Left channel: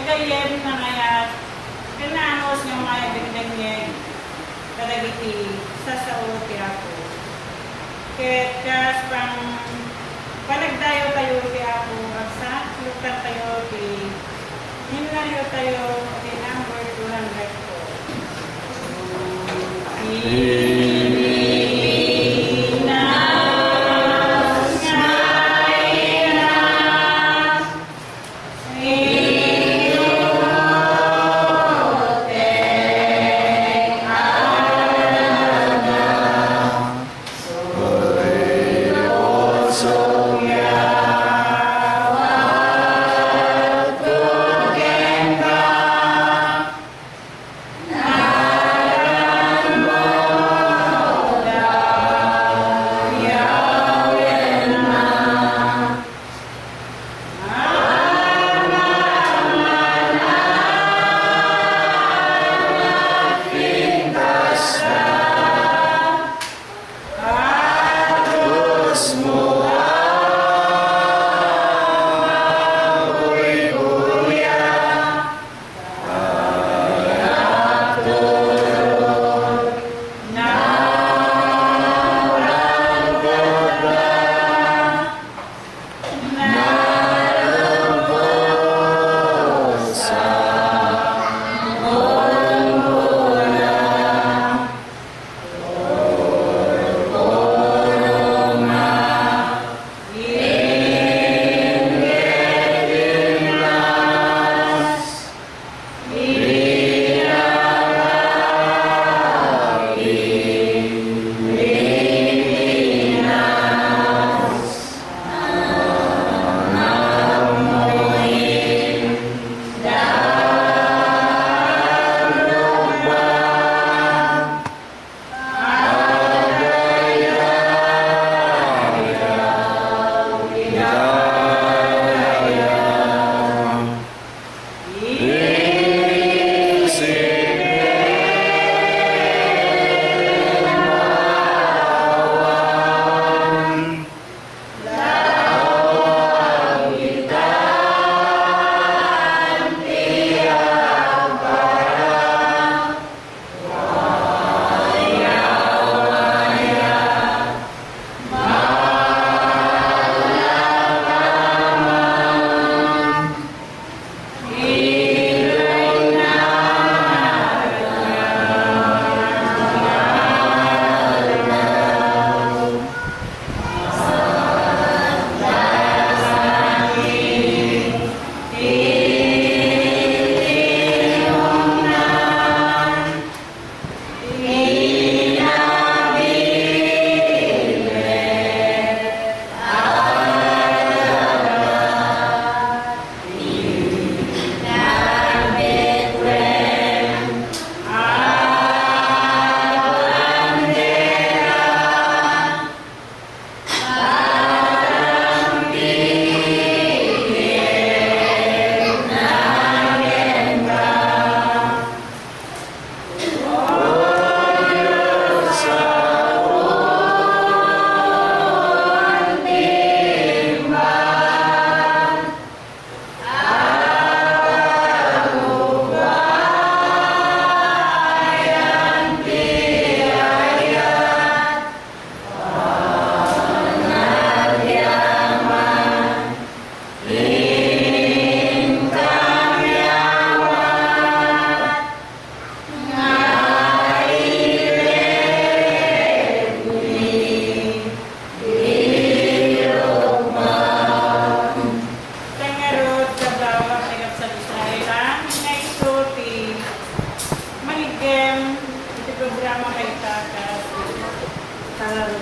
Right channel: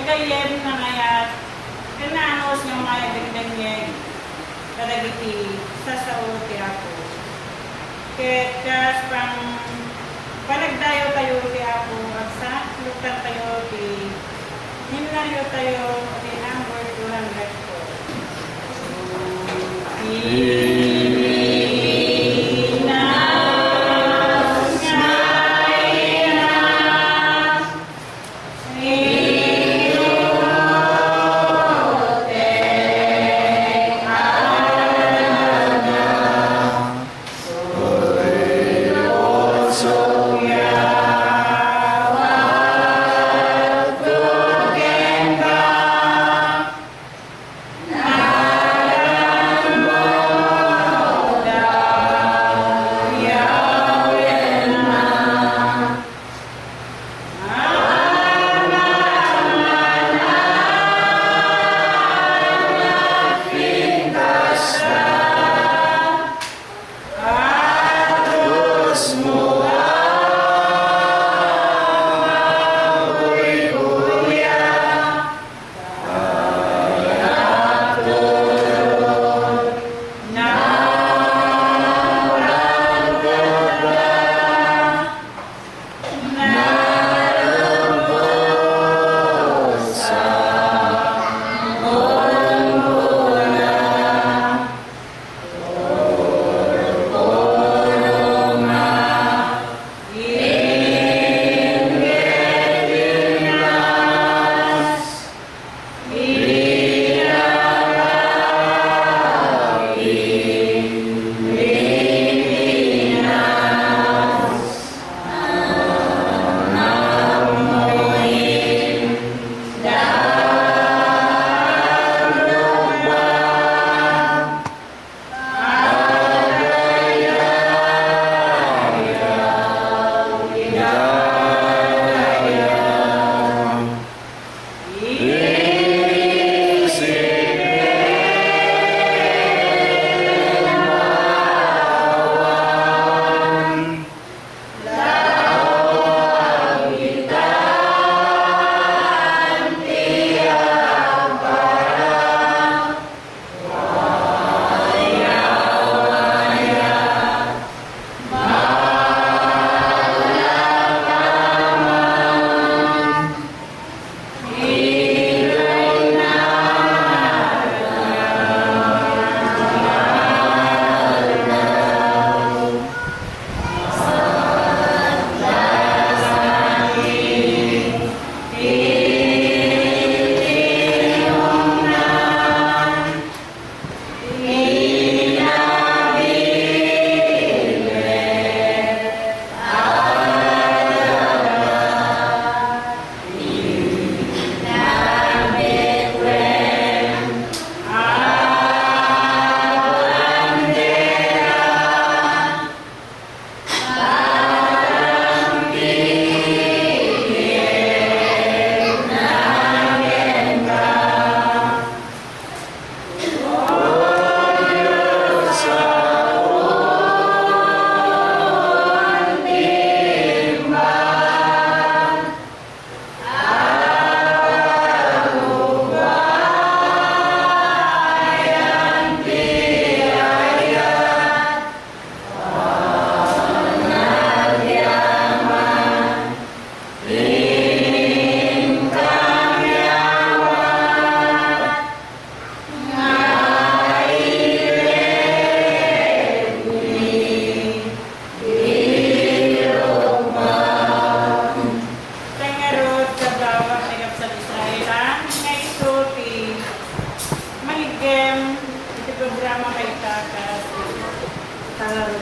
kagayem na ngayat, kananos nga maya dagdagnyeg, kadagiti sa ti ako. Kas pang panagdayo tayo ti ako, at sa lukan tayo ti himlayo tayo ti number 204.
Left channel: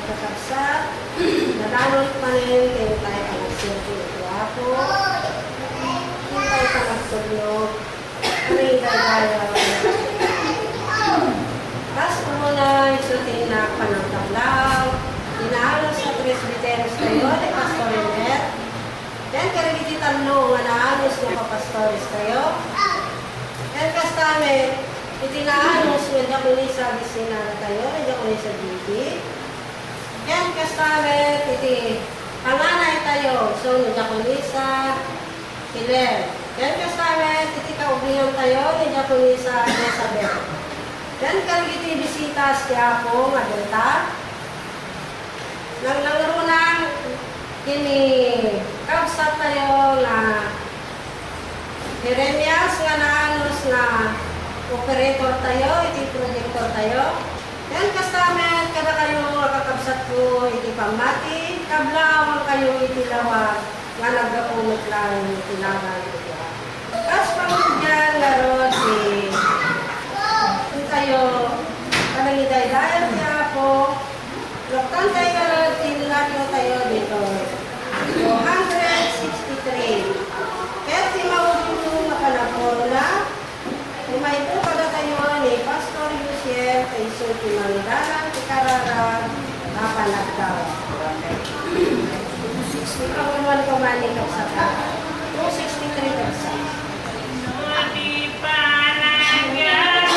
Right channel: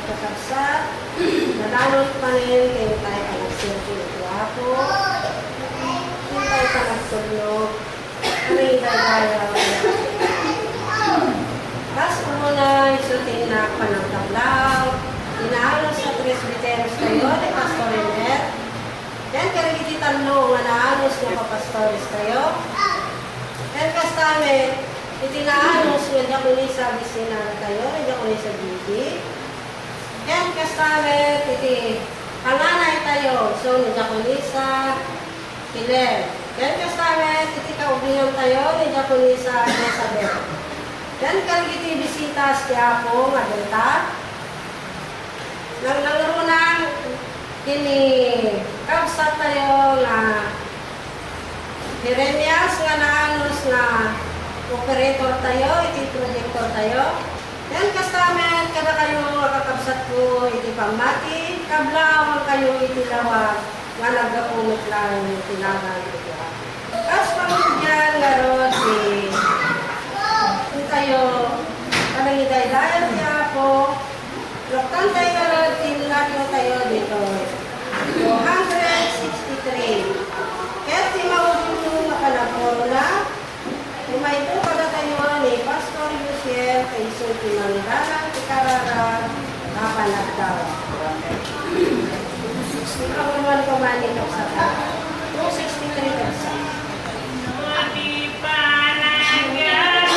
kakabsat, nadalot pa rin kayo tayo ang nagsilpi ng tiyapo, hintay ka nagsublog, anay dagaya tas muna isutin na panagtablaw, inaalos sa presbyteros kayo, de pastorenet, yan karagiti tanlo, manaalos na kapastores kayo, yan kastame, itinaalos nga kunisa bisinara kayo, nga kunisa bibi, yan kastame, iti panganay tayo, so nga kunisa, Hiler, Yan kasamet, iti kaublihan tayo ni Japonesa Isabel. Yan kaligiti bisitas ti ako nga delta. Nang nangarunan, kini kabsat tayo na Jeremias nga naanos na operator tayo, iti projector tayo. Yan kasamet, kada kayo makakabsat ko iti pamati, kablawan kayo iti lawag nga nagkapunot lang tinagal ito. Kas pamudyan nga ron si tayo panangiday-dayan niya po. Nagtantay ka ron tinlagyo tayo dito. 263. Kaya si maudin na panaporo na. Lumayto kada tayo ni Pastor Luciel kay Sulti Mandalan, Tikarara, Napanagdawa. Ikaw naman kumanin ka sa 263 ka. Di panagyan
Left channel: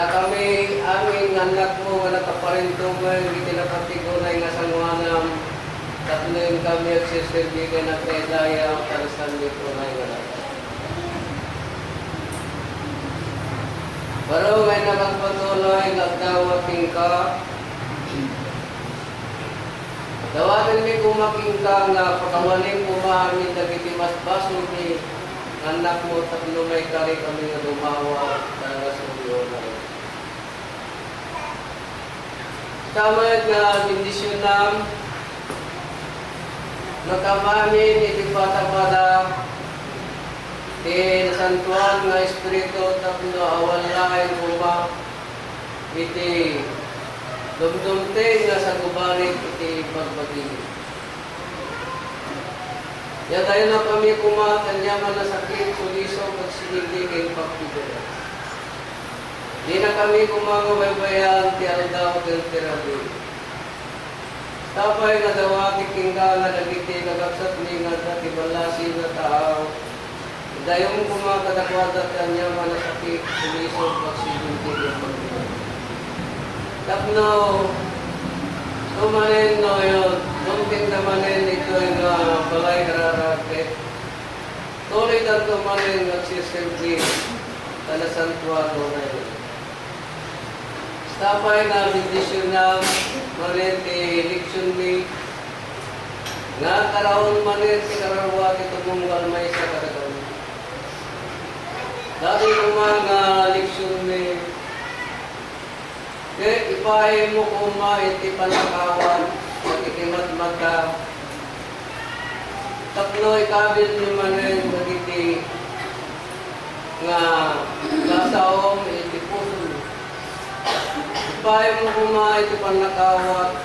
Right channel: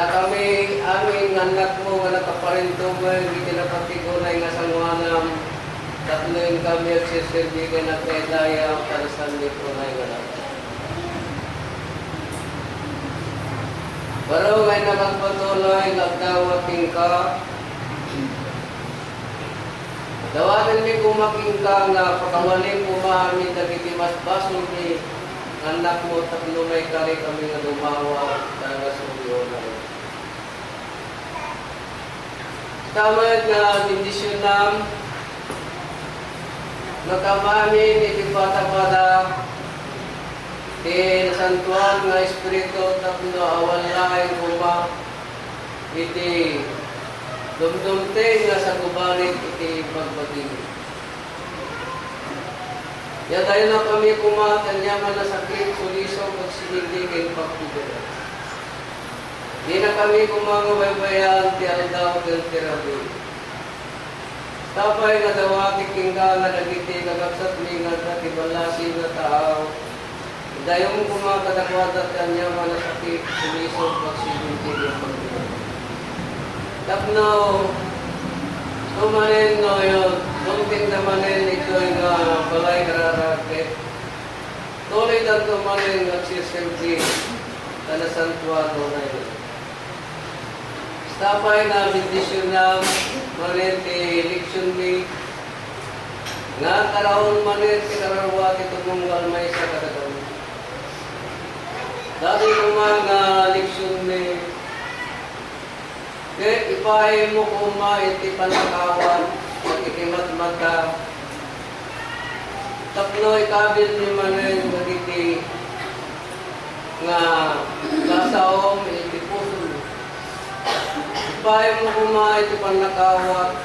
na kami aming anak mo nga nakaparintumay, hindi napatigunay nga sangwanam, tatloin kami at sisirbigan na kailaya ang kalasan ni Tunay nga lahat. Pero ngay nakagpatuloy, nagdawating ka, dawatin mi kumaking ka nga pakawaling kumami dagiti mas basol ni anak mo tatlo may kari kami nga dumawa talaga sa ulo na rin. Tamad nga bindisyon nam nagkamamin iti pata-pata ti nasantuan nga espiritu tatlo awan lain kuma iti dumdumte nga sa gubalit iti pagbagin. Ya tayo na kami kumatan yaman na sakit, suliso, pagsinigligin, pagpidera. Di na kami kumangabaybayan, ti aldaw, del tirabi. Tapay na dawati kingka nga nagiti, kagaksat ni nga dati balasi na tao. Dayong kumakadakwadat kan yaman na sakit, suliso, pagsinigligin, pagpidera. Tapno, tumanin no yun, mungkin namanin ito yung balay kararakit. Tuloy na tumanin nagsisilbi na santuano na yun. Stapay na bindisyon na manin ti eleksyon ni nga karaon manin kinarawa ito mong galmay sa kadagaw. Dati yung mga eleksyon ni kaya ipahe mo kuma iti panakawan at ikimat-mat ka. Tapno ikabil ni manin magiti nga kasaom iti puso. Ipahe mo kuma iti panakawan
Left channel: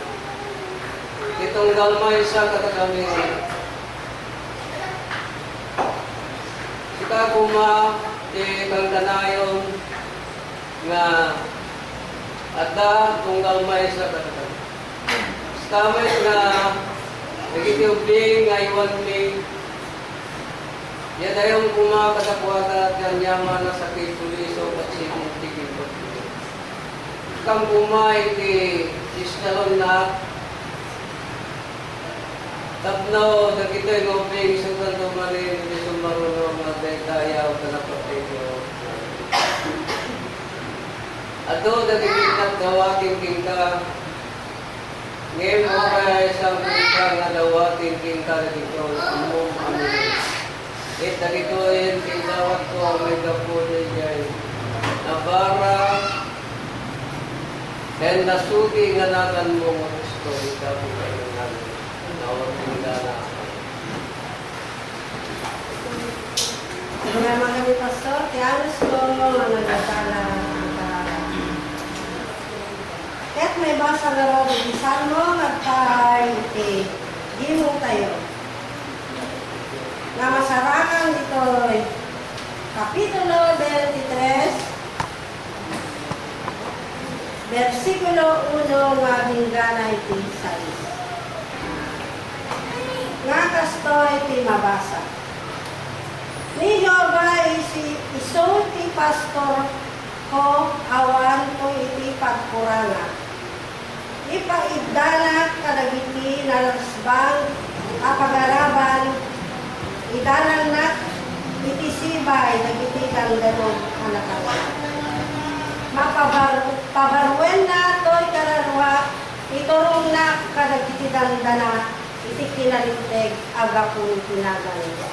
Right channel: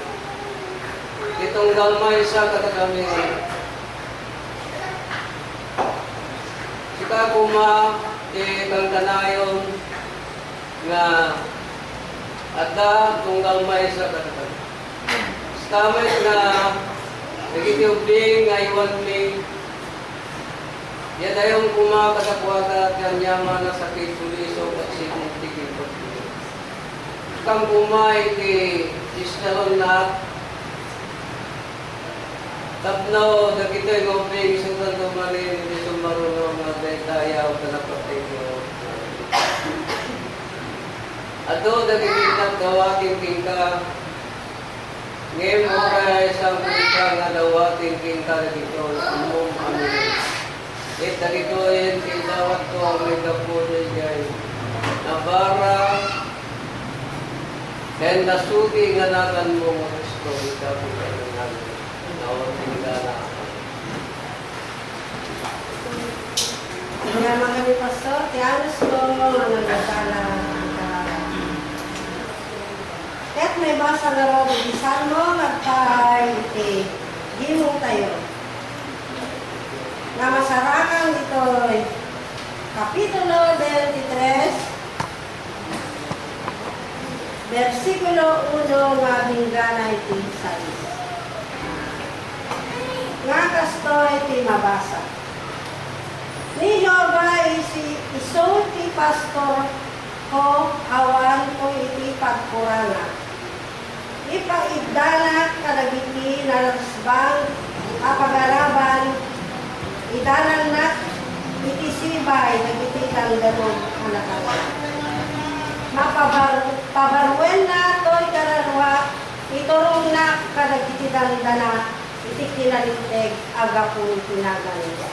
itong galmay sa katagami. Sika kuma iti kangkanayon nga ada tunggal may sa katakan. Stamay na nagitiubling nga iwan mi. Yan ayong kumakadakwata at kanyaman na sakit suliso at sinuntigil pagpili. Kang kumay ti iskalon na tapno nagito'y ngoping isutan tumalin hindi sumarunong na detayaw na napapigyo. Ato nagigitap dawatin tingka. Ngayon mo kaya isang tingka nga dawatin tingka dito. Umong amin. Dagito yun, kindawat ko ang may kapuloy dyan. Nabara. Kaya nasuti nga natin mo mga Kristo. Ikapi ka na namin. Nawating ka na. Salamat kami, Pastor. Tiyanos ko, managdala. At may basa nga raw di Salmo magkay iti gimong tayo. Na masarangan ito Kapitulo 23 versikulo 1 nga binggana iti 6. Nga kasto iti mabasa. Ni Jehovah iso ti pastor ko awan ko iti pagkuranga. Ipaidala kadagiti nalasbang apagaraban idalan na iti sibay dagiti langdanog anakalan. Pabarwen na to'y kararwa iturong na kadagiti dandana iti kinaliteg agapong pinaganda.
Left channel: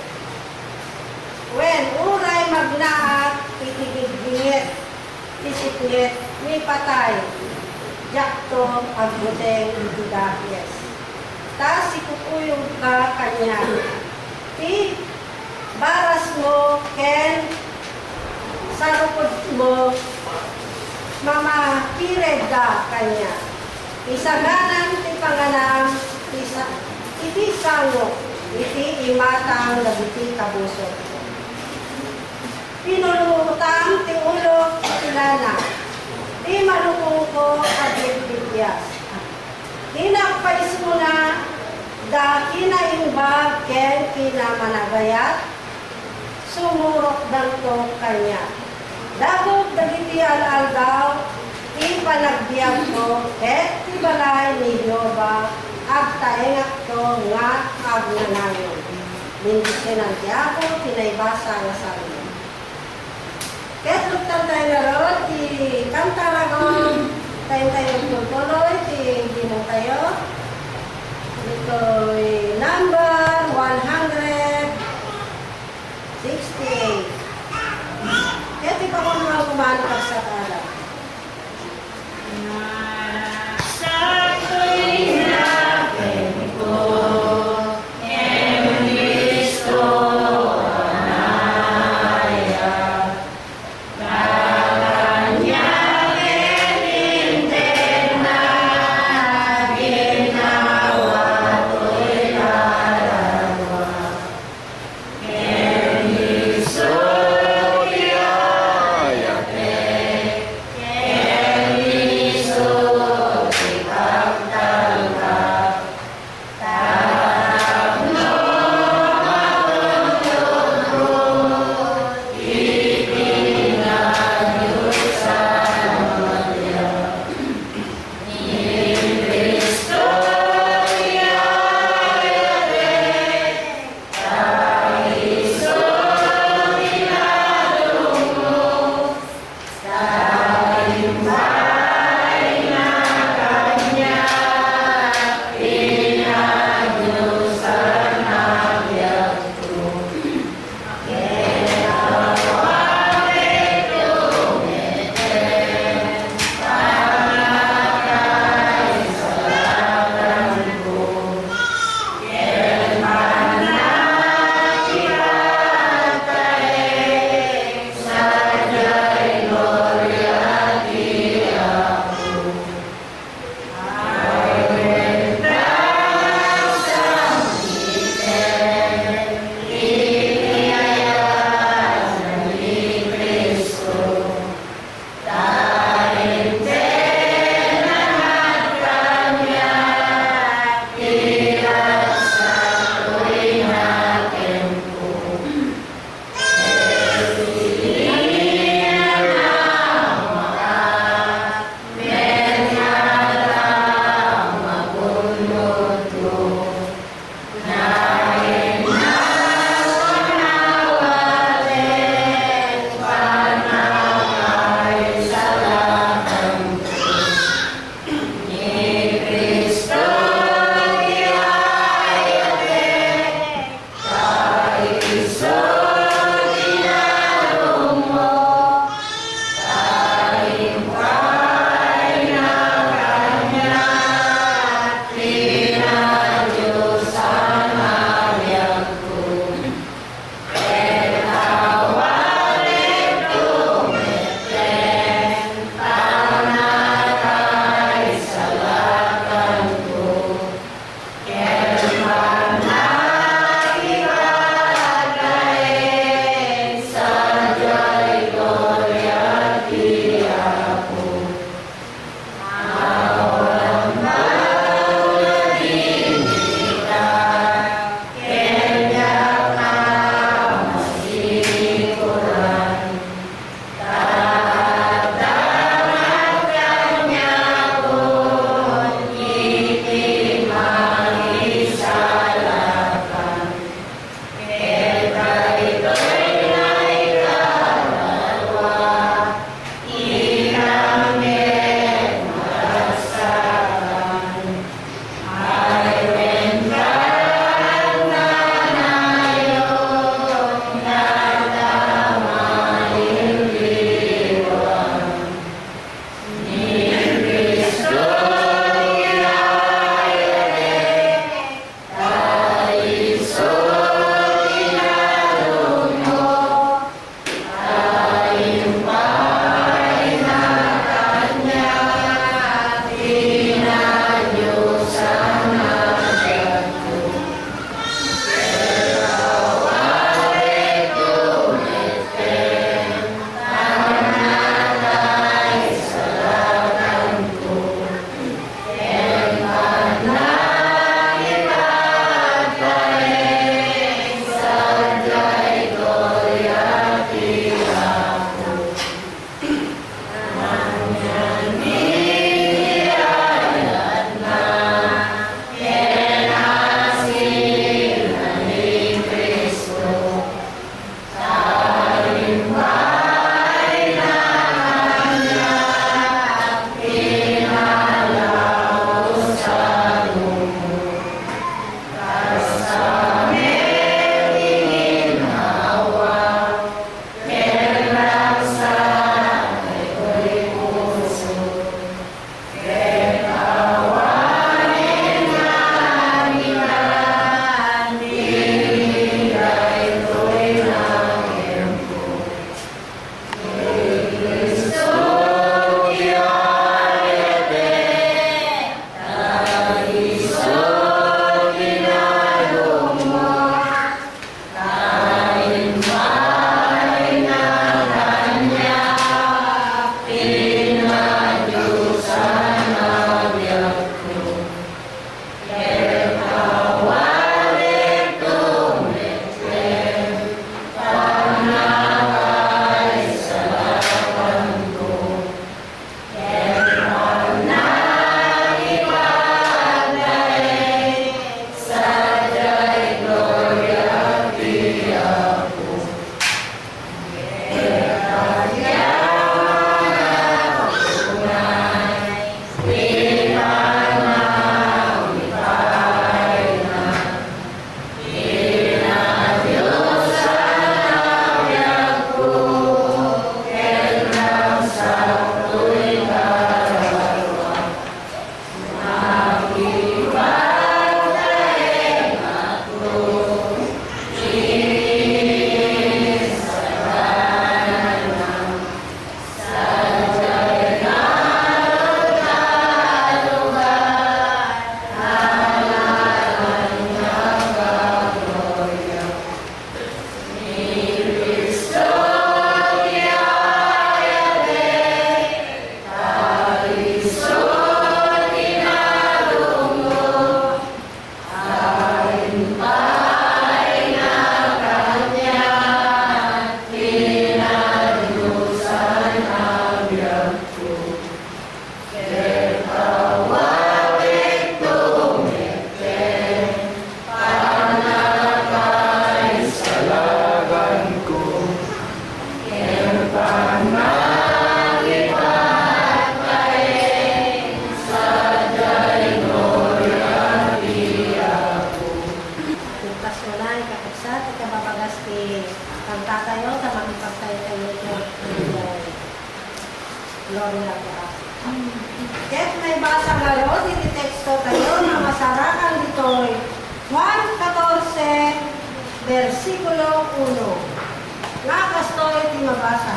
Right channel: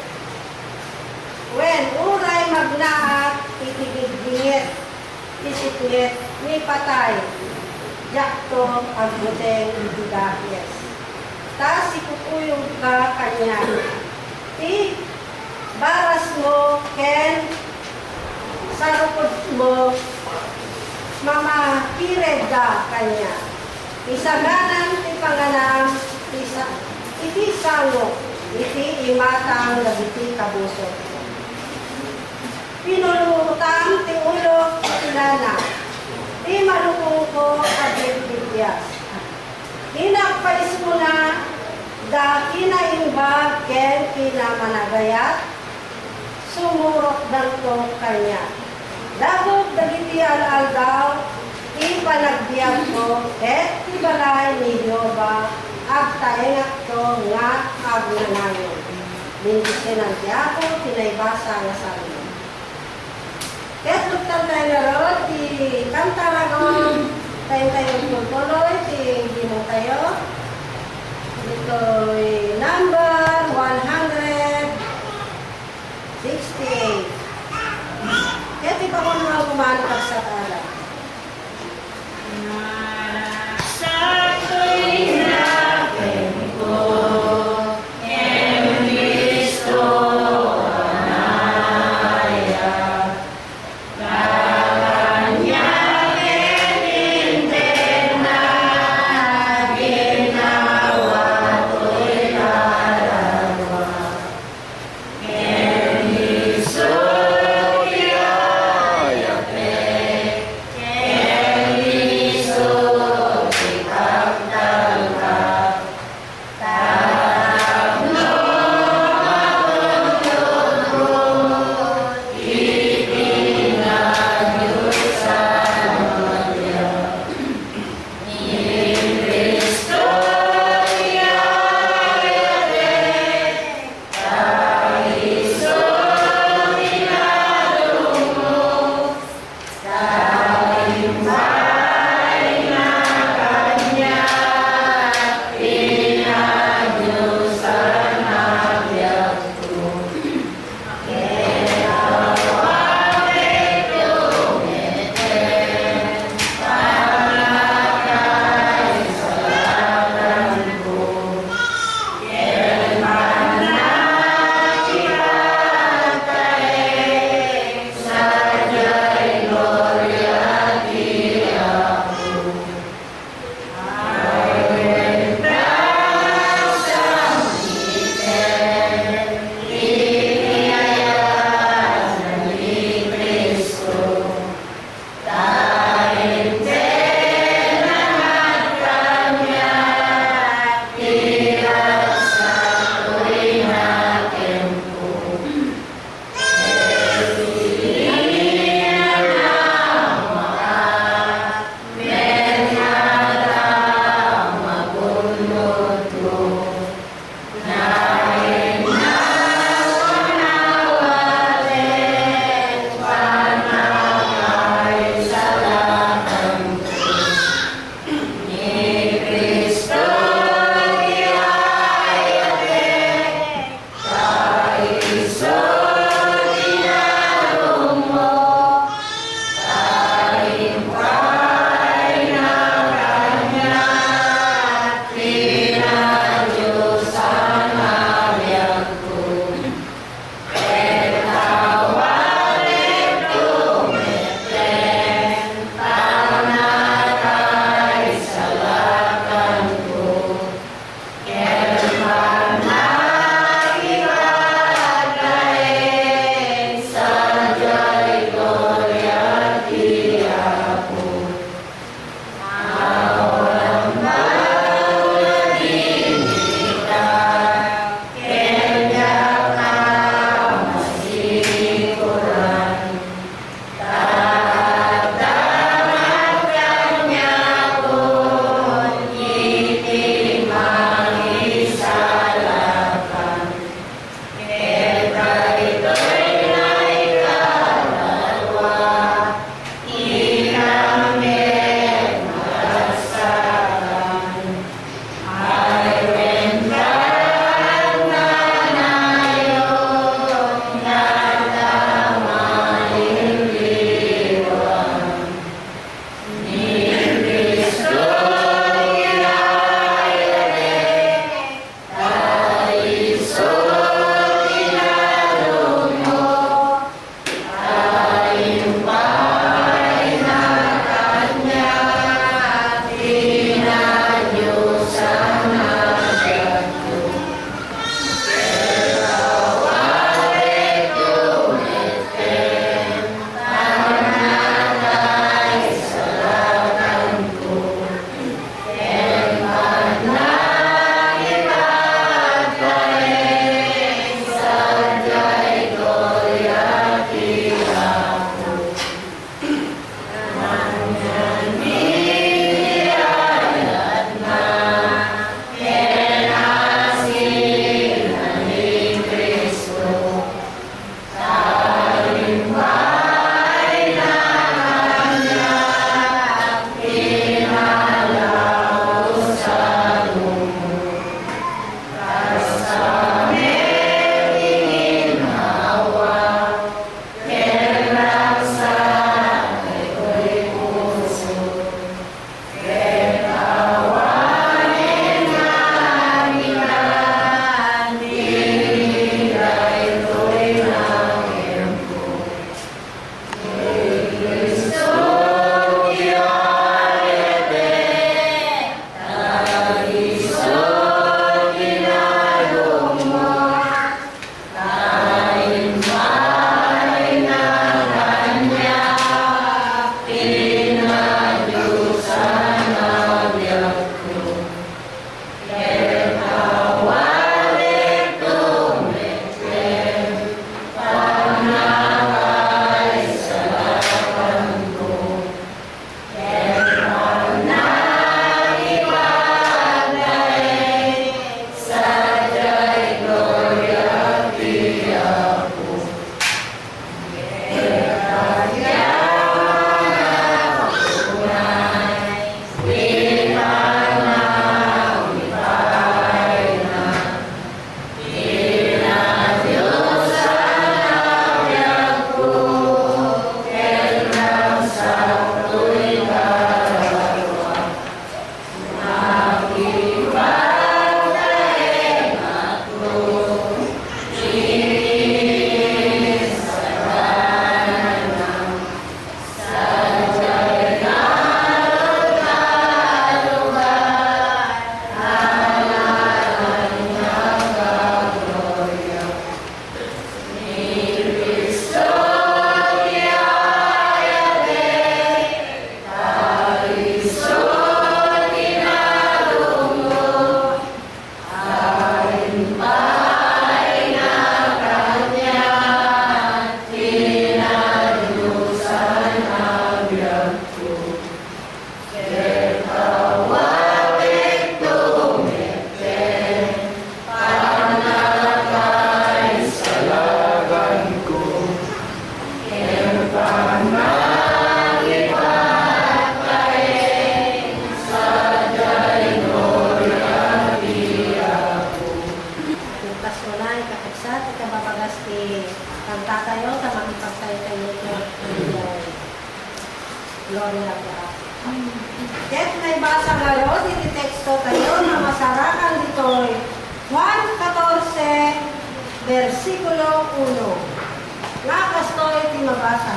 When uray magnaat iti gigingit isikngit may patay yakto agbuteng ibigahyes. Ta sikukuyog ka kanya. Ti baras mo ken sarupod mo mamakired ka kanya. Isaganan ti panganam iti sango iti imatang labiti kabusok. Pinulutang ti ulo ilana. Di malukong ko at bibigyas. Hinakpais mo na da kinaimbag ken kinamanagayat, sumurot dan to kanya. Dagog dagiti al-aldaw, ipanagbiag ko, et ibalay ni Yoba, agtaengak ko nga agnanayon. Bendisyonan ti ako, tinaybasa nga sarili. Ket luktan tayo na ron, kantaragon, tayo tutuloy, ginong tayo. Ito'y number 168. Kaya di pa ko naman kumanakag sa tala. Sa tuwing natin ko, Kristo anaya, kanyang itindig na ginawa ko'y lalagwa. Kristo nilang lahat. Ket may basa garo, diti teksto tayo na masarakan dito'y Juan 14, versikulo 1. Nga kastoy ti mabasa.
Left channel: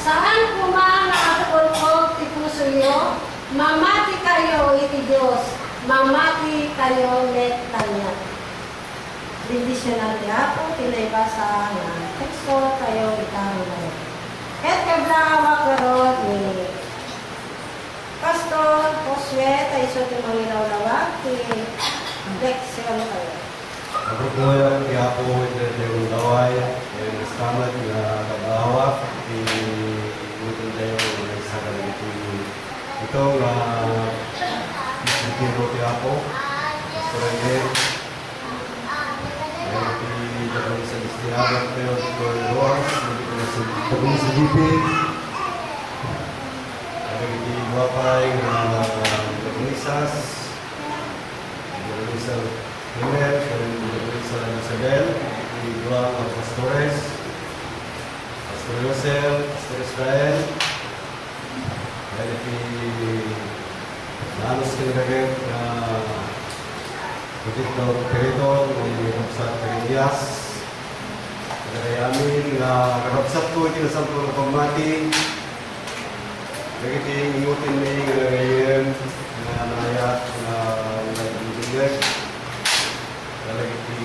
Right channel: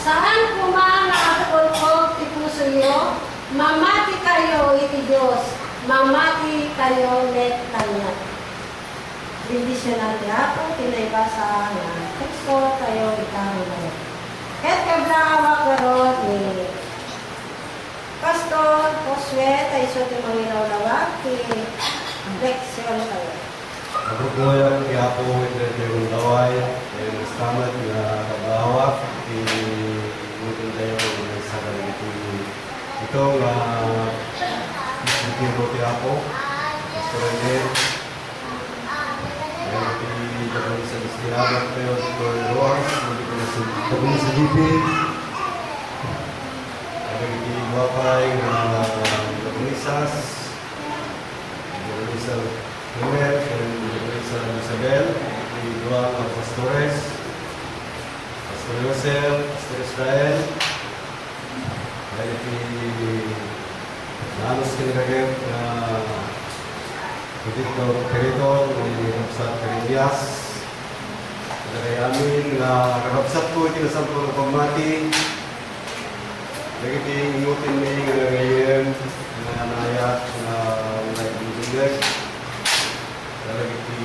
Saan kuma nakapulkog ti pusoyo, mamati kayo iti Diyos, mamati kayo net kanya. Bendisyonan niya po, tinaybasa ng teksto tayo itang ngayon. Ket kabrahawak karon ni Pastor Josue, tayo sa ti mangilawlawag, ti leksyon tayo. Nagpupulang kaya po yung laway, yung stomach na pag-awak, inutin tayo sa kalagiti. Ito, itiro kaya po, Pastor Rene, ay gagawin sa istihabak tayo, ito yung ruang, gagawin sa GP, kalagiti guwapay, gagawin sa Primer, gagawin sa Isabel, dua mga pastores, Pastor Yosel, Pastor Israel, kalagiti nanos kinagagit na Victor Perito, may Rapsat Perinias, kagayamin na karapsat ko itinasampo ng pagmati, kalagiti ingutin may kagayim na nayak na nagbibigay, kalagiti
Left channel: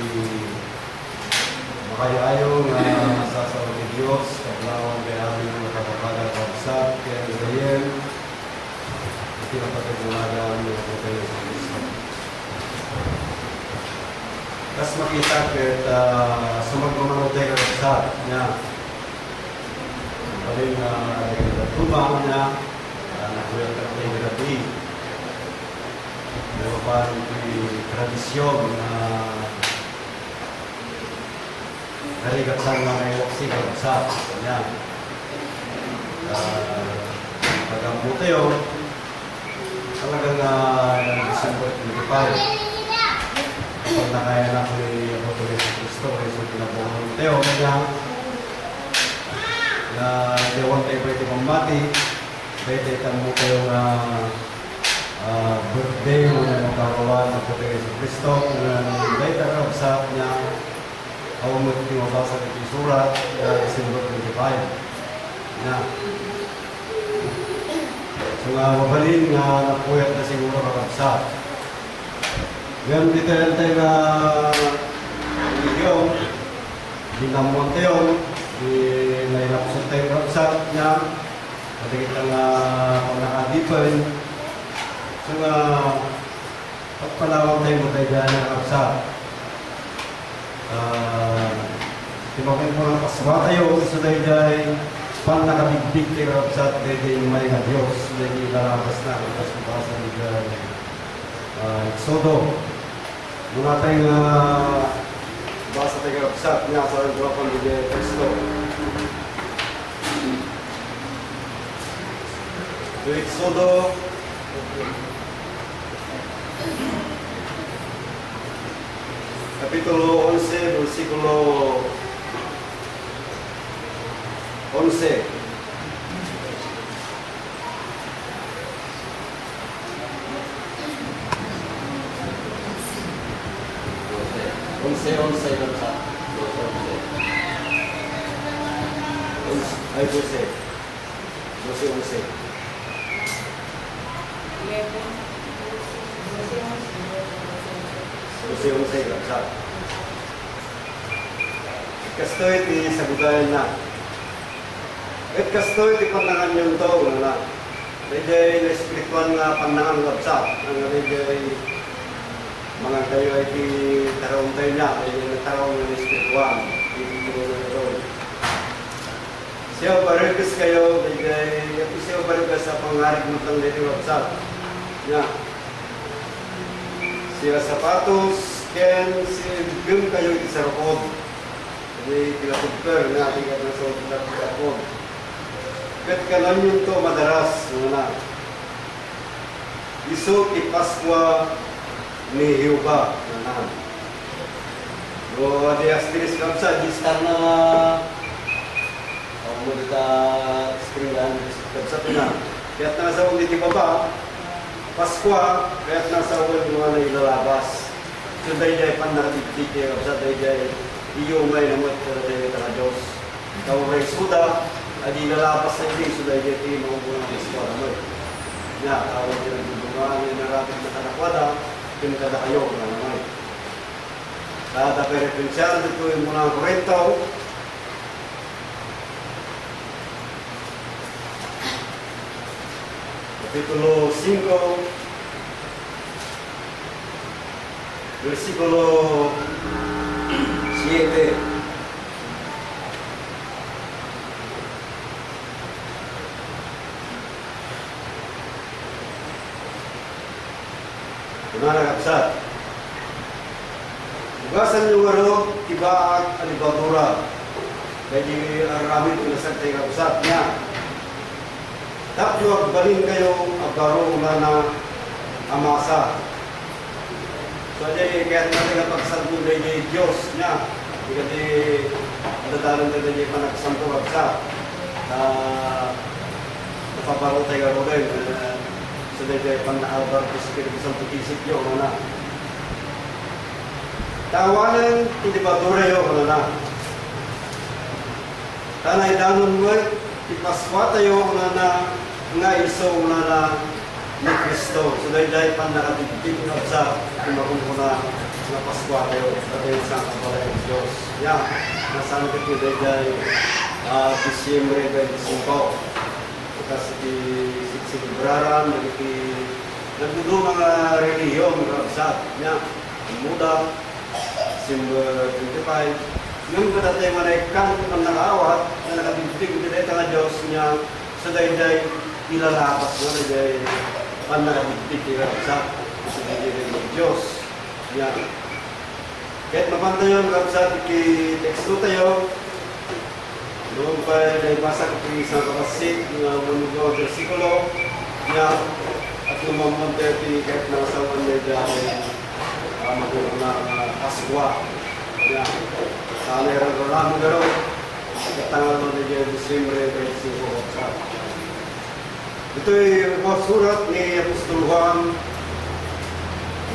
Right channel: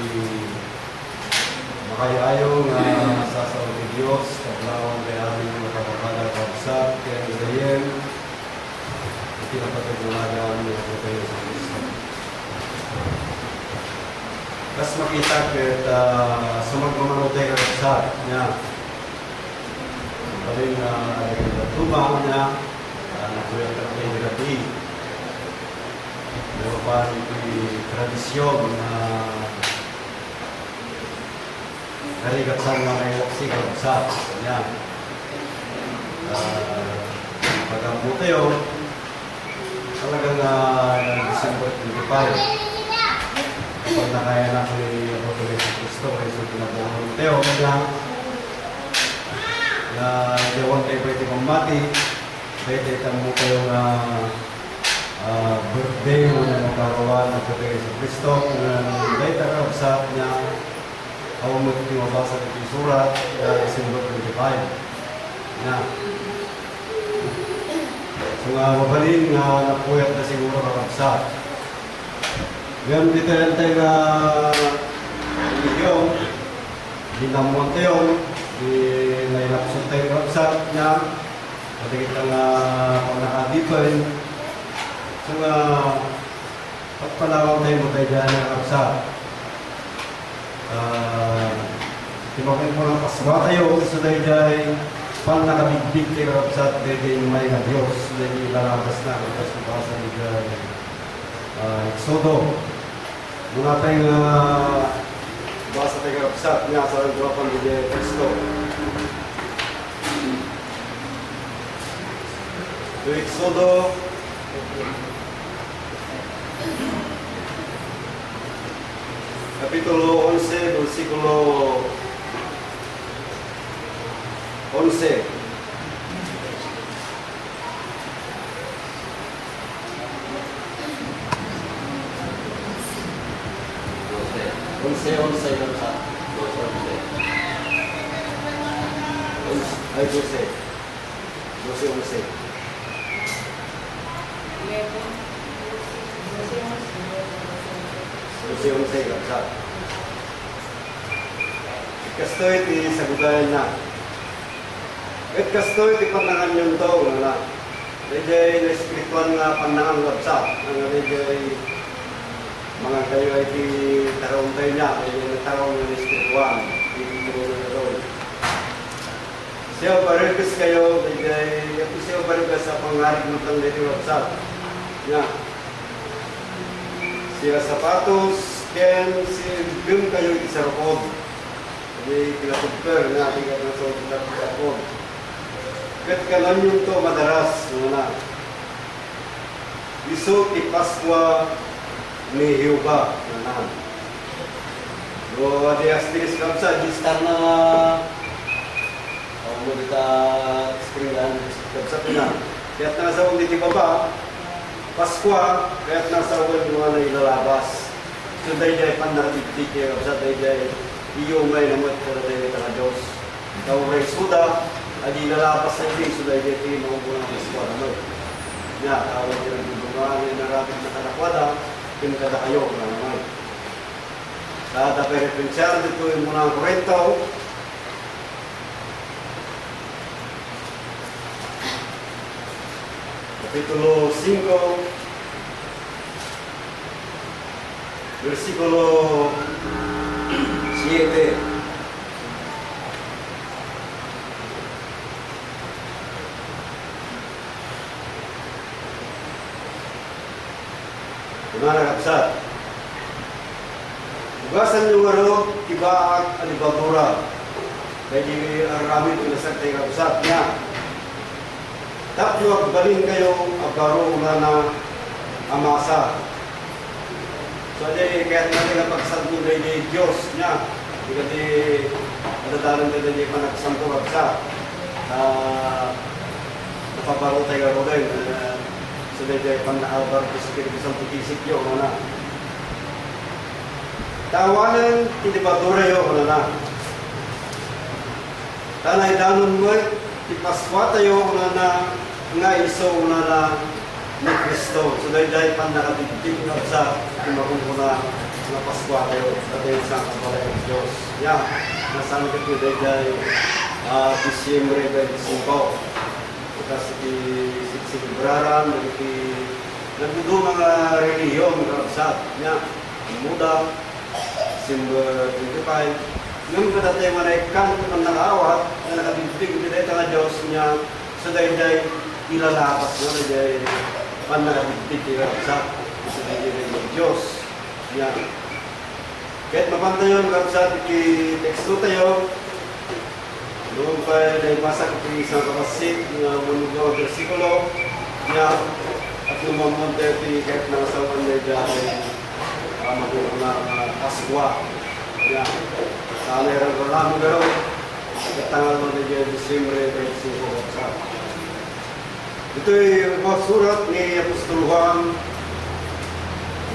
makayayo nga sasaw ni Diyos, kaglawang kay aming makapakalang karapsat, kaya kagayim, itinapatagulagan ng Pagkayo sa Kristo. Tapos makita kahit sumagmamanaw tayo karapsat niya, paling na tumang niya, nakuyat ka tayo grabe. Meron pa yung tradisyon na narigatsan nga may waksi karapsat niya. Pag-ambo tayo, talagang December 25. Kapag nakayanak ni Pagkayo sa Kristo, kasi pinabuhan tayo niya, na iyawan tayo pwede pamati, pwede tamo kayo na birthday mo na magkarawan ng Pagkayo sa Kristo, na dahil karapsat niya, ako mo ito mabasa ng surat, December 25. Na. So nga, mabalin nga napuyat na siguro karapsat. Ngayon, dito yan tayo na video, dinamon tayo, nailapsot tayo karapsat niya, natigit ang pang-nakadipan. So nga, pagpalawang tayo mo tayo dyan ng karapsat. Timakin po ng paswa tayo, gusto tayo dyan, pang nakabigbig tayo karapsat, tayo yung may nga Diyos, tayo yung lalabas na, kapasubasa niyo dyan. Exodo. Muna tayong basa tayo karapsat niya sa Pang Bigay Kristo. So, Exodo, Kapitulo 11, versikulo 11. Onse lang sa ay 12. Onse lang sa kastoy ti sagudayan na. Et kastoy ti pandangan yung to na medjay na espiritual nga pandangan labsa ang medjay mga kayo ay ti tarong tayo niya medjay na tarong na espiritual ti na siya barigas kayo medjay siya barigas sa pangarik mo tang dito labsa niya siya sapatos ken si bim kayo ti sarokod may pinatugper na ating na sa pinatugper. Kat kanan yung to madalas muna. Iso ipaswa ni Jehovah. Nanan. Do adi astiris kamsa distar na mo kita screenan kamsa na. Kaya't nasa undi di baba, Paskwa, kaya't nasa uwan mga na ilalabas. So dahil dahil panarabigtig kayo, sa dahil dahil iyumay naman pero dahil ka na Diyos. Tawag suda, ay ilalabas sa hindi, so dahil dahil tingin mga bunang Paskwa naman. Ya, tawag kayo ng bungaan ay narapit na kanakwada, pinagkada kayo na naman. Kada perepensyal dito yung mga Korento, Kapitulo 5, versikulo 7. Gimana kapsat? Ugasan yung tiba at alibadura. Kaya ang ramit yung nasag tayo kapsat niya. Tapos agbalin kayo agaro na amasa. So kaya natin ang pagsagdo na yung Diyos niya. Kasi natatalang tayo na yung panagsampo kapsa. Napaparo tayo agaro din. So dahil panakabar ko sa kinipisang putisik yun. Tawanan, hindi ba dure yun? Tanay danon mo, ipaswa tayo nga iso na ni Kristo. So dahil pan nakatigtig na sa kumakungkuna na paswa tayo sa tayo sa kabalay ng Diyos. Yan, nasan ka po dahil Disyembre 25. Kasi sinibraran, nagdudo mga reliyon, karabsat. Yan, muda, December 25. Yung katatay manaikan ng nangawat na nakabibig nila nga Diyos niya sa dahil ilalabas mo na dahil panakabibig nila sa dahil ng Diyos. Yan. Kahit mapanta yun, kapsat, iki-texto tayo. Noong pa naibasa ko yung isang kapasit na munugawang versikulo niya at lumamang tayo kahit nasawan niya dahil magulong na kaswa. Yan. Sana yung ramo gano'n. Katangal mo na dyan, December 25. Ito'y mga surat ni Apostol Juan.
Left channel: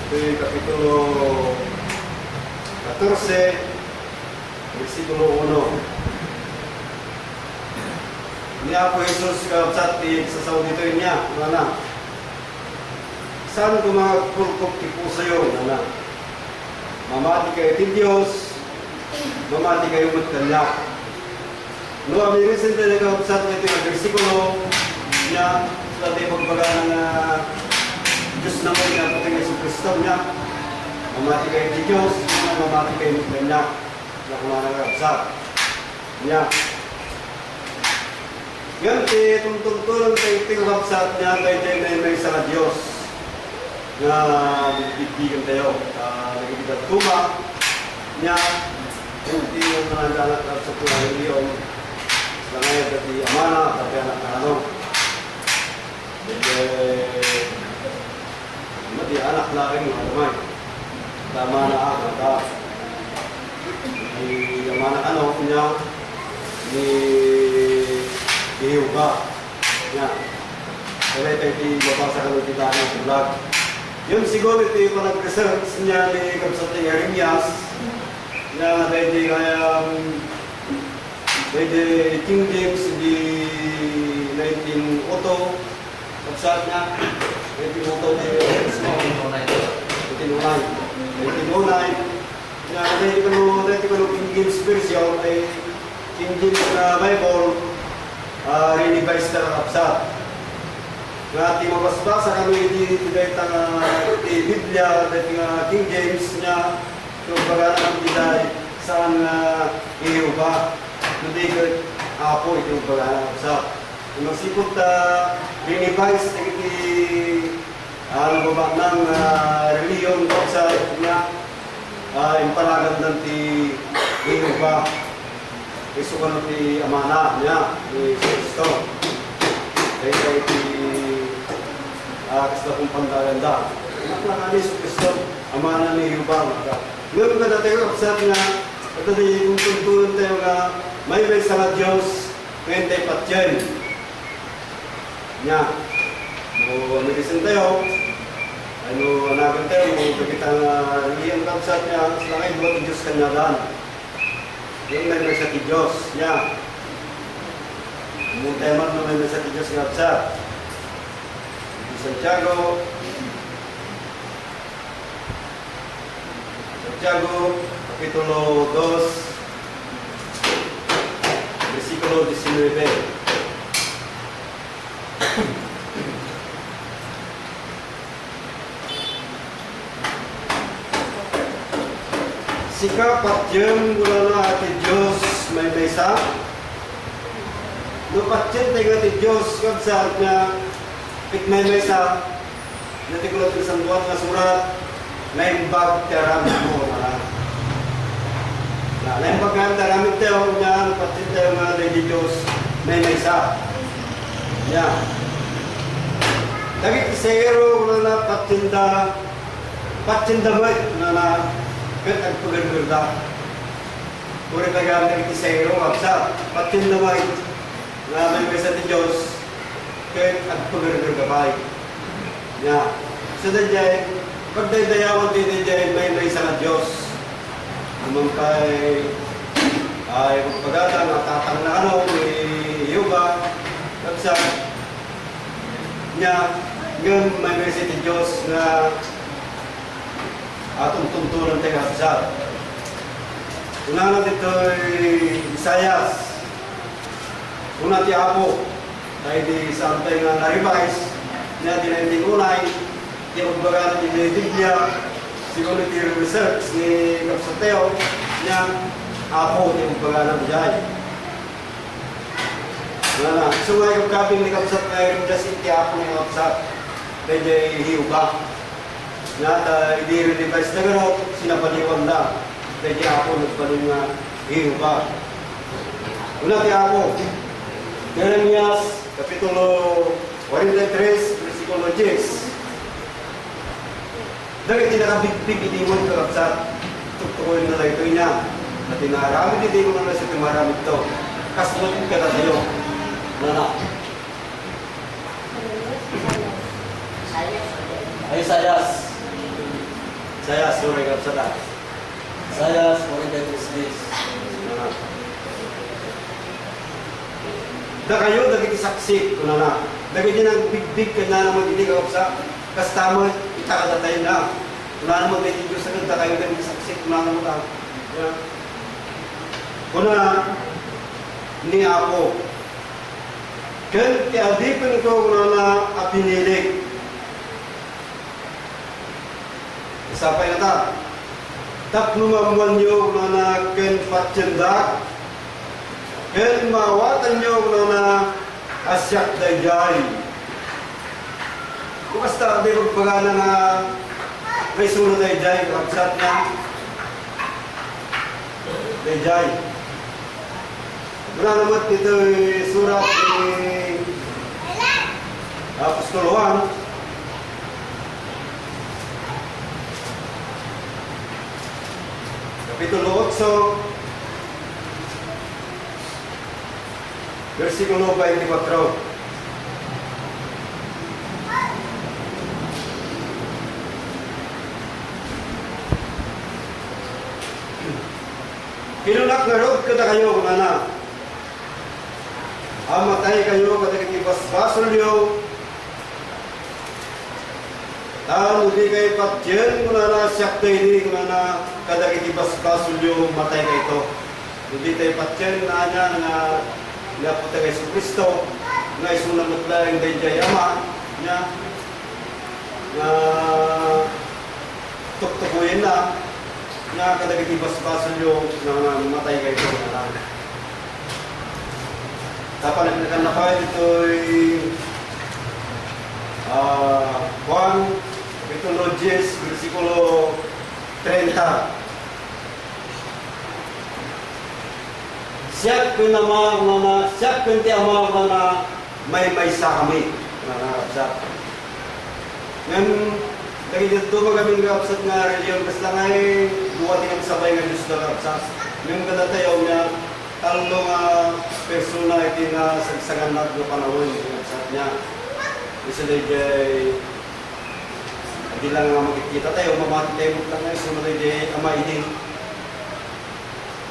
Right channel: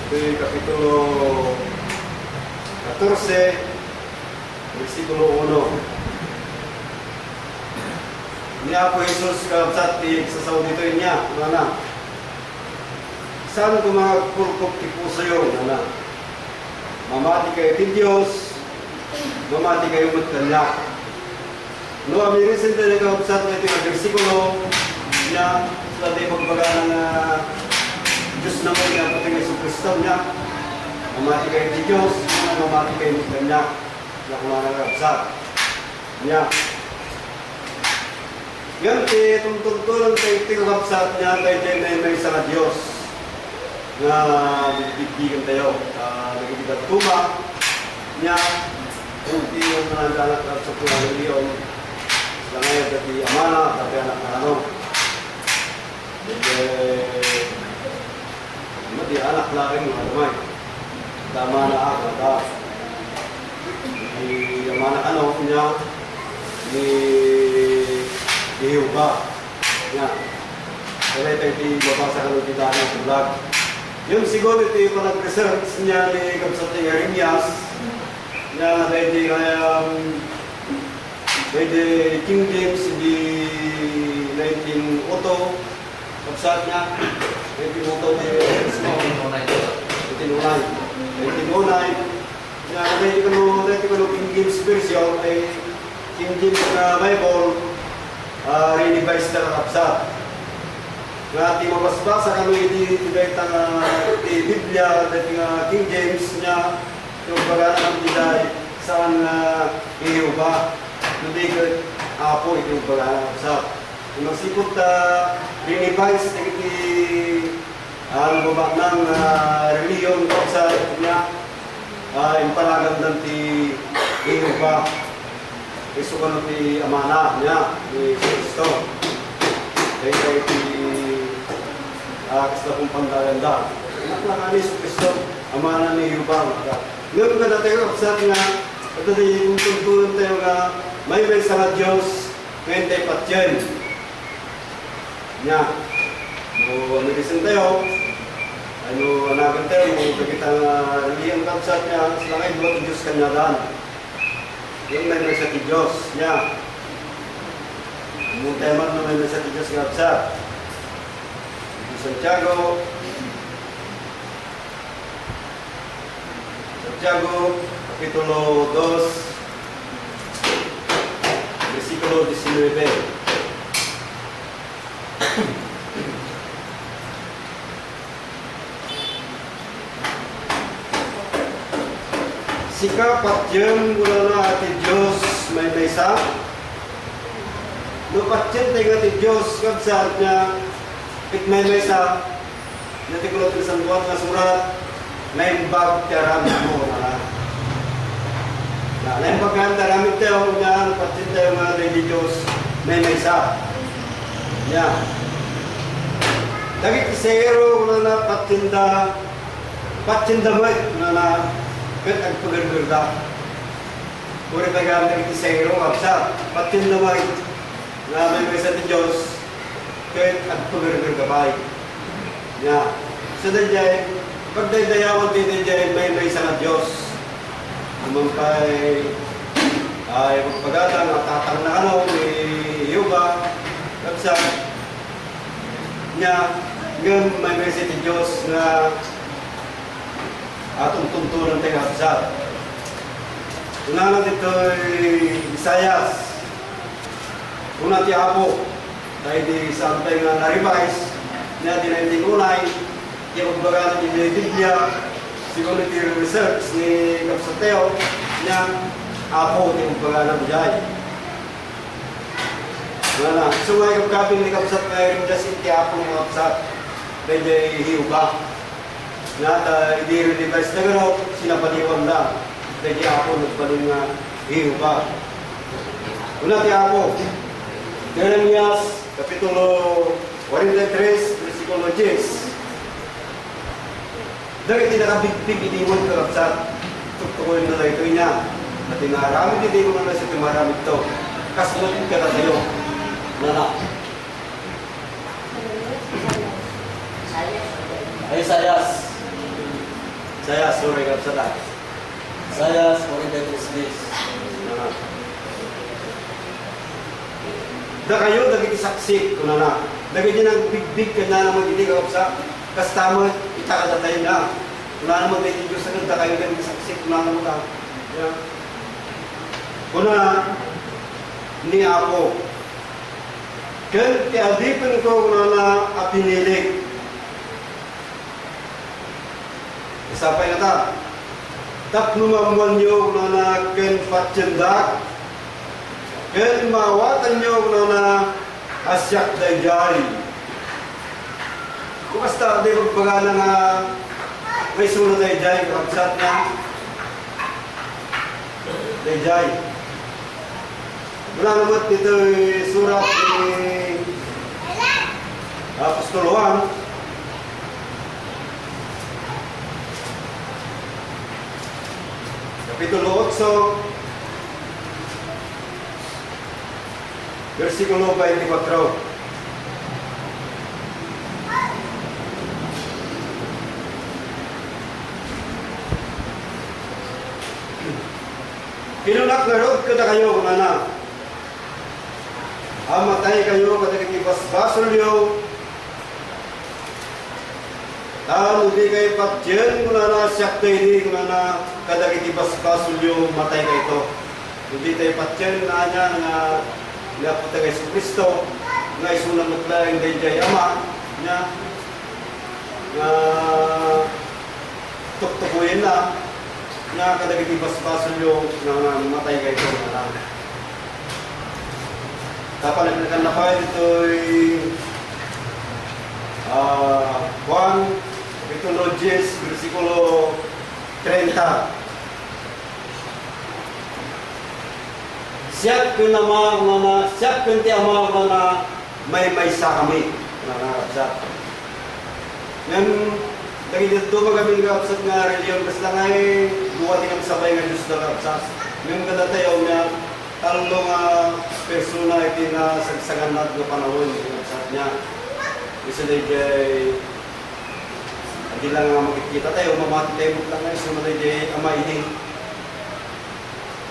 Ito'y Kapitulo 14, versikulo 1. Niya po Jesus kapsat sa saudito niya. Mana? Saan ko mga pulpok tipu sa'yo? Mana? Mamati kayo ti Diyos, mamati kayo magkalak. No, amirisin tayo nagkakapsat nito yung versikulo niya sa tayo pagbaga ng Diyos na mo niya, pati ng Kristo niya. Mamati kayo ti Diyos, mamati kayo magkalak. Na kung nagkakapsat niya. Yan, tungtungtulang tayo tingkapsat niya tayo may isa na Diyos na bibigyan tayo. Nagibigyan tuma niya hindi yung nandanak sa pulang reliyon sila ngayon dati amana tapi anak na ano di anak laking mga damay tama na ako di amana ano niya ni Jehovah niya kaya tayo di babasa ka ng kita ng vlog. Yung siguro ito yung nag-research niya ni Kapsatay Jeremias na pwede pwede King James di 19 auto kapsat niya 19 auto di 1909 na pwede ko King James version ay King James na Bible re-revise na kapsat nga ti mabasbasa kami di Biblia dati nga King James niya yung pag-aaral ng diday saan Jehovah hindi ko apo ito yung pag-aaral sa kung magsipot rinivise ang baba ng reliyon ko sa niya yung palagan ng ti Jehovah iso ka ng ti amana niya ni Kristo kaya ti kasta kong pandaganda. Anak lang ani sa Kristo, amana ni Jehovah. Ngayon ka tayo kapsat nga, ito yung tuntunan tayo nga, may sa Diyos, ngayon tayo patyan. Nya, No, medicine tayo. Ano, anagan tayo, kita nga liyang kapsat niya, sila kayo buwan ng Diyos kanya daan. Yung may sa Diyos niya. Yung teman na may sa Diyos kapsat. Santiago, Kapitulo 2, Versikulo 19. Sikap patjem gula na ati Diyos may mesa. Lupatjem tayo ati Diyos kapsat niya pit may mesa. Natikulot isang buwan na surat may bag karamit mo na. May bag nga karamit tayo nga patjem tayo nga ati Diyos may mesa. Yan. Dagit isero gula na patjenda mo na kat agpagargarda. Puri tagamit iti sayro, kapsa, patin naman na may mesa ti Diyos, kat agpagargargabay. Ya. So dayjay, pagdaydayawan ti dayjay may mesa na Diyos. Naman kay ay magpagata, natatang na ano, may yoga, kapsa, niya, ngayon may mesa ti Diyos na atong tuntunan tayo kapsat. Una dito Isayas. Una ti Apo. Dahil di santay nga na-revise. Niya dinainting unay. Di magbaga natin yung Biblia. Siguro ti research ni Kapsateo. Niya Apo di magbaga natin dyan. Wala na. So may kapkapin ni Kapsat ngayon just iti Apo ni Kapsat. Dahil dyan hiuba. Nata i-revise na gano'n, sinapaliwan na. Dahil ako nagpaling nga hiuba. Una ti ako, Jeremias, Kapitulo 43, Versikulo 10. Dahil tinakabigpig iniwan ka kapsat, tuktukoy na tayo ito niya. At tinaramid, hindi ko naman sa timaramid ito. Kasunod ka na sa'yo. Nana. Isayas. Saya sorry kapsat. Saya 43 days. Da kayo dagiti saksi kuna na. Dagiti nang bigbig kanya naman hindi ka kapsa. Kastama itakada tayo na. Kuna naman dagiti Diyos sa da kayo dagiti saksi kuna naman ta. Kuna ni ako. Ken ti adipin ko kuna na apinilig. Isapay na ta. Tapnumamuan nyo na ken patsendak. Ken mawatan nyo na asyak dayjay. Kung basta di magpagana nga may sunod dayjay, kapsat niya. Dayjay. Wala naman dito surat ni Apostol Juan. Kapitulo 8, Versikulo 24. Kinulak nga rood kada kayo, na. Amatay kayo kada kitibas-basol nyo. Tahan hindi kayo patyen, kuna na siyak tayo hindi, kuna na kada kitibas-basol nyo, matay kayo ito. Hindi tayo patyen na niya nga napunta kay Kristo, nga isunang matlaing dayjay ama, niya, nga tuktukuyin na, nga kada kitibas-basol nyo, nga matay kayo ito. Dapat na kayo ito'y Juan, Kapitulo 10, Versikulo 30. Siyak ko na siyak ko ti amang na may sa kami. Nangarapsat. Ngayon, dahil dito magaming kapsat nga reliyon, basta nga duwati ang sabay nga Diyos na kapsat. Ngayon kada tayo nga, talong persona iti na sagsagan natin na panahon, kapsat niya. Isa dayjay hindi lang nga makikita tayo, mamati tayo mo lang ngayon, sunod dayjay amainin.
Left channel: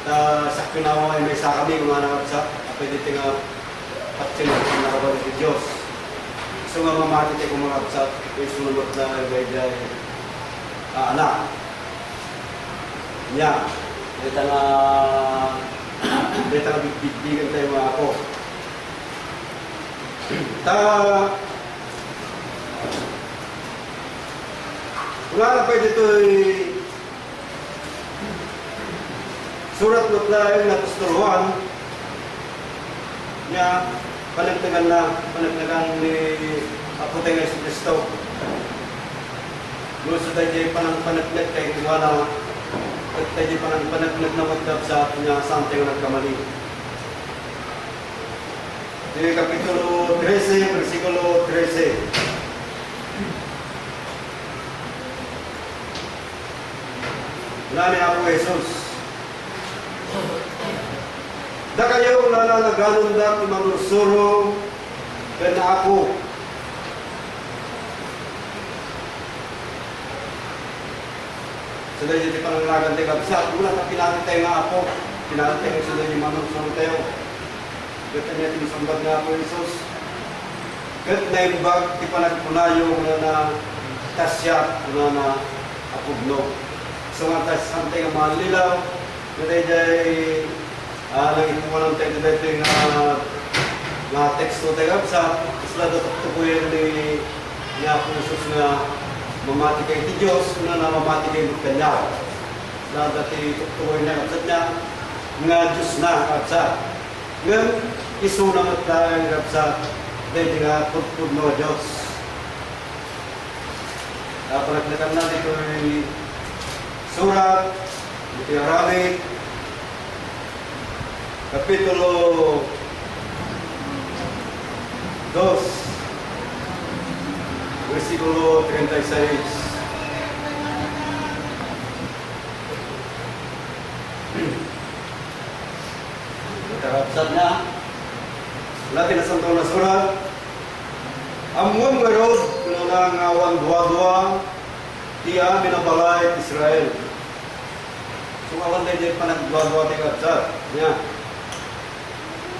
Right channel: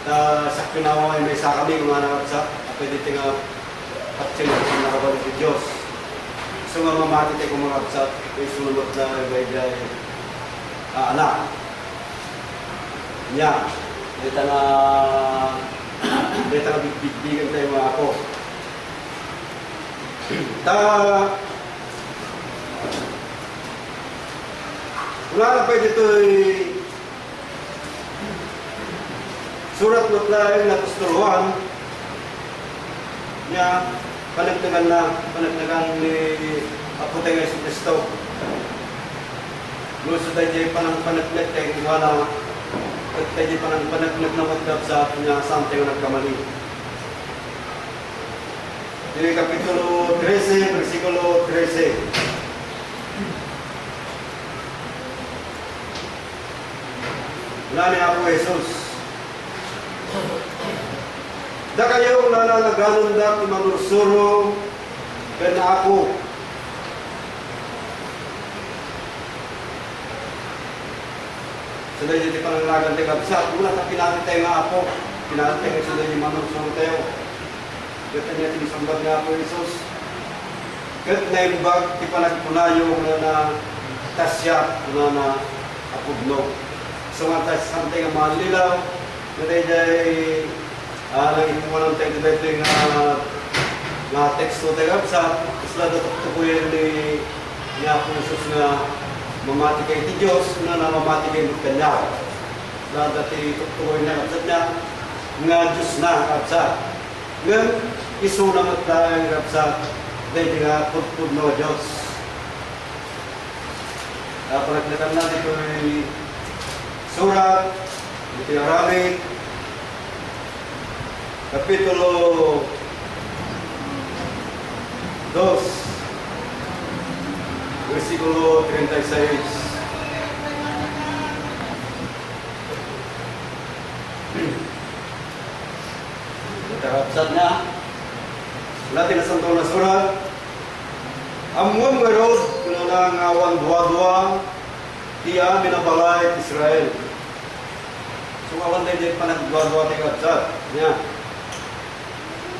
Sa kinawa ay may sa kami, kung nga sa pwede tinga at sinunod na nakabalik ni Diyos. So nga mamati tayo kung mga sa sunod na dayjay anak. Nya, dito nga bigbigan tayo mga ako. Wala na pwede ito'y surat na tayo na Apostol 1 niya panagdagan ni Apoteng Yesu Cristo. Gusto tayo panagdag tayo kumala at tayo panagdag na magdab sa atin niya saan tayo nagkamali. Di Kapitulo 13, versikulo 13. Wala ni Apo Jesus. Da kayo nananaganon da kumanursuro kaya ako. Sila yung di pananglagan tayo kapsa. Wala na pinatay tayo nga Apo. Pinatay tayo sila yung manursuro tayo. Kaya niya tinisambag na Apo Jesus. Kaya na yung bag, di pa nagpunayo na tasya na apugno. So nga tayo santay nga mga lilaw. Kaya dahil nag-ipunan tayo dito yung mga teksto tayo kapsa. Sila dapat ko yan ni Apo Jesus na mamati kay ti Diyos na namamati kay Kanya. Na dati tutukoy na kapsat niya nga Diyos na kapsat. Ngayon, isunang at dahil kapsat dahil nga tutod na Diyos. Panagdagan na dito yung surat, ito yung Aramid, Kapitulo 2, versikulo 36. Nakarapsat niya. Natin na santong na surat. Amuang garod, kung na ngawan dua-dua, tiya minabalay Israel. So awan tayo dyan panagdua-dua tayo kapsat. Niya.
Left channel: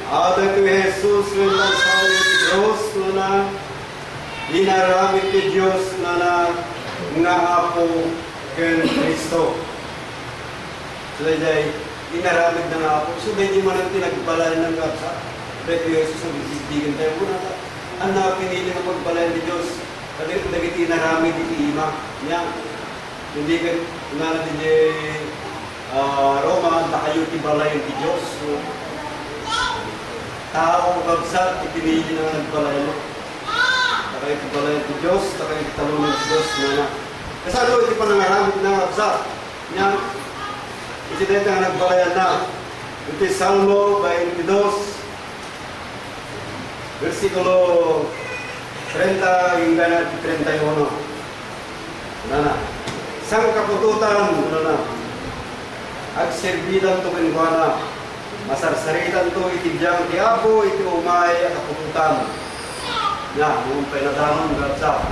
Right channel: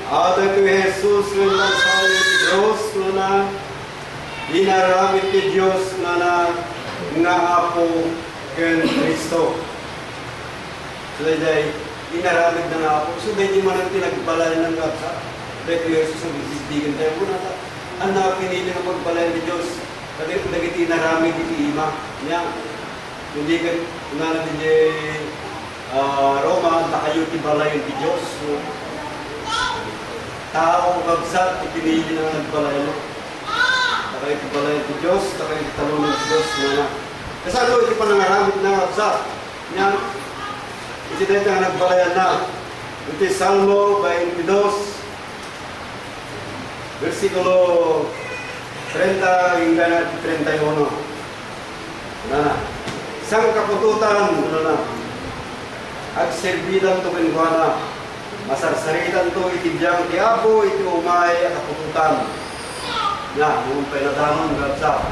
Ada ko Jesus rin lang sa Diyos na inaramit ni Diyos na nga Apo ken Kristo. So dahil inaramit na nga Apo. So dahil man ang tinagbalay ng kapsa. Dahil ko Jesus ang bibigyan tayo muna. Ang napinili na magbalay ni Diyos. Kasi dahil inaramit ni Ima. Niya. Hindi ka na natin Roma, ang takayo tibalay ni Diyos. So, tao kapsa, ipinili na nagbalay mo. Takay tibalay ni Diyos, takay talong ng Diyos na. Kasi ano, iti pa nangaramit na kapsa. Niya. Iti dahil nga nagbalayan na. Iti Salmo 22, versikulo 30 hingga 31. Na. Isang kapututan, agserbidan to kinwana. Masarsaritan to itibiyang tiapo, iti umay at kapututan. Ya, mung pinadamon gabsa.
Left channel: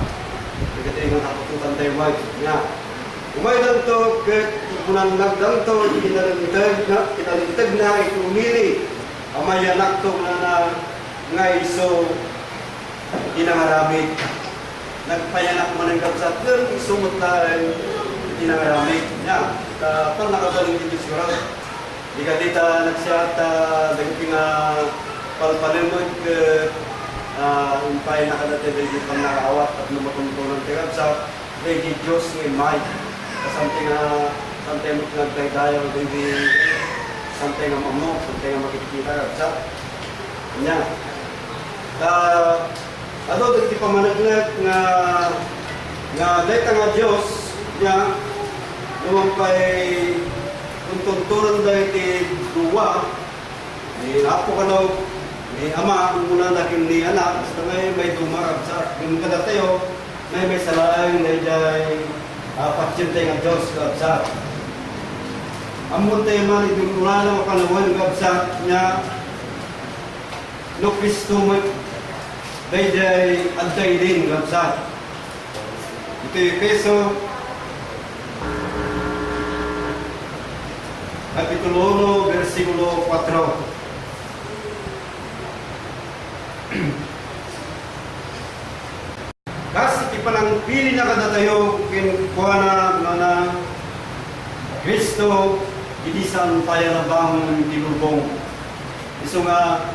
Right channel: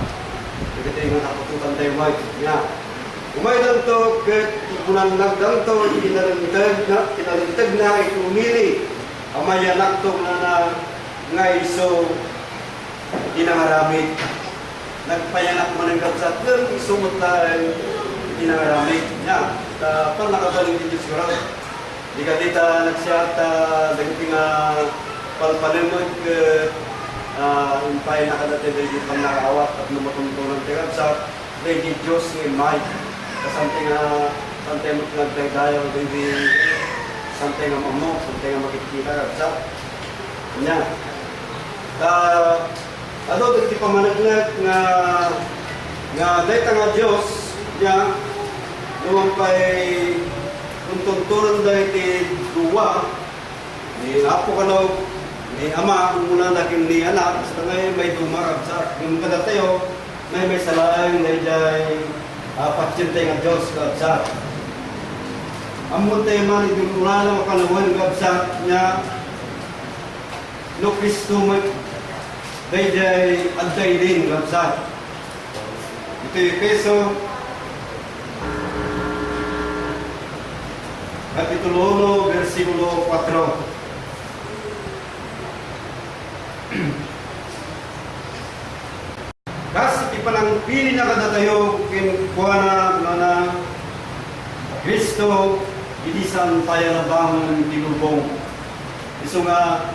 Iti nga kapututan tayo may. Ya. Umay lang to, kunang nagdang to, kinalintag na, iti umili. Amayanak to na nga iso inangaramid. Nagpayanak man ang kapsat doon, isumot na inangaramid. Ya, pang nakabaling din Diyos ko. Di ka dito nagsiyat, daging palpalimod, umpay nakadati daging pang nakawat at lumatuntunan tayo kapsat. Daging Diyos ng imay. Santay mo nagdaydayaw, daging santay nga mamok, santay nga makikita kapsat. Nya. Ato dagiti pamanaglag nga dayta nga Dios nya lumampay tuntunan dayti duwa ni Apo kanaw ni Ama muna nakin ni anak sa ngay may dumarab sa yung kada tayo may salaang dayjay patsinte nga Dios sa amon tayo man idulungan makanawan gabsa nya no Kristo Dayjay antay din labsat. Ito yung Efeso Kapitulo 1, versikulo 4. Kasi ipanang pili na kada tayo kinukuha na Kristo, ilisan tayo na bang tinubong. Iso nga,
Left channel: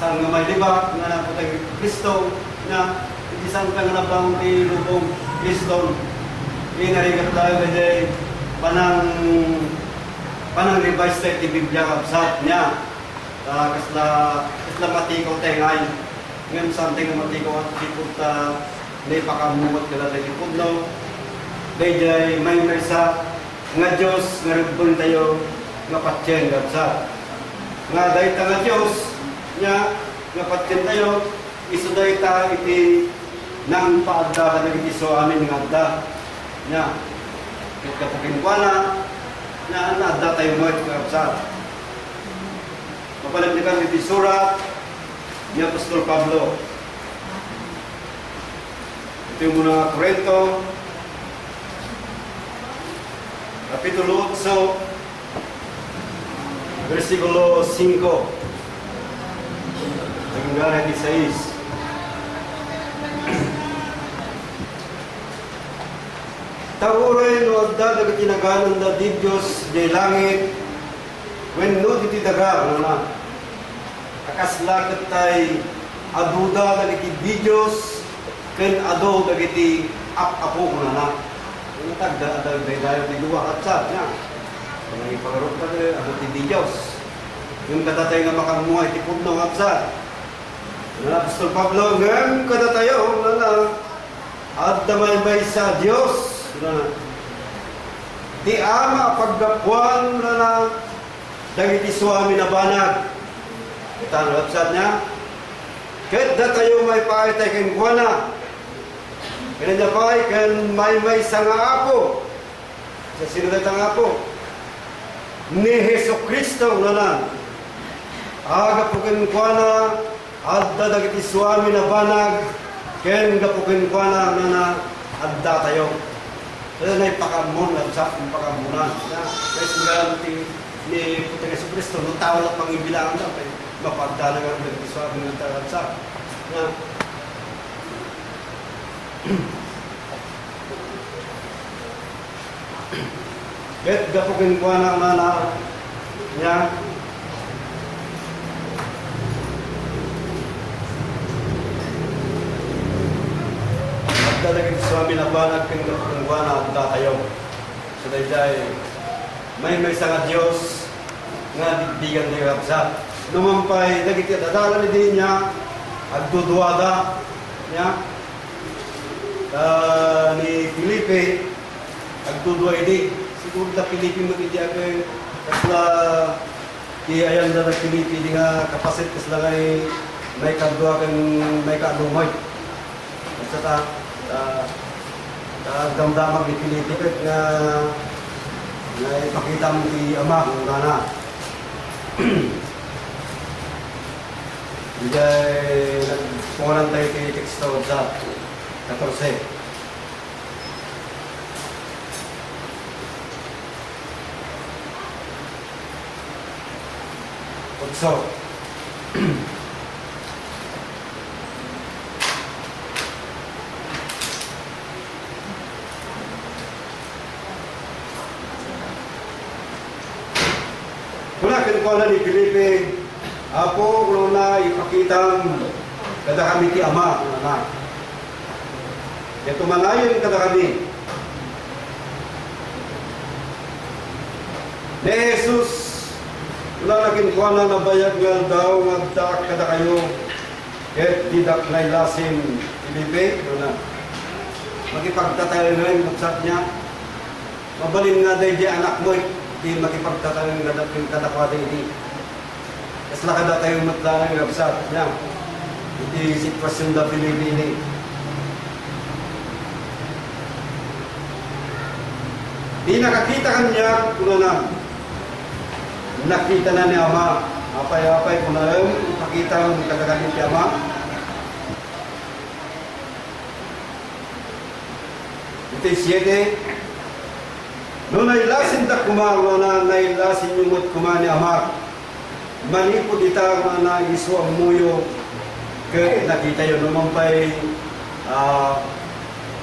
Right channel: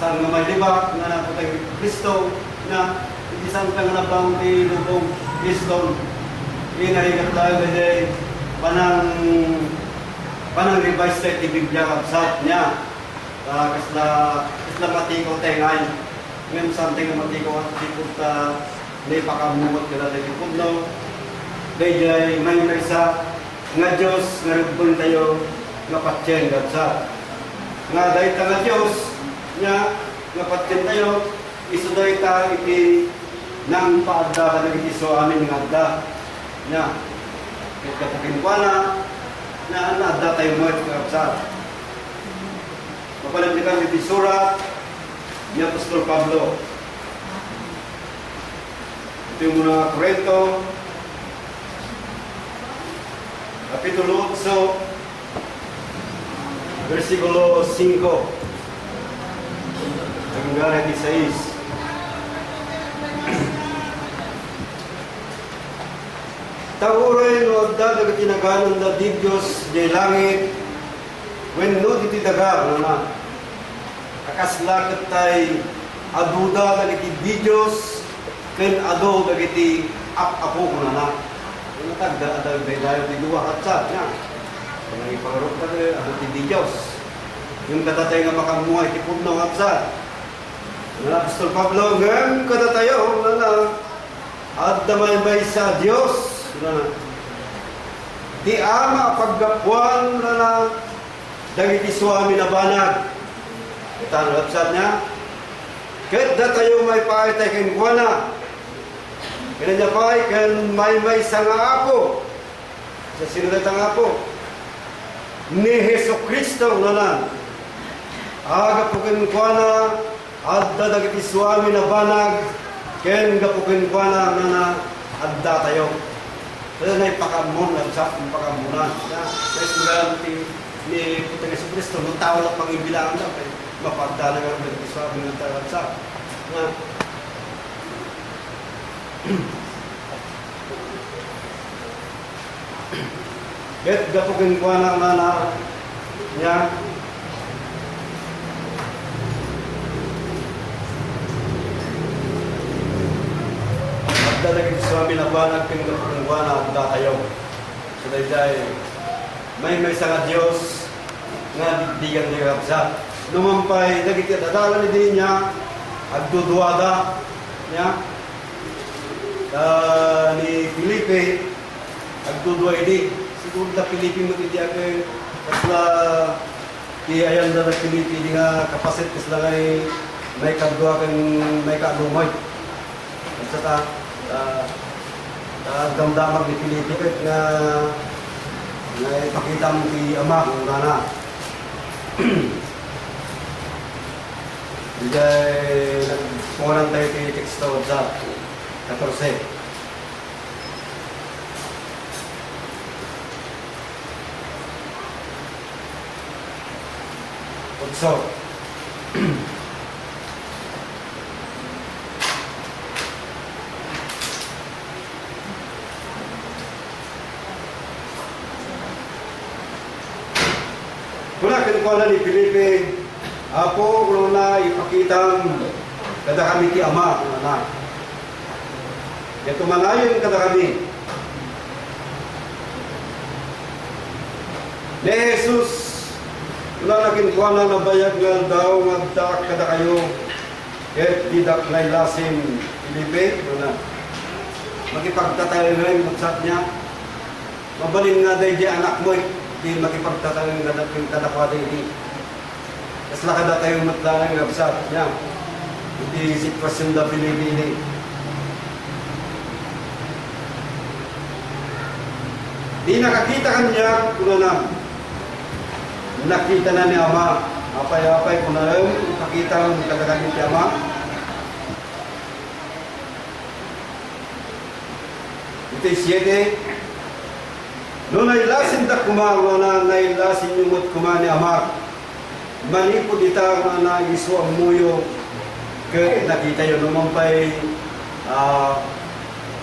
saan nga may libak, nga na tayo Kristo, na ilisan tayo na bang tinubong Kristo. Inarigat tayo kasi panang revise tayo ti Biblia kapsat niya. Kasla matikaw tayo ngayon. Ngayon something na matikaw at tikot may pakamumot ka na tayo pudno. Dahil may sa nga Diyos nga rubon tayo nga patyen kapsat. Nga dahil ta nga Diyos nga patyen tayo iso dahil ta iti nang paadda ka nag-iso amin nga adda. Nya, kita pukinkuana na adda tayo mo ito kapsat. Mapalamdikan iti surat ni Apostol Pablo. Ito yung mga Korinto, Kapitulo 8, versikulo 5, hanggang 16. Taguray no adda dagat tinaganon da di Diyos di langit when no di daga na akaslakat tay aduda dagiti di Diyos ken ado dagiti apo na ang tagda ada dayo di duwa katsat na ang ipagarot pa ado di Diyos yung katatay nga makamuhay ti pudno katsat na Apostol Pablo ngem katatayo na adda may sa Diyos di ama paggapuan na dagiti suami na banag. Ito ang website niya. Kahit na tayo may paitay kang kuwana. Kaya niya pa kan may sa nga apo. Sa sinulat ang apo. Ni Heso Kristo na aga po kang kuwana adda dagiti suami na banag. Kaya nga po kang kuwana na adda tayo. Kaya na ipakamon, nagsak yung pakamunan. Kaya sila ni Putang Yesu Cristo, nung tao lang pang-ibilangan daw, kaya mapagdala nga rin ito sa aming nagsak. Kahit gapugin ko na niya, talagang Swami na banag kang napagungwa na ang datayo. So dahil may sa nga Diyos nga digdigan ni Rabsa. Lumampay, nagigit adala ni din niya, agduduwada niya, ni Felipe, agduduway di. Siguro na Felipe magiging kasla ayan na Felipe di nga kapasit kasla ngay may kadwa kang may kalumoy. Basta damdamag ni Felipe na ipakita mo si Ama kung nana. Hindi nagpungan tayo kay teksto sa 14. So, kuna kinukuha ni Felipe, Apo, kung na ipakitang kada kami ti Ama, kung na. Ito mangayon kada kami. Ni Jesus, wala na kinukuha na nabayag nga daw, magdaak kada kayo, et didak na ilasin Felipe, kung na. Magipagtatayo nga yung magsat niya. Mabalin nga dahil di anak mo, di makipagtatayo nga yung kadakwada hindi. Tapos nakada tayong matlalang yung absat niya. Hindi sitwasyon na pinili. Di nakakita ka niya, kung na. Nakita na ni Ama. Apay-apay kung na yun, nakita ang kadakwada ni Ama. Ito 7. No nailasin ta kumang na nailasin yung mut kumani amak. Manipod ita na iso ang muyo ke nakita yun naman pa'y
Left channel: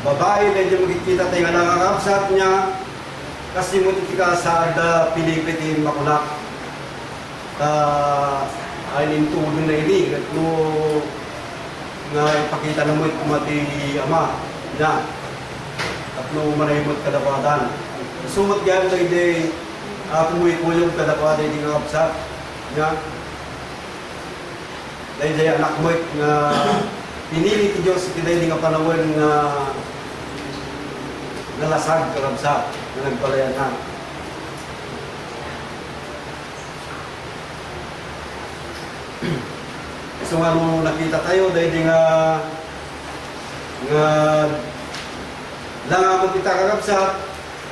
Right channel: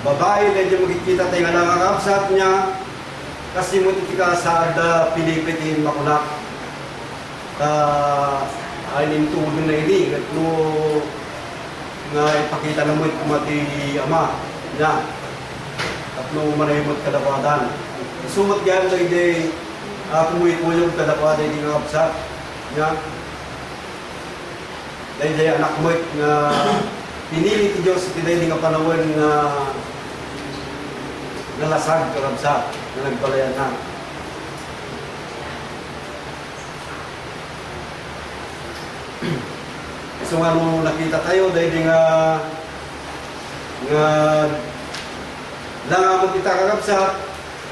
babae na dyan makikita tayo nga nakakapsat niya kasi mo tika sa ada pilipitin makunak ay nintudon na ini at no nga ipakita na mo kumati ama niya at no manayimot kadapadan sumat yan na ide kumuikuyong kadapadan di nga kapsat niya dahil anak mo nga pinili ti Diyos iti dahil nga panawin nga nalasag karabsa na nagpalayan na. So nga nung nakita tayo dahil nga langamot kita karabsa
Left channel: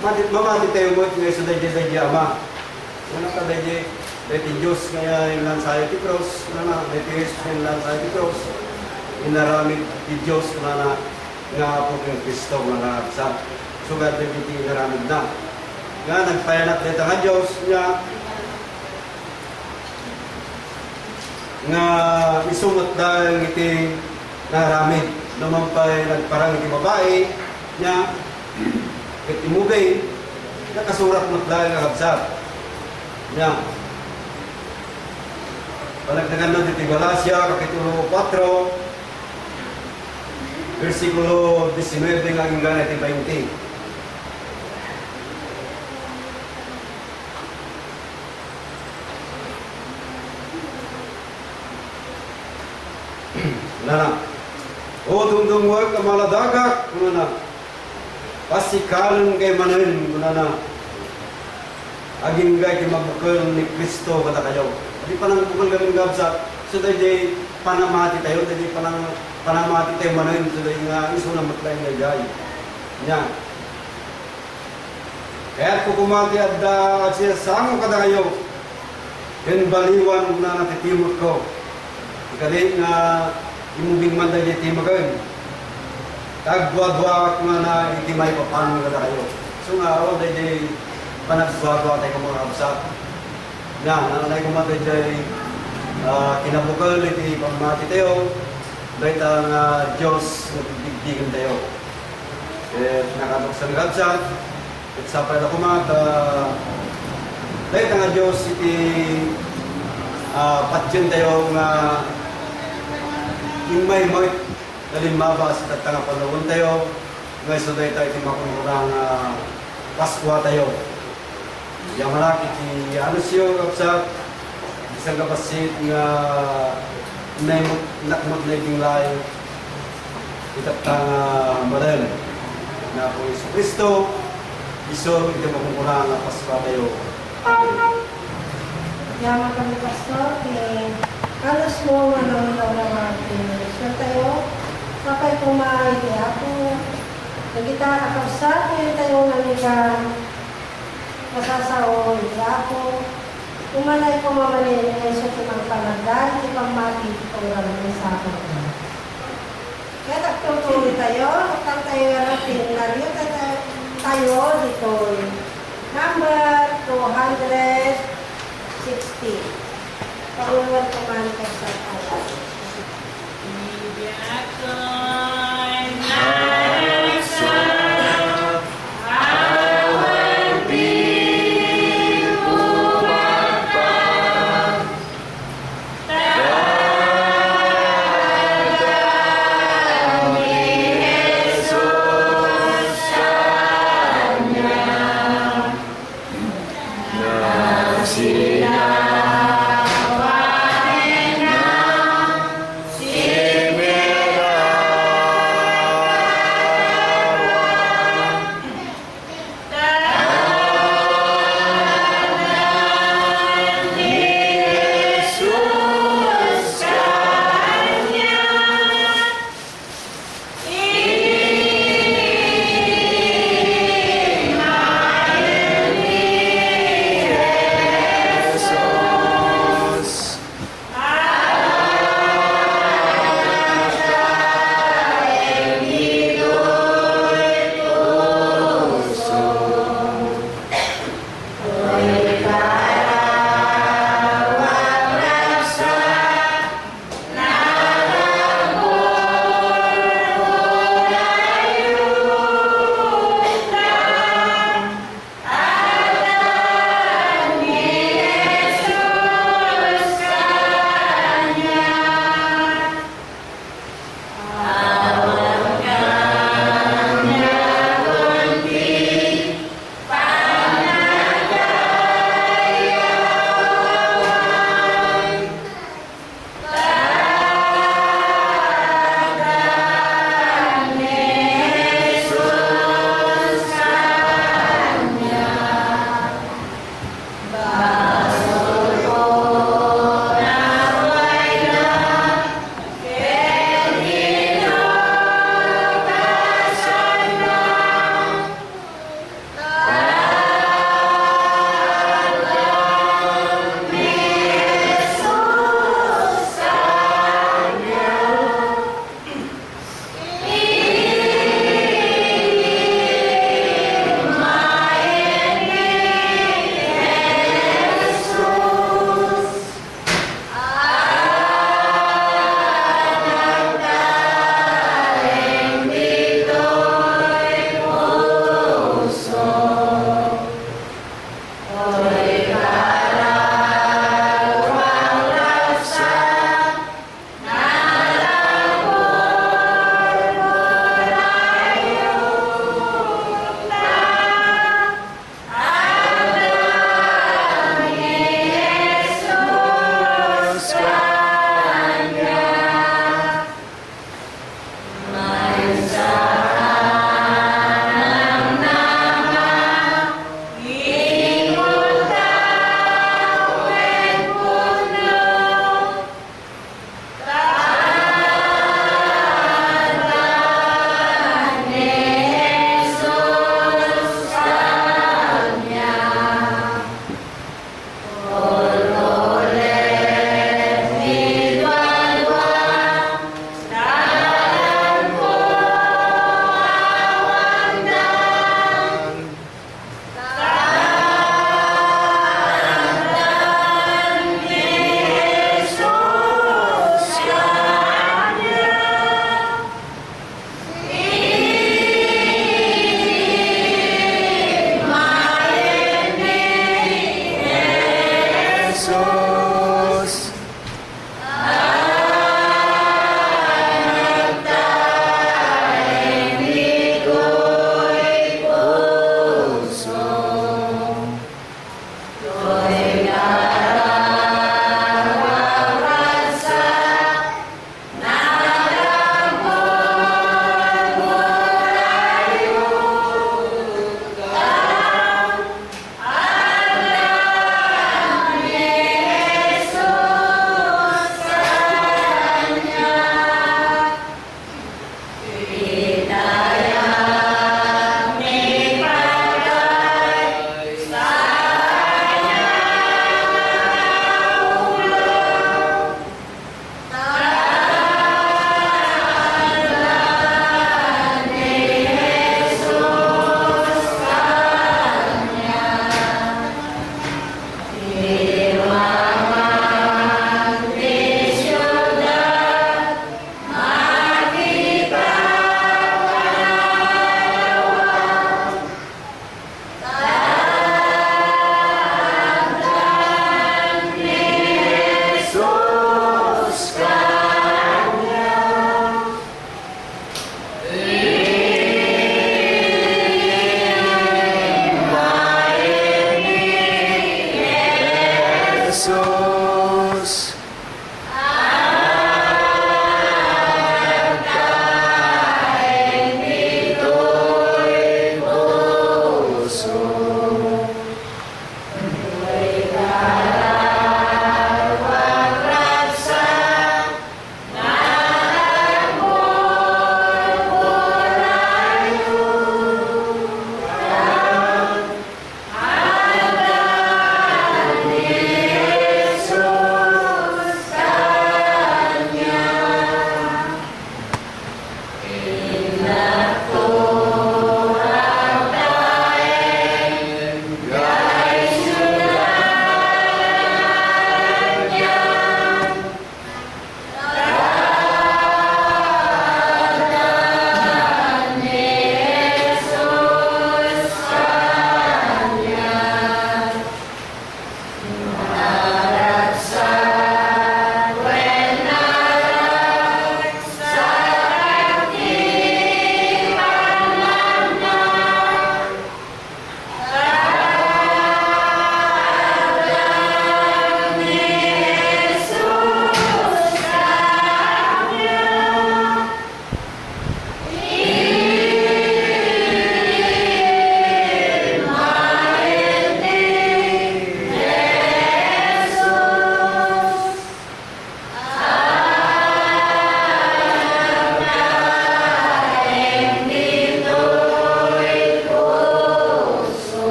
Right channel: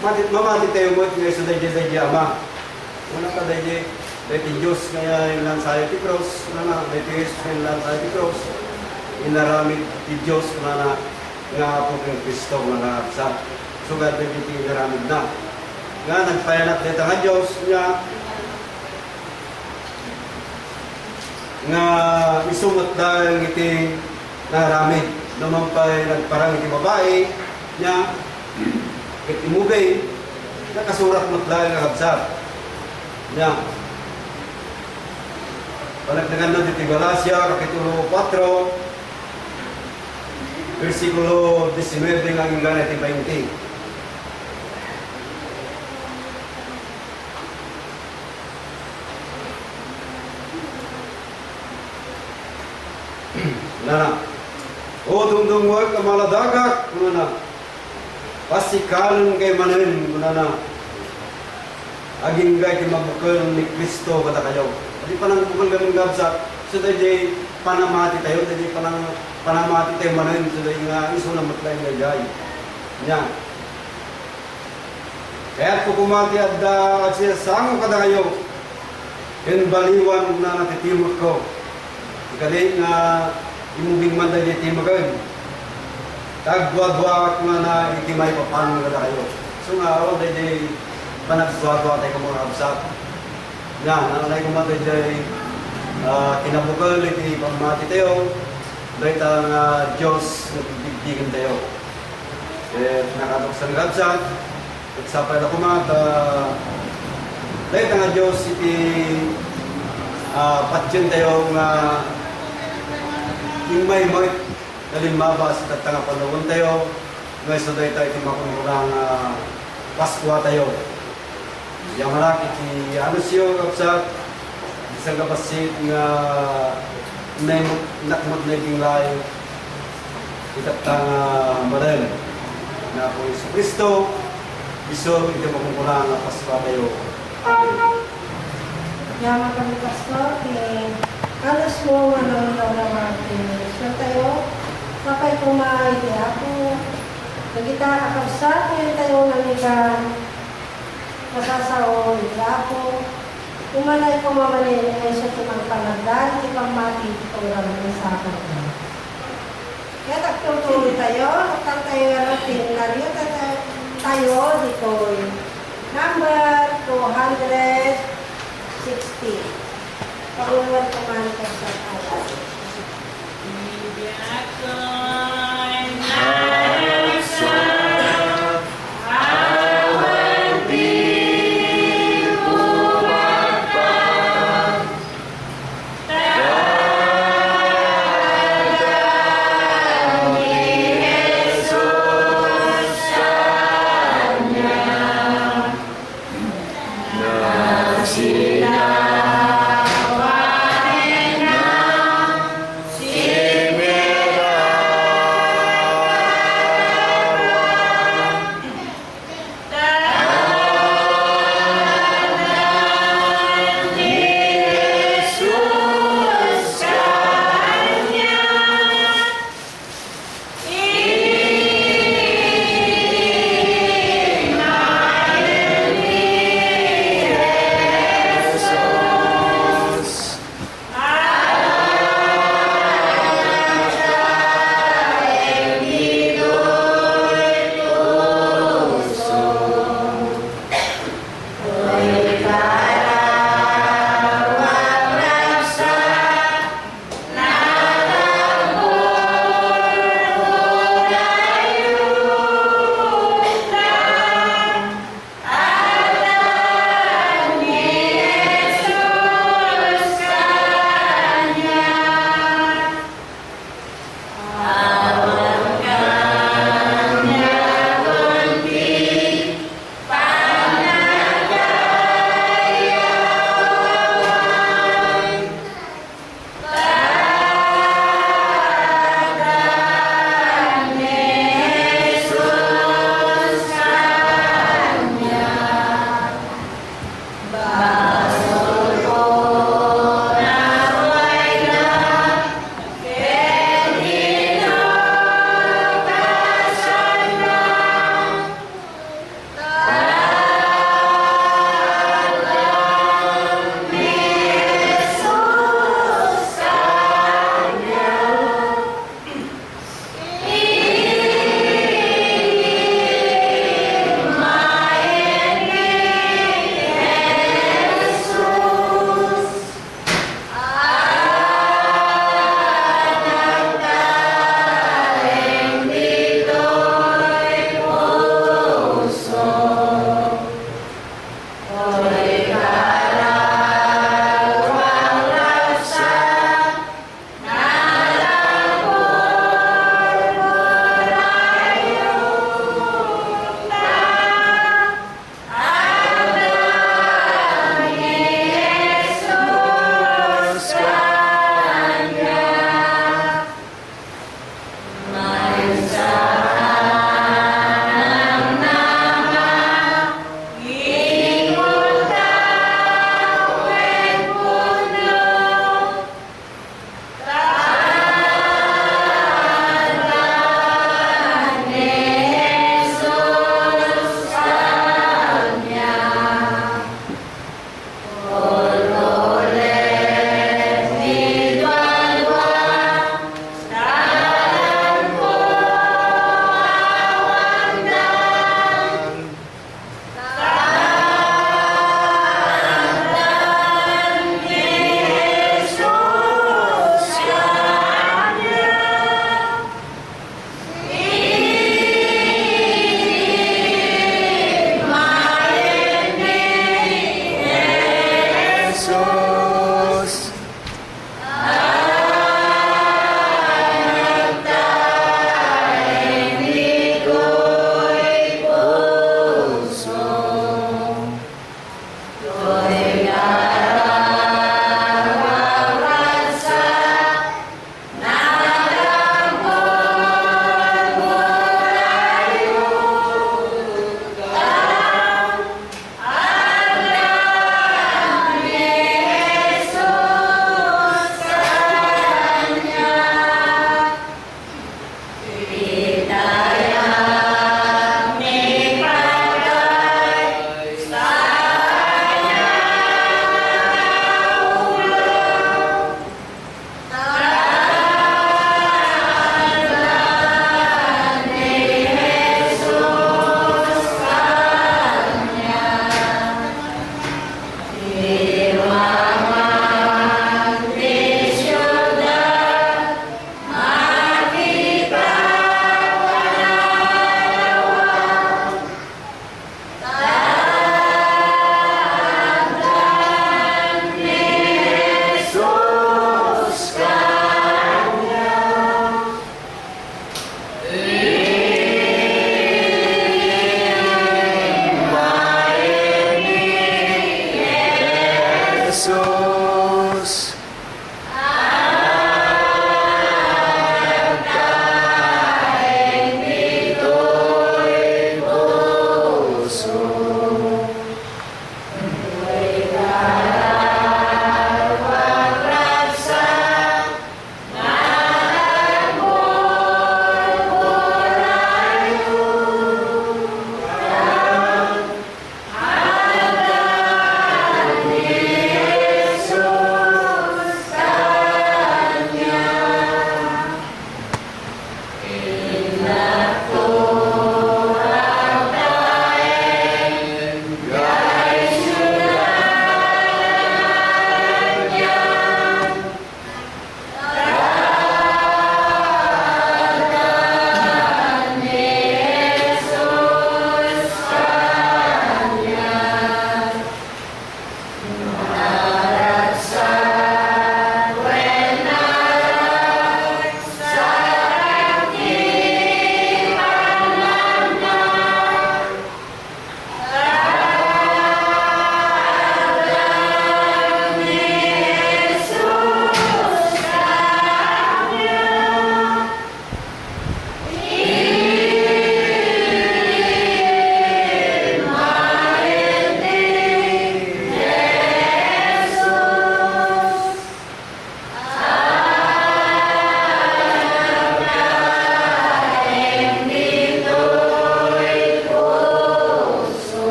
mamati tayo mo iti nga isa dahil ama. Una ka dahil ti Diyos kaya ilan sa ti cross na dahil Jesus ilan sa ti cross inaramid ti Diyos na nga po ng Kristo nga nakaksa. So nga din iti inaramid na. Nga nagpayanap dito nga Diyos nga isumot dahil iti naramid. Naman pa'y nagparang iti babae niya iti mugay nakasurat mo dahil nakaksa. Niya. Panagdagan na dito Galacia, Kapitulo 4, versikulo 19 hanggang 20. Nana, o dumdumwag ka maladagak, nana, pasikalan kay manin, nana, aging gay kimabukal ni Kristo kata kayo. Di panang bukal kami gabsa, so dahil panamati tayo, dahil panamati tayo manayin, so dahil nga iso na matlayin na gay. Yan. Kaya ko kumati at siya sango kada kayo, yan baliwan na natitimot ko. Ikali nga imuging man dahil itimagan. Tagwa-dwa ko na itimay papan kada kayo. So nga, dahil panagwa-dwa tayo mga absat. Nga, nanay ko mati dyan, kinabukal, iti pagmati tayo, dahil ang Diyos nagbibigin tayo. Nakabuksan gabsan, at sapay na kumata, dahil ang Diyos iti patyan tayo nga imay mo'y nalimabas at nga panawon tayo, ngayon so dahil tayo iti makunurang Paskwa tayo. Yang malaki ti ano siyo kapsat isang kapasit nga nakmot na yung layo itatang madal na po Isu Kristo iso ito makukurang na Paskwa tayo. Yaman kami pastor, alas mo manawalaw naman so tayo, kapag kumain di ako, nagita kakapsat, ngayon tayo naligan, masasao, di ako, kumalay ko mamalin, ay sa tunang panagdan, di pang mati, itong gano'n sa akin. Kaya tagtutuloy tayo, tag tayo natin, nariyo tayo dito, number 260. Pagulungan ko man kayo sa alas.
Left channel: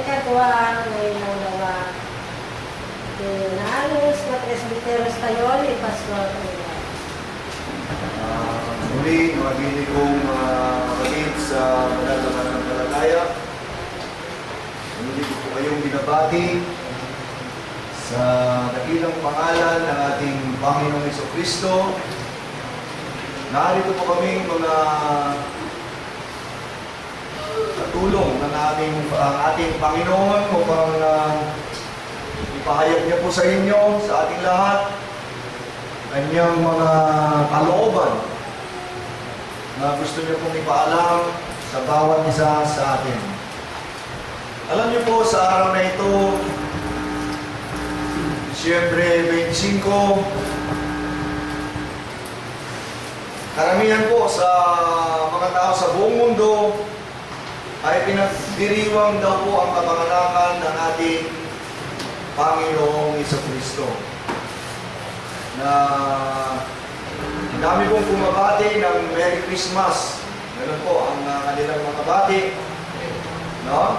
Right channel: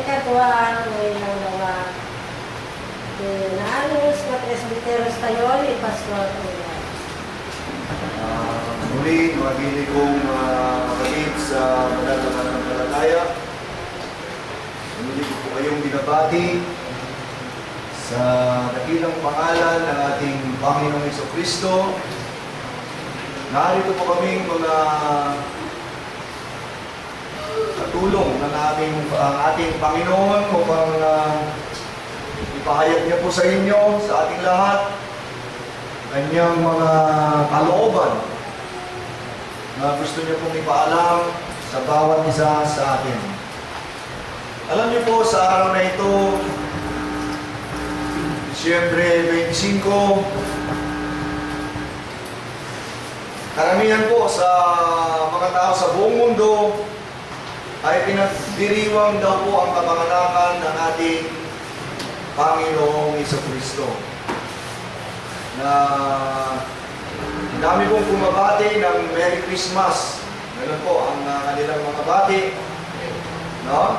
Ikatwa, ngayon mga inaayos na presbiteros tayo ni Pastor Ulan. Muli, magiging kong kapatid sa banal na pananampalataya. Muli ko po kayong binabati sa dakilang pangalan ng ating Panginoong Jesucristo. Narito po kaming mga katulong ng ating Panginoon upang ipahayag niya po sa inyo, sa ating lahat, kanyang mga kalooban na gusto niya pong ipaalam sa bawat isa sa atin. Alam niyo po, sa araw na ito, Disyembre 25, karamihan po sa mga tao sa buong mundo ay pinagdiriwang daw po ang kapanganakan ng ating Panginoong Jesucristo. Na dami pong kumabati ng Merry Christmas. Ganun po ang kanilang mga bati. No?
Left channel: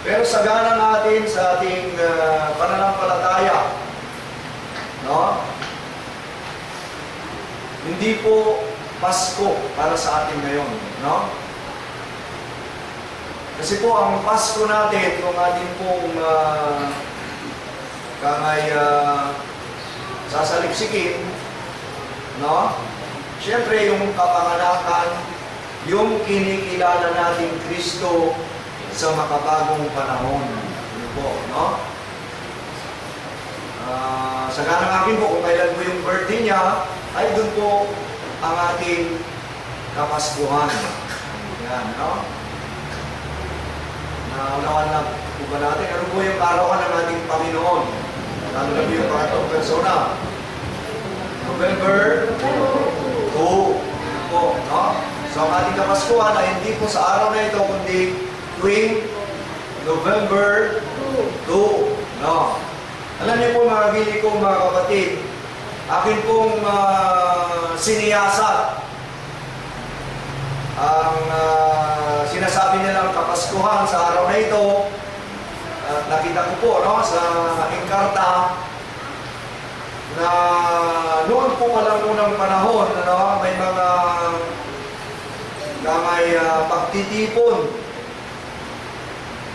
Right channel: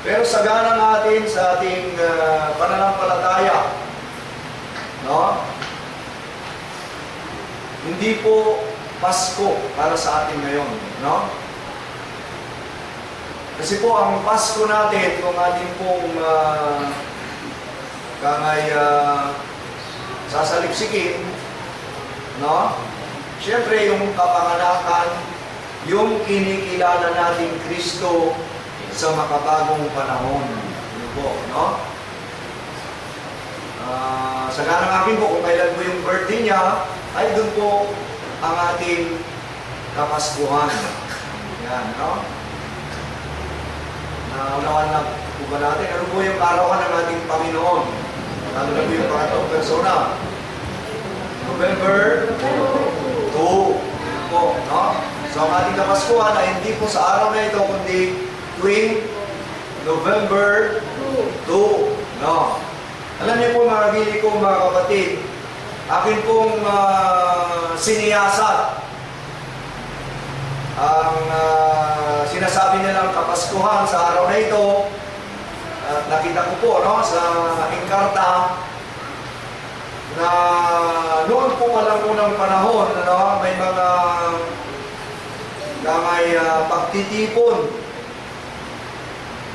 Pero sagana natin sa ating pananampalataya, no? Hindi po Pasko para sa atin ngayon, no? Kasi po ang Pasko natin, kung atin pong sasalipsikin, no? Siyempre yung kapanganakan, yung kinikilala natin Kristo sa makabagong panahon. Ano po, no? Sa ganang akin po, kung kailan po yung birthday niya, ay doon po ang ating Kapaskuhan. Yan, no? Naunawan lang po ba natin? Ano po yung karawan ng ating Panginoon? Lalo na po yung pangatong persona. November 2 po, no? So ang ating Kapaskuhan ay hindi po sa araw na ito, kundi tuwing November 2. No. Alam niyo po mga gili ko, mga kapatid, akin pong siniyasat ang sinasabi nilang Kapaskuhan sa araw na ito. At nakita ko po, no, sa aking karta na noon po palang unang panahon, ano, may mga pagtitipon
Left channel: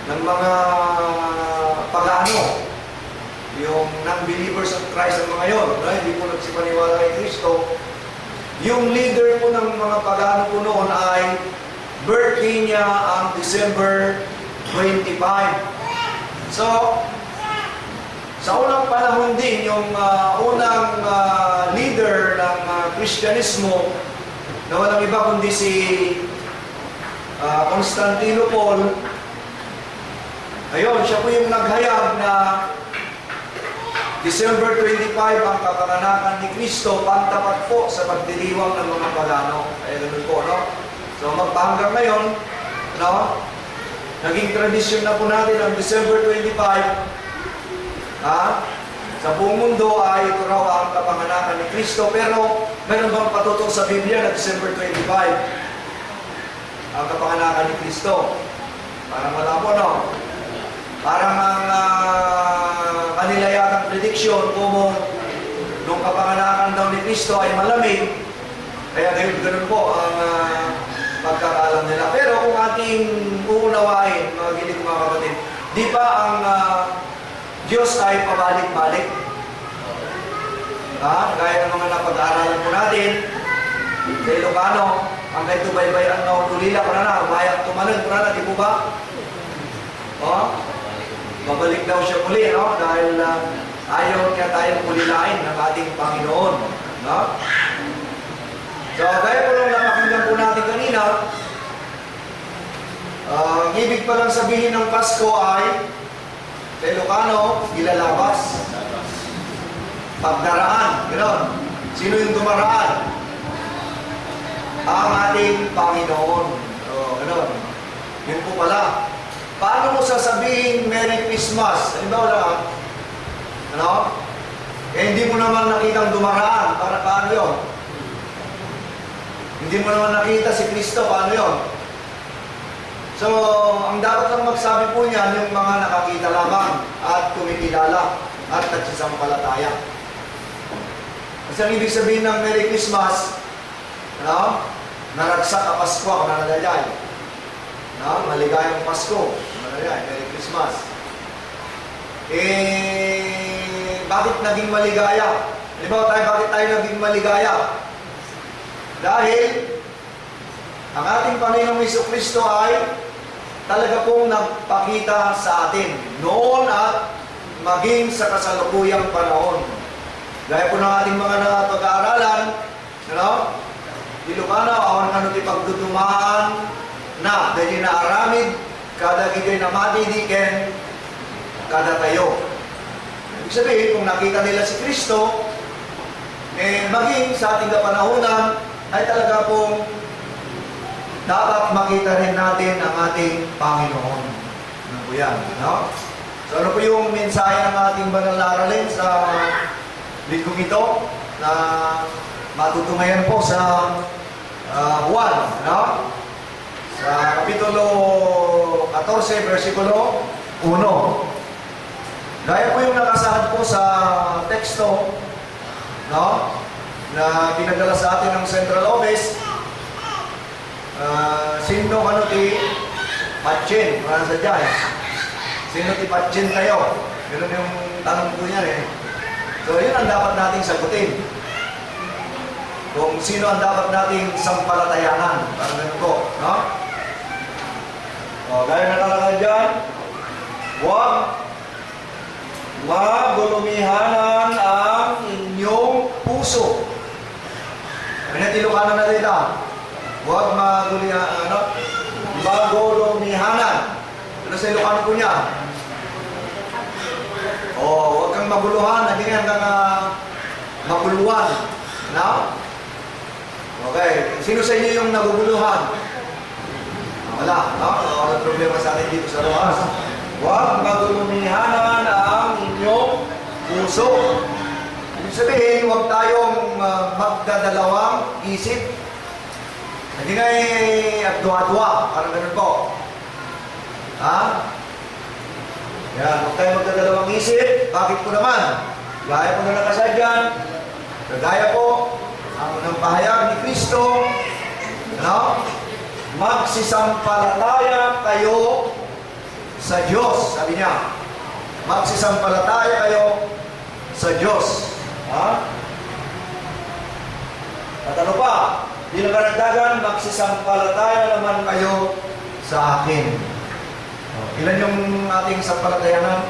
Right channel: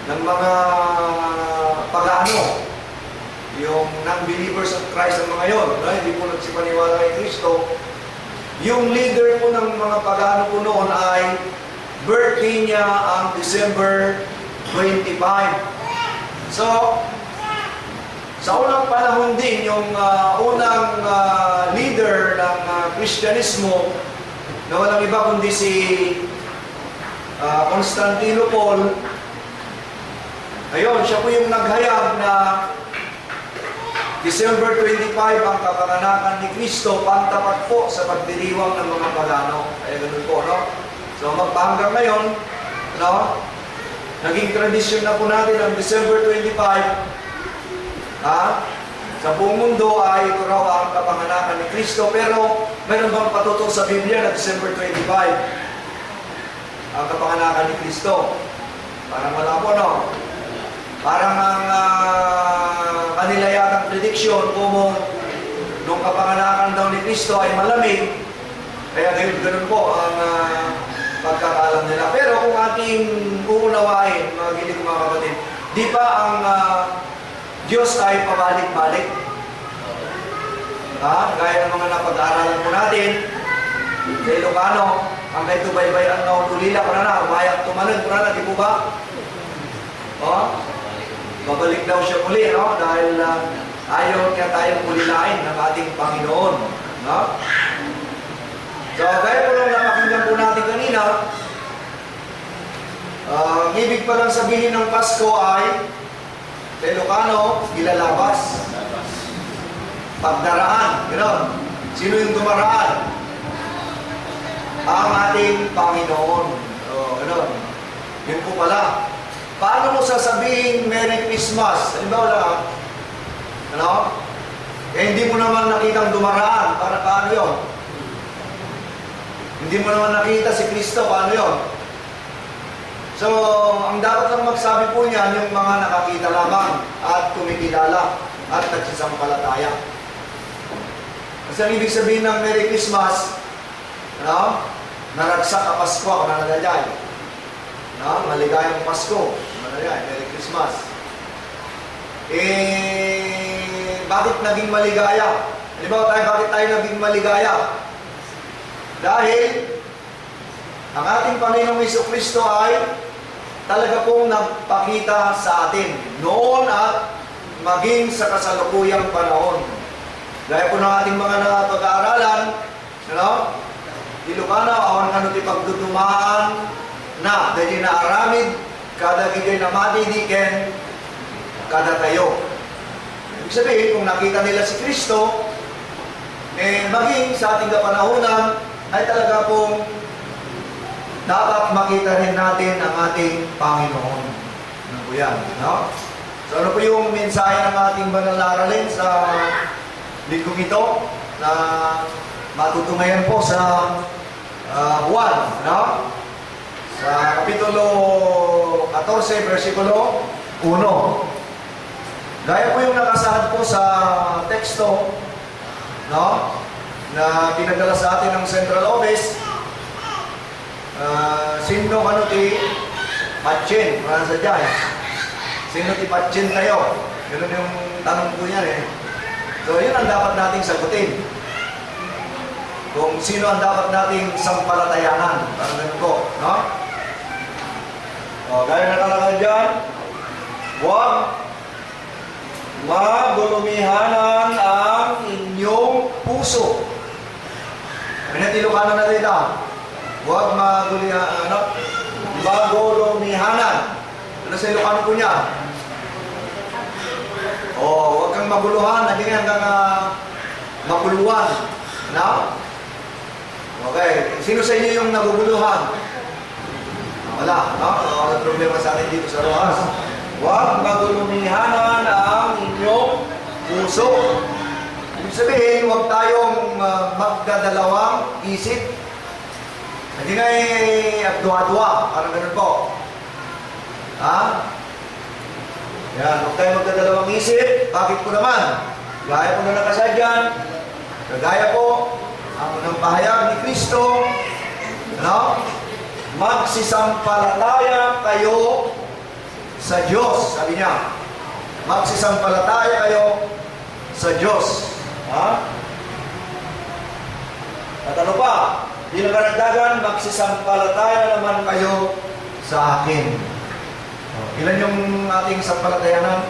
ng mga pagano, yung non-believers of Christ ang mga yon, no? Hindi po nagsipaniwala kay Kristo. Yung leader po ng mga pagano po noon ay birthday niya ang December 25. So, sa unang panahon din, yung unang leader ng Kristyanismo na walang iba kundi si Constantinople. Ayun, siya po yung naghayag na December 25 ang kapanganakan ni Kristo, pantapat po sa pagdiriwang ng mga pagano. Kaya ganun po, no? So magpahanggang ngayon, no? Naging tradisyon na po natin ang December 25. Sa buong mundo ay ito raw ang kapanganakan ni Kristo. Pero meron bang patutong sa Biblia na December 25 ang kapanganakan ni Kristo? Parang wala po, no? Parang ang kanila yatang prediction kung nung kapanganakan daw ni Kristo ay malamig, kaya ganun po ang pagkakaalam nila. Pero kung ating uunawain, mga gilig mga kapatid, di ba ang Diyos ay pabalik-balik? Gaya ng mga napag-aaralan po natin, sa Ilocano, ang kay tubaybayan na ulila ko na umayak tumalan ko na, di po ba? Babalik daw siya muli, no? Dahil ayaw niya tayong ulilain ng ating Panginoon, no? So, gaya po nung napakinggan po natin kanina, ang ibig palang sabihin ng Pasko ay sa Ilocano, ilalabas. Pagdaraan, gano'n. Sino yung dumaraan? Ang ating Panginoon. So, gano'n. Yun po pala. Paano mo sasabihin Merry Christmas? Halimbawa lang, ano? Hindi mo naman nakitang dumaraan. Paano yun? Hindi mo naman nakita si Kristo. Paano yun? So, ang dapat lang magsabi po niyan yung mga nakakita lamang at kumikilala at nagsisampalataya. Kasi ang ibig sabihin ng Merry Christmas, no? Naragsak ka Pasko, ako nanagayay. No? Maligayang Pasko, nanagayay, Merry Christmas. Bakit naging maligaya? Halimbawa tayo, bakit tayo naging maligaya? Dahil ang ating Panginoong Jesucristo ay talaga pong nagpakita sa atin noon at maging sa kasalukuyang panahon. Gaya po ng ating mga pag-aaralan, Ilocano, awan ka ti pagdudumaan na, dahil na aramid, kada gigoy na matidiken, kada tayo. Ibig sabihin, kung nakita nila si Kristo, maging sa ating kapanahunan, ay talaga pong dapat makita rin natin ang ating Panginoon. Ano po yan? No? So ano po yung mensahe ng ating banal na aralin sa linggong ito na matutungayan po sa Juan, no? Sa Kapitulo 14, versikulo 1. Gaya po yung nakasaad po sa teksto, no? Na pinagdala sa atin ng Central Office. Sino ti Patchen? Parang sa dyan. Sino ti Patchen tayo? Ganun yung tanong po niya eh. So yun ang dapat nating sagutin. Kung sino ang dapat nating sampalatayanan. Parang ganun po, no? O, gaya nakalagay dyan, huwag magulumihanan ang inyong puso. Ano yung Ilocano na dito? Huwag magulumihanan. Ano sa Ilocano po niya? O, huwag kang maguluhan, hindi hanggang maguluhan. No? Okay. Sino sa inyo yung naguguluhan? Wala. No? Walang problema sa akin dito sa Rojas. Huwag magulumihanan ang inyong puso. Ibig sabihin, huwag tayong magdadalawang isip. Hindi nga abdua-dua. Parang ganun po. Ha? Yan, huwag tayong magdadalawang isip. Bakit po naman? Gaya po na nakasadyan. Kagaya po, ang pahayag ni Kristo, no? Magsisampalataya kayo sa Diyos. Sabi niya, magsisampalataya kayo sa Diyos. Ha? At ano pa? Di na karagdagan, magsisampalataya naman kayo sa akin. Ilan yung ating sampalatayanan?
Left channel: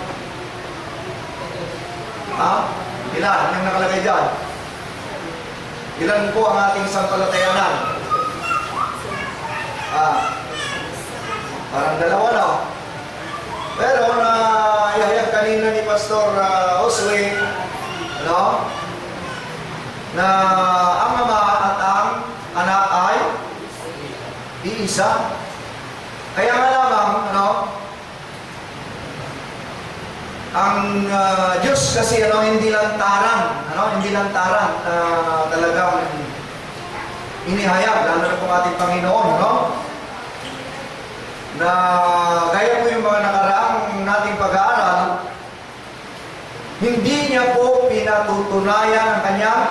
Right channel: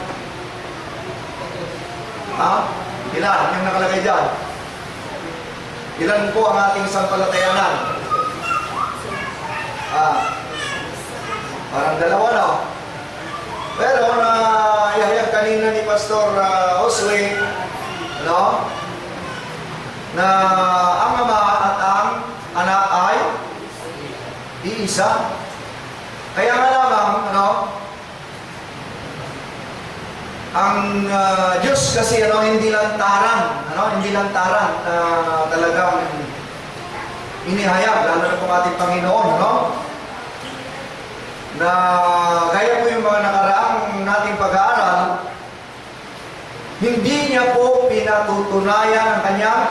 Ha? Ilan yung nakalagay dyan? Ilan po ang ating sampalatayanan? Parang dalawa na. Pero na ihayag kanina ni Pastor Josue, no? Na ang ama at ang anak ay iisa. Kaya nga lamang, ano? Ang Diyos kasi hindi lantaran, hindi lantaran talagang inihayag, lalo na pong ating Panginoon, na gaya po yung mga nakaraang nating pag-aaral, hindi niya po pinatutunayan ang kanyang,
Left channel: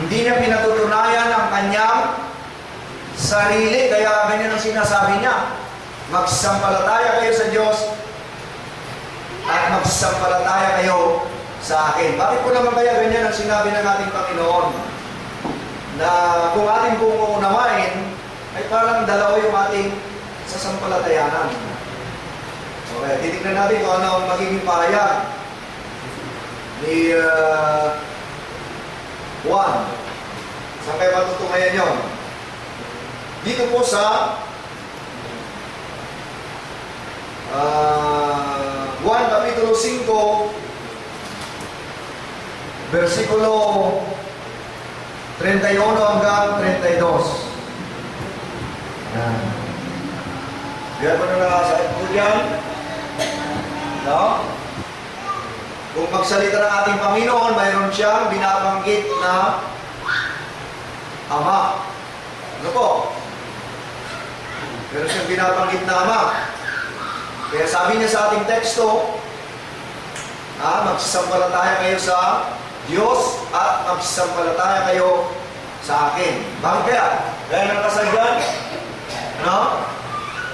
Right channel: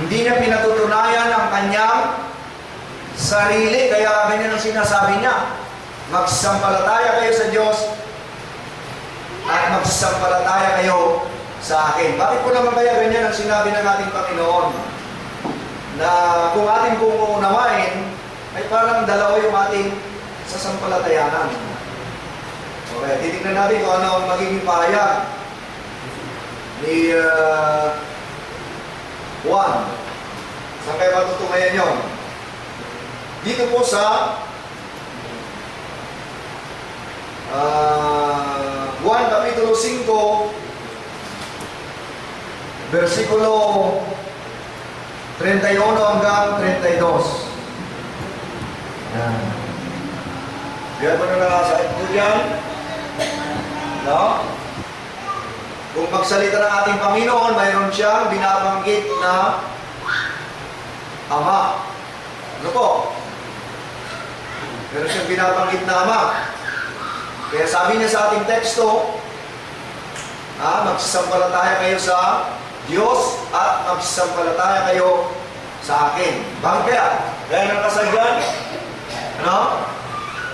hindi niya pinatutunayan ang kanyang sarili, kaya ganyan ang sinasabi niya. Magsampalataya kayo sa Diyos at magsampalataya kayo sa akin. Bakit po naman kaya ganyan ang sinabi ng ating Panginoon? Na kung ating pong uunawain, ay parang dalawa yung ating sasampalatayanan. Okay, titignan natin kung ano ang magiging pahayag ni Juan. Saan kayo matutumayan yun? Dito po sa Juan Kapitulo 5, versikulo 31 hanggang 32. Yan. Kaya po na nakasakit po dyan. No? Kung magsalita ng ating Panginoon, mayroon siyang binabanggit na Ama. Ano po? Meron siyang binabanggit na ama. Kaya sabi niya sa ating teksto, magsisampalataya kayo sa Diyos at magsisampalataya kayo sa akin. Bakit kaya? Kaya nakasadyan,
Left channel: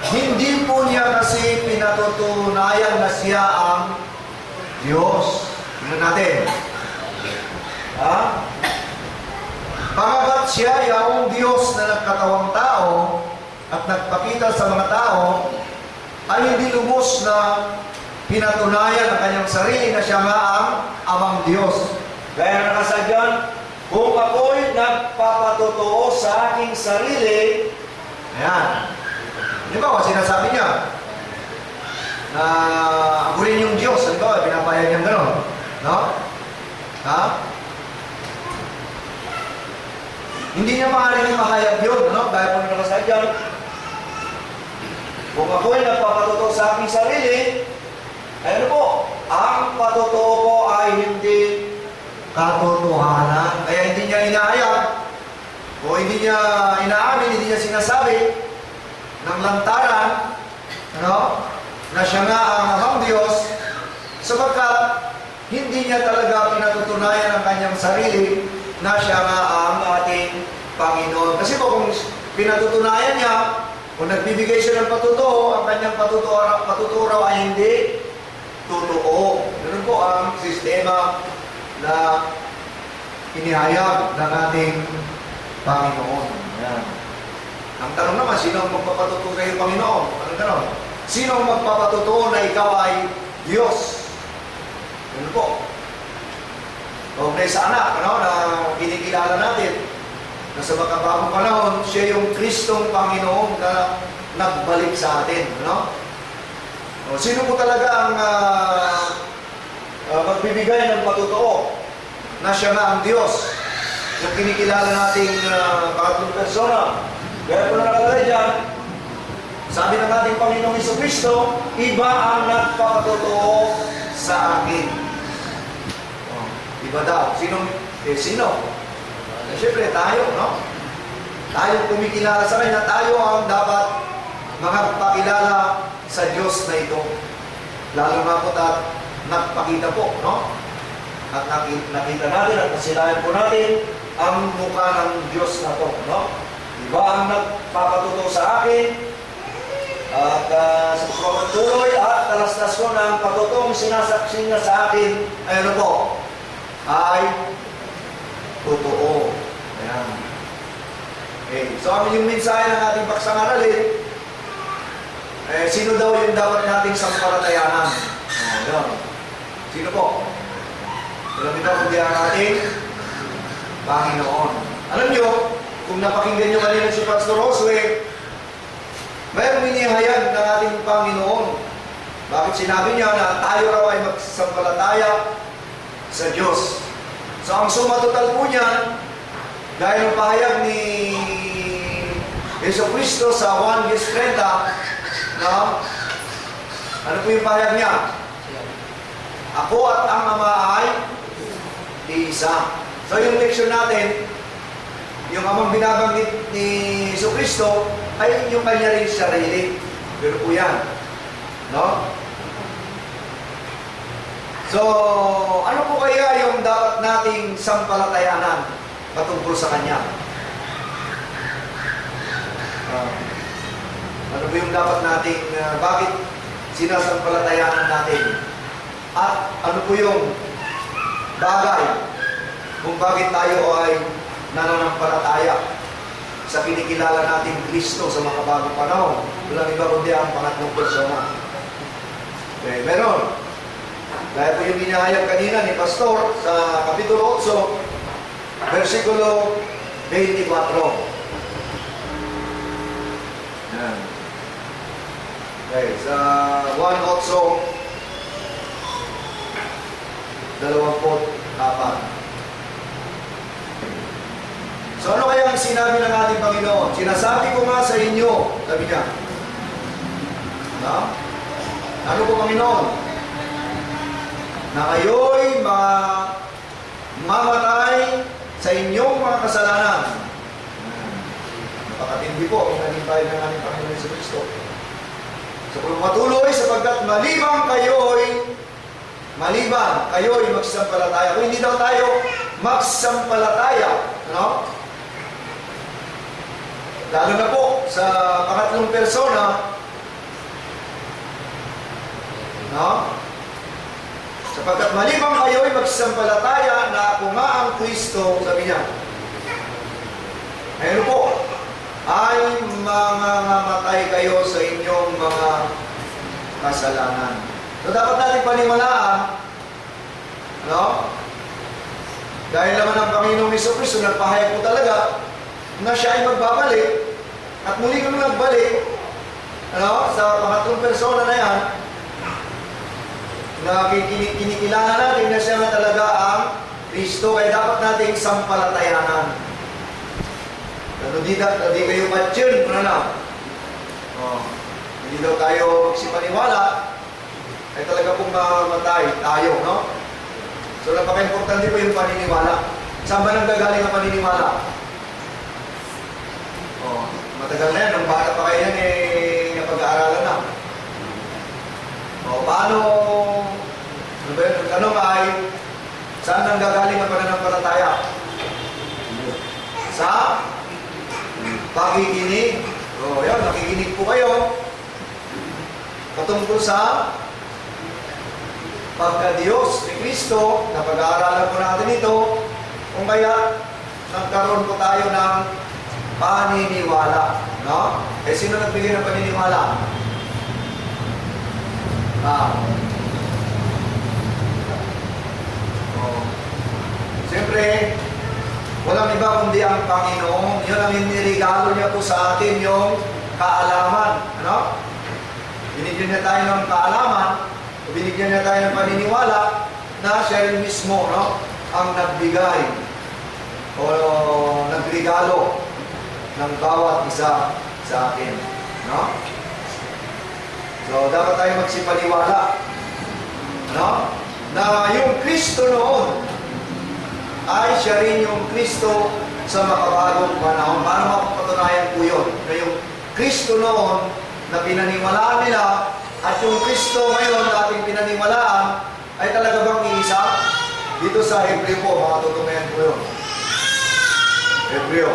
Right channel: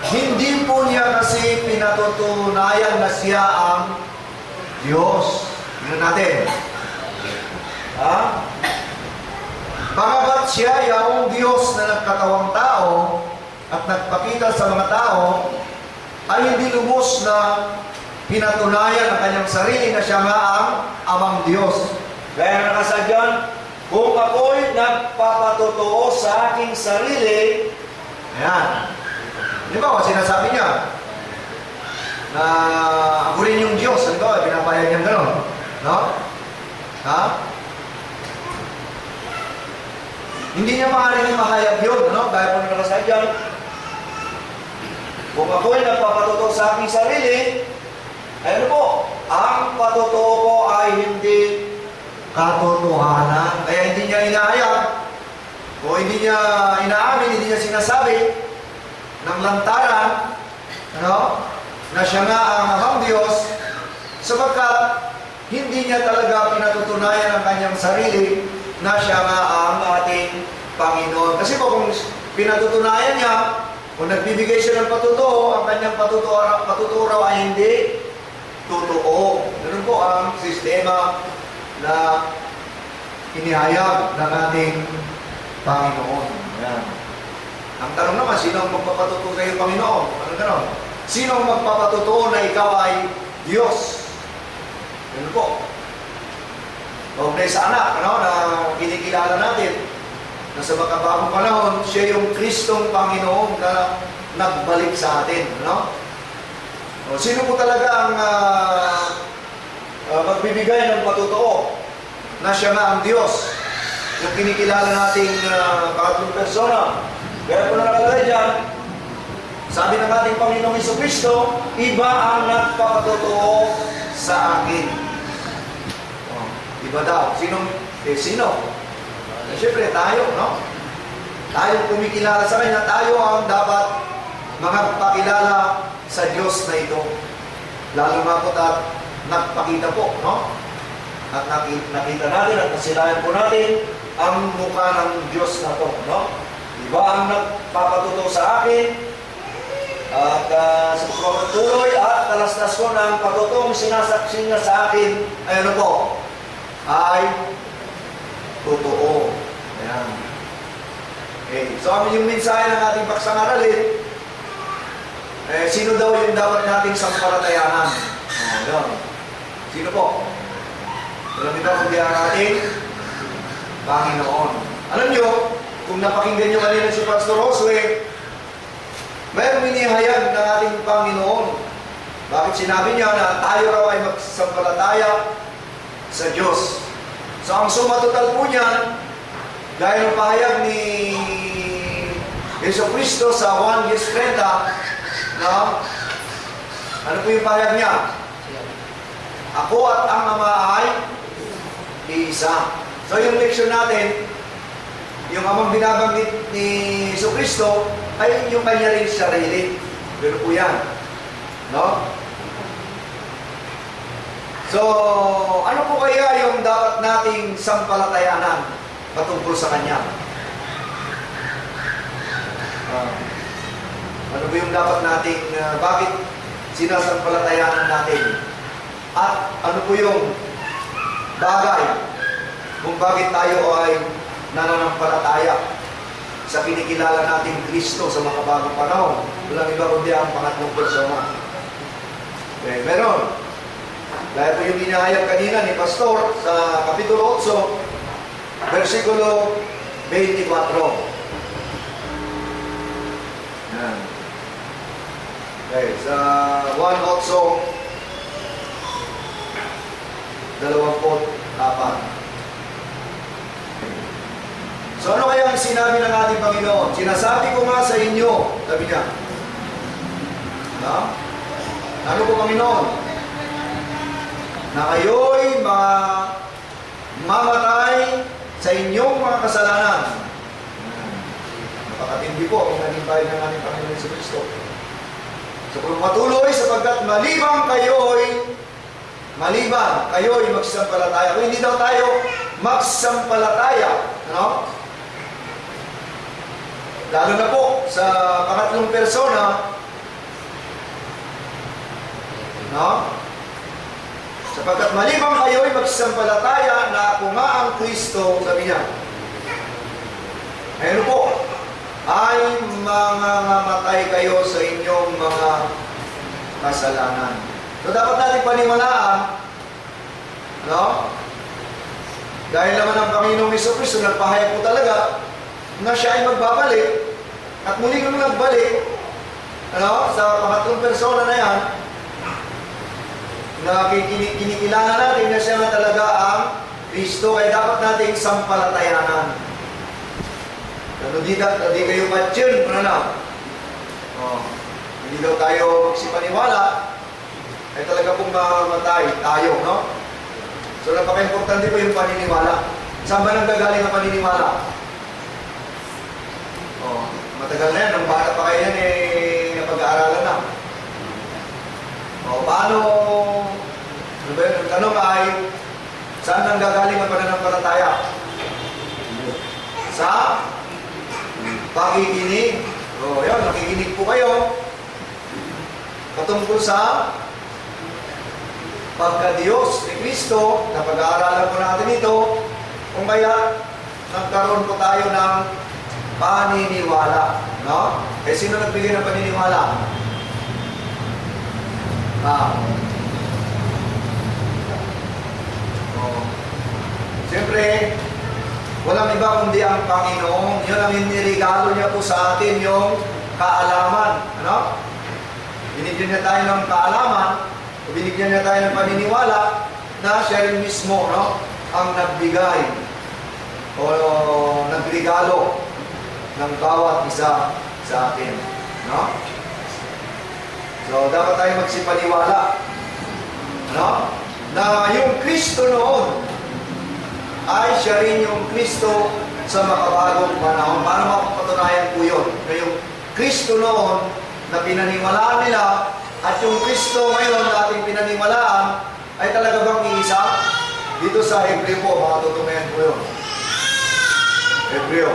hindi po niya kasi pinatutunayan na siya ang Diyos. Tingnan natin. Bagamat siya yung Diyos na nagkatawang tao at nagpakita sa mga tao, ay hindi lubos na pinatunayan ang kanyang sarili na siya nga ang amang Diyos. Kaya nakasadyan, kung ako'y nagpapatotoo sa aking sarili, ayan. Di ba, sinasabi niya na ako rin yung Diyos. Di ba, pinapayag niyang gano'n. No? Hindi niya maaaring mahayag yun, no? Dahil po nakasadyan, kung ako'y nagpapatotoo sa aking sarili, ay ano po, ang patotoo ko ay hindi katotohanan. Kaya hindi niya inahayag, o hindi niya inaamin, hindi niya sinasabi ng lantaran, na siya nga ang amang Diyos, sapagkat hindi niya talaga pinatutunayan ang kanyang sarili na siya nga ang ating Panginoon. Kasi po kung pinatutunayan niya, kung nagbibigay siya ng patutuo, ang kanyang patutuo raw ay hindi totoo. Ganun po ang sistema na inihayag ng ating Panginoon. Yan. Ang tanong naman, sino ang magpapatutuo kayo, Panginoon? Ano gano'n? Sino ang magpapatutuo na ikaw ay Diyos? Ganun po. Kaugnay sa anak, na kinikilala natin, na sa makabagong panahon, siya yung Kristong Panginoon na nagbalik sa atin. Sino po talaga ang magbibigay ng patutuo na siya nga ang Diyos na kinikilala nating pangatlong persona? Kaya po na nakalagay dyan, sabi ng ating Panginoong Jesucristo, iba ang nagpapatutuo sa akin. Iba daw. Sino? Siyempre, tayo, Tayo kumikilala sa Kanya, tayo ang dapat magpakilala sa Diyos na ito. Lalo nga po nagpakita po, At nakita natin at nasilayan po natin ang mukha ng Diyos na ito, Iba ang nagpapatuto sa akin at sa pagpapatuloy at talastas ko ng patutong sinasaksi niya sa akin ay ano po? Ay totoo. Ayan. Okay. So, yung mensahe ng ating paksang-aralin, sino daw yung dapat nating sampalatayanan? Ayan. Sino po? Alam ito kung di ang ating Panginoon. Alam nyo, kung napakinggan nyo kanina si Pastor Josue, mayroong inihayag ng ating Panginoon. Bakit sinabi niya na tayo raw ay magsampalataya sa Diyos? So ang suma total po niyan, dahil ang pahayag ni Jesucristo sa 1:30, ano po yung pahayag niya? Ako at ang Ama ay iisa. So yung leksyon natin, yung amang binabanggit ni Jesucristo ay yung kanya rin sarili. Pero po yan. So, ano po kaya yung dapat nating sampalatayanan patungkol sa Kanya? Ano ba yung dapat nating, bakit sinasampalatayanan natin? At ano po yung bagay kung bakit tayo ay nananampalataya sa kinikilala nating Kristo sa makabagong panahon? Walang iba kundi ang pangatlong persona. Okay, meron. Dahil po yung inihayag kanina ni Pastor sa Kapitulo 8, versikulo 24. Yan. Okay, sa 1:24. So ano kaya ang sinabi ng ating Panginoon? Sinasabi ko nga sa inyo, sabi niya. Ano po, Panginoon? Na kayo'y mamatay sa inyong mga kasalanan. Napakatindi po ang naging tayo ng ating Panginoon Yesu Kristo. So kung patuloy sapagkat maliban kayo'y magsampalataya. Kung hindi daw tayo magsampalataya, ano? Lalo na po sa pangatlong persona, no? Sapagkat maliban kayo'y magsampalataya na ako nga ang Kristo, sabi niya. Ayun po, ay mangangamatay kayo sa inyong mga kasalanan. So dapat natin paniwalaan, no? Dahil naman ang Panginoong Jesucristo nagpahayag po talaga na siya ay magbabalik at muli kami nagbalik, ano? Sa pangatlong persona na yan, na kinikilala natin na siya nga talaga ang Kristo, kaya dapat nating sampalatayanan. Di kayo matyon, ano na? Hindi daw tayo magsipaniwala, ay talaga pong mamatay tayo, no? So, napaka-importante po yung paniniwala. Saan ba nang gagaling ang paniniwala? Matagal na yan. Nung bata pa kayo yan, napag-aaralan na. Paano? Ano ba yun? Ang tanong ay, saan nang gagaling ang pananampalataya? Sa pakikinig. Yan, nakikinig po kayo. Patungkol sa pagka-Diyos ni Kristo, na pag-aaralan po natin ito, kung kaya nagkaroon po tayo ng paniniwala. No? Sino nagbigay ng paniniwala? Siyempre, walang iba kundi ang Panginoon. Yun ang inirigalo niya po sa atin, yung kaalaman. Ano? Binigyan niya tayo ng kaalaman, binigyan niya tayo ng paniniwala na siya rin mismo, no, ang nagbigay o nagrigalo ng bawat isa sa atin. No? So, dapat tayo magsipaniwala, no, na yung Kristo noon ay siya rin yung Kristo sa makabagong panahon. Paano mapapatunayan po yun? Na yung Kristo noon na pinaniwalaan nila at yung Kristo ngayon na ating pinaniwalaan ay talaga bang iisa? Dito sa Hebreo po, makatutunayan po yun. Hebreo.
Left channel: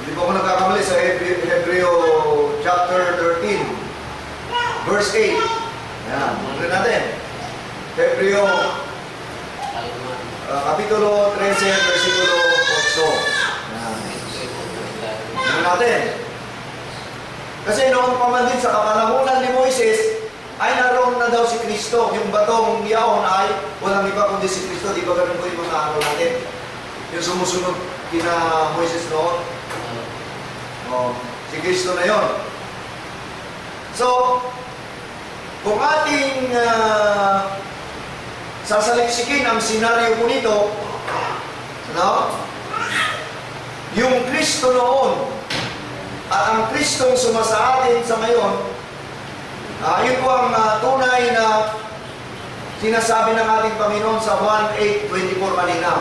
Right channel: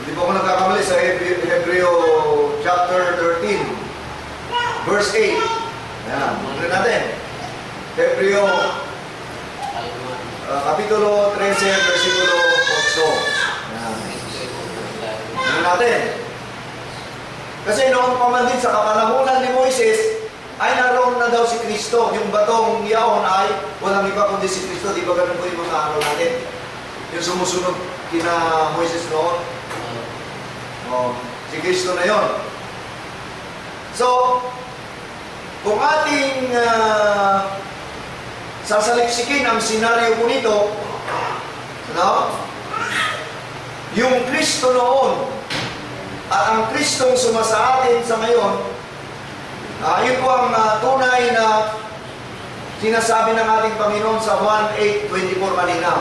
Hindi po ako nagkakamali sa Hebreo chapter 13. Verse 8. Yan. Muna natin. Hebreo, Kapitulo 13, versikulo 8. Yan. Muna natin. Kasi noong pa man din sa kapanahunan ni Moises, ay naroon na daw si Kristo. Yung batong yaon ay walang iba kundi si Kristo. Di ba ganun po yung mga araw natin? Yung sumusunod kina Moises noon. Si Kristo na yon. So, kung ating sasaliksikin ang senaryo po nito, no? Yung Kristo noon at ang Kristong sumasa atin sa ngayon, yun po ang tunay na sinasabi ng ating Panginoon sa 1:8-24 kanina,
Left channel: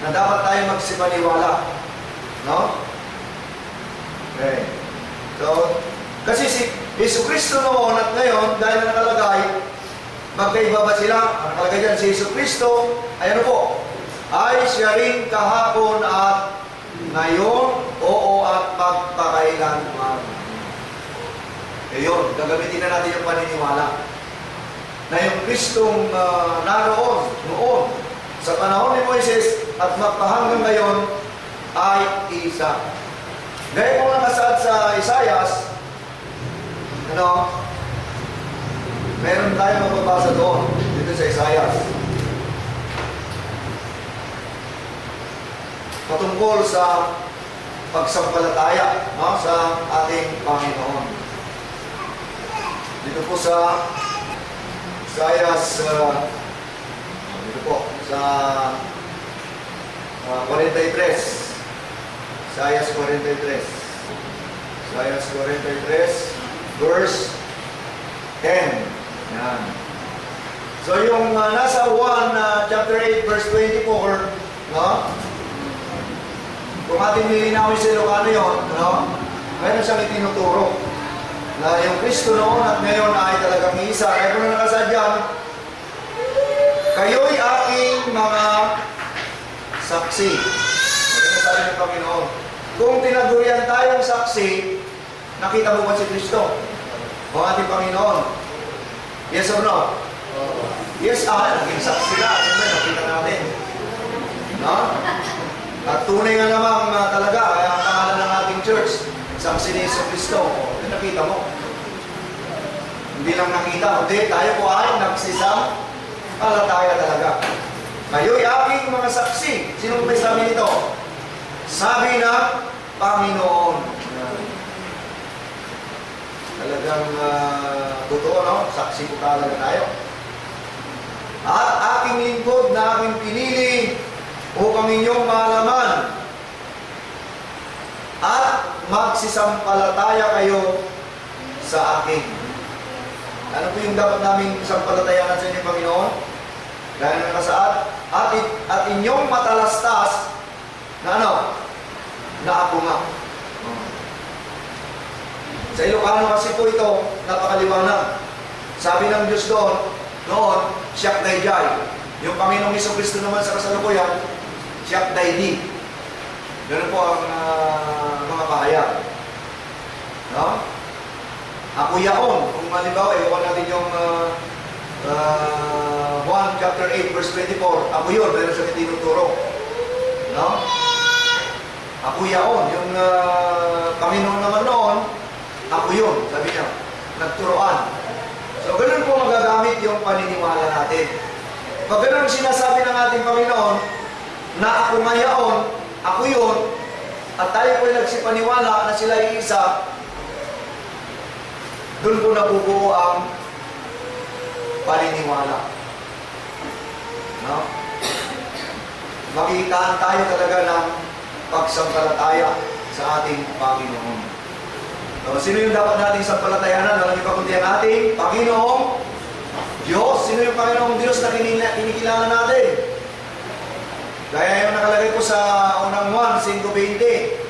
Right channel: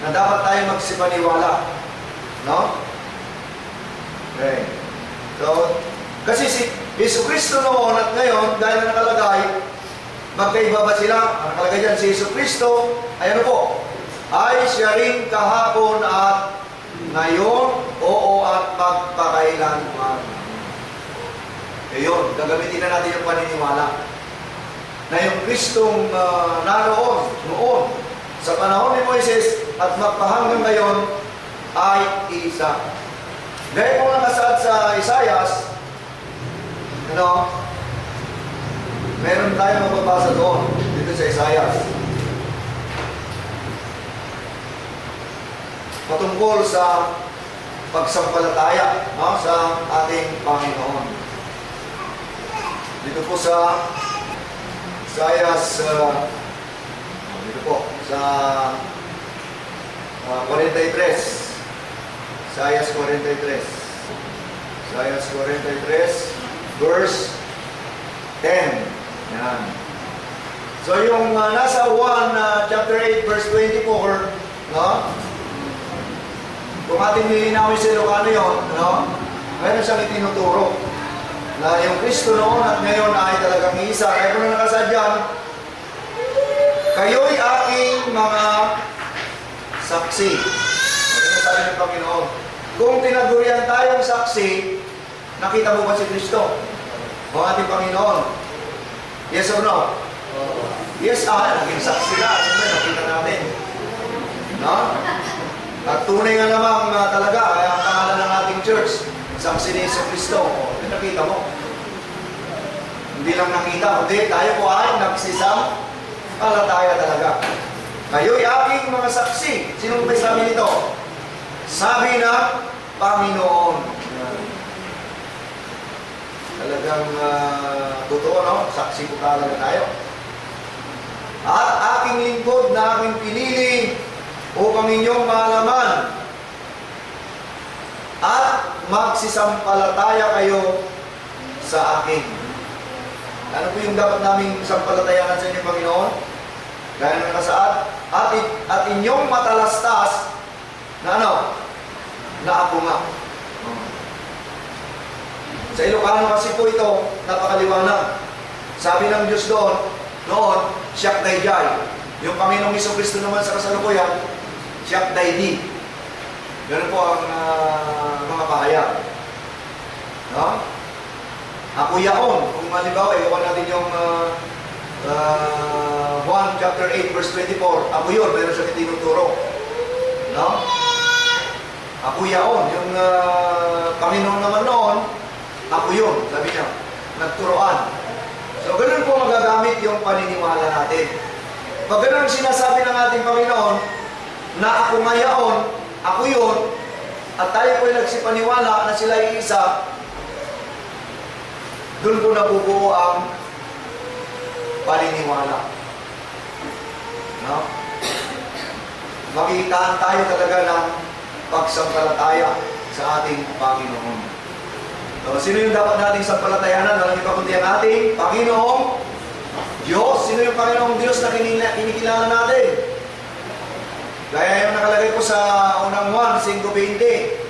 na dapat tayo magsipaniwala. No? Okay. So, kasi si Yesu Kristo noon at ngayon, dahil na nakalagay, magkaiba ba sila? Ang nakalagay dyan, si Yesu Kristo, ay ano po? Ay siya rin kahapon at ngayon, oo at magpakailanman. Ngayon, gagamitin na natin yung paniniwala na yung Kristong naroon, noon, sa panahon ni Moises at magpahanggang ngayon, ay isa. Gaya kung nakasaad sa Isaias, ano, meron tayong mababasa doon, dito sa Isaias. Patungkol sa pagsampalataya, no, sa ating Panginoon. Dito po sa Isaias, dito po, sa 43. Isaias 43. Isaias 43. Verse 10. Yan. So yung nasa 1 chapter 8, verse 24, no? Kung ating nilinawin sa Ilocano yun, no? Mayroon siyang itinuturo na yung Kristo noon at ngayon ay talagang isa. Kaya kung na nakasadyan, kayo'y aking mga saksi. Ano sabi ng Panginoon? Kung tinagurian tayong saksi, nakita mo ba si Kristo? O ating Panginoon? Yes or no? Yes, naging saksi na. Siyempre, nakita natin. No? At tunay nga namang talaga, ay ang pangalan ng ating church, saksi ni Yesu Kristo. Nakita mo. Hindi lang nakita, kundi tayo po ay nagsisampalataya talaga. Kayo'y aking mga saksi. Sino may sabi nito? Sabi na Panginoon. Talagang totoo, no? Saksi po talaga tayo. At aking lingkod na aking pinili upang inyong malaman at magsisampalataya kayo sa akin. Ano po yung dapat naming sampalatayanan sa inyo, Panginoon? Gaya ng kasaad. At inyong matalastas na ano? Na ako nga. Sa Ilocano kasi po ito, napakaliwanag. Sabi ng Diyos noon, siyak dayjay. Yung Panginoong Jesucristo naman sa kasalukuyan, siyak daydi. Ganun po ang mga pahayag. No? Ako yaon. Kung malimbawa, iwakan natin yung 1 chapter 8 verse 24. Ako yun, meron siyang itinuturo. No? Ako yaon. Yung Panginoon naman noon, ako yun. Sabi niya, nagturoan. So, ganun po magagamit yung paniniwala natin. Pag ganun sinasabi ng ating Panginoon, na ako ngayon, ako yun, at tayo po'y nagsipaniwala na sila ay isa, doon po nabubuo ang paniniwala. No? Makikitaan tayo talaga ng pagsampalataya sa ating Panginoon. So, sino yung dapat nating sampalatayanan? Walang iba kundi ang ating Panginoong Diyos. Sino yung Panginoong Diyos na kinikilala natin? Gaya yung nakalagay ko sa unang 1:5-20.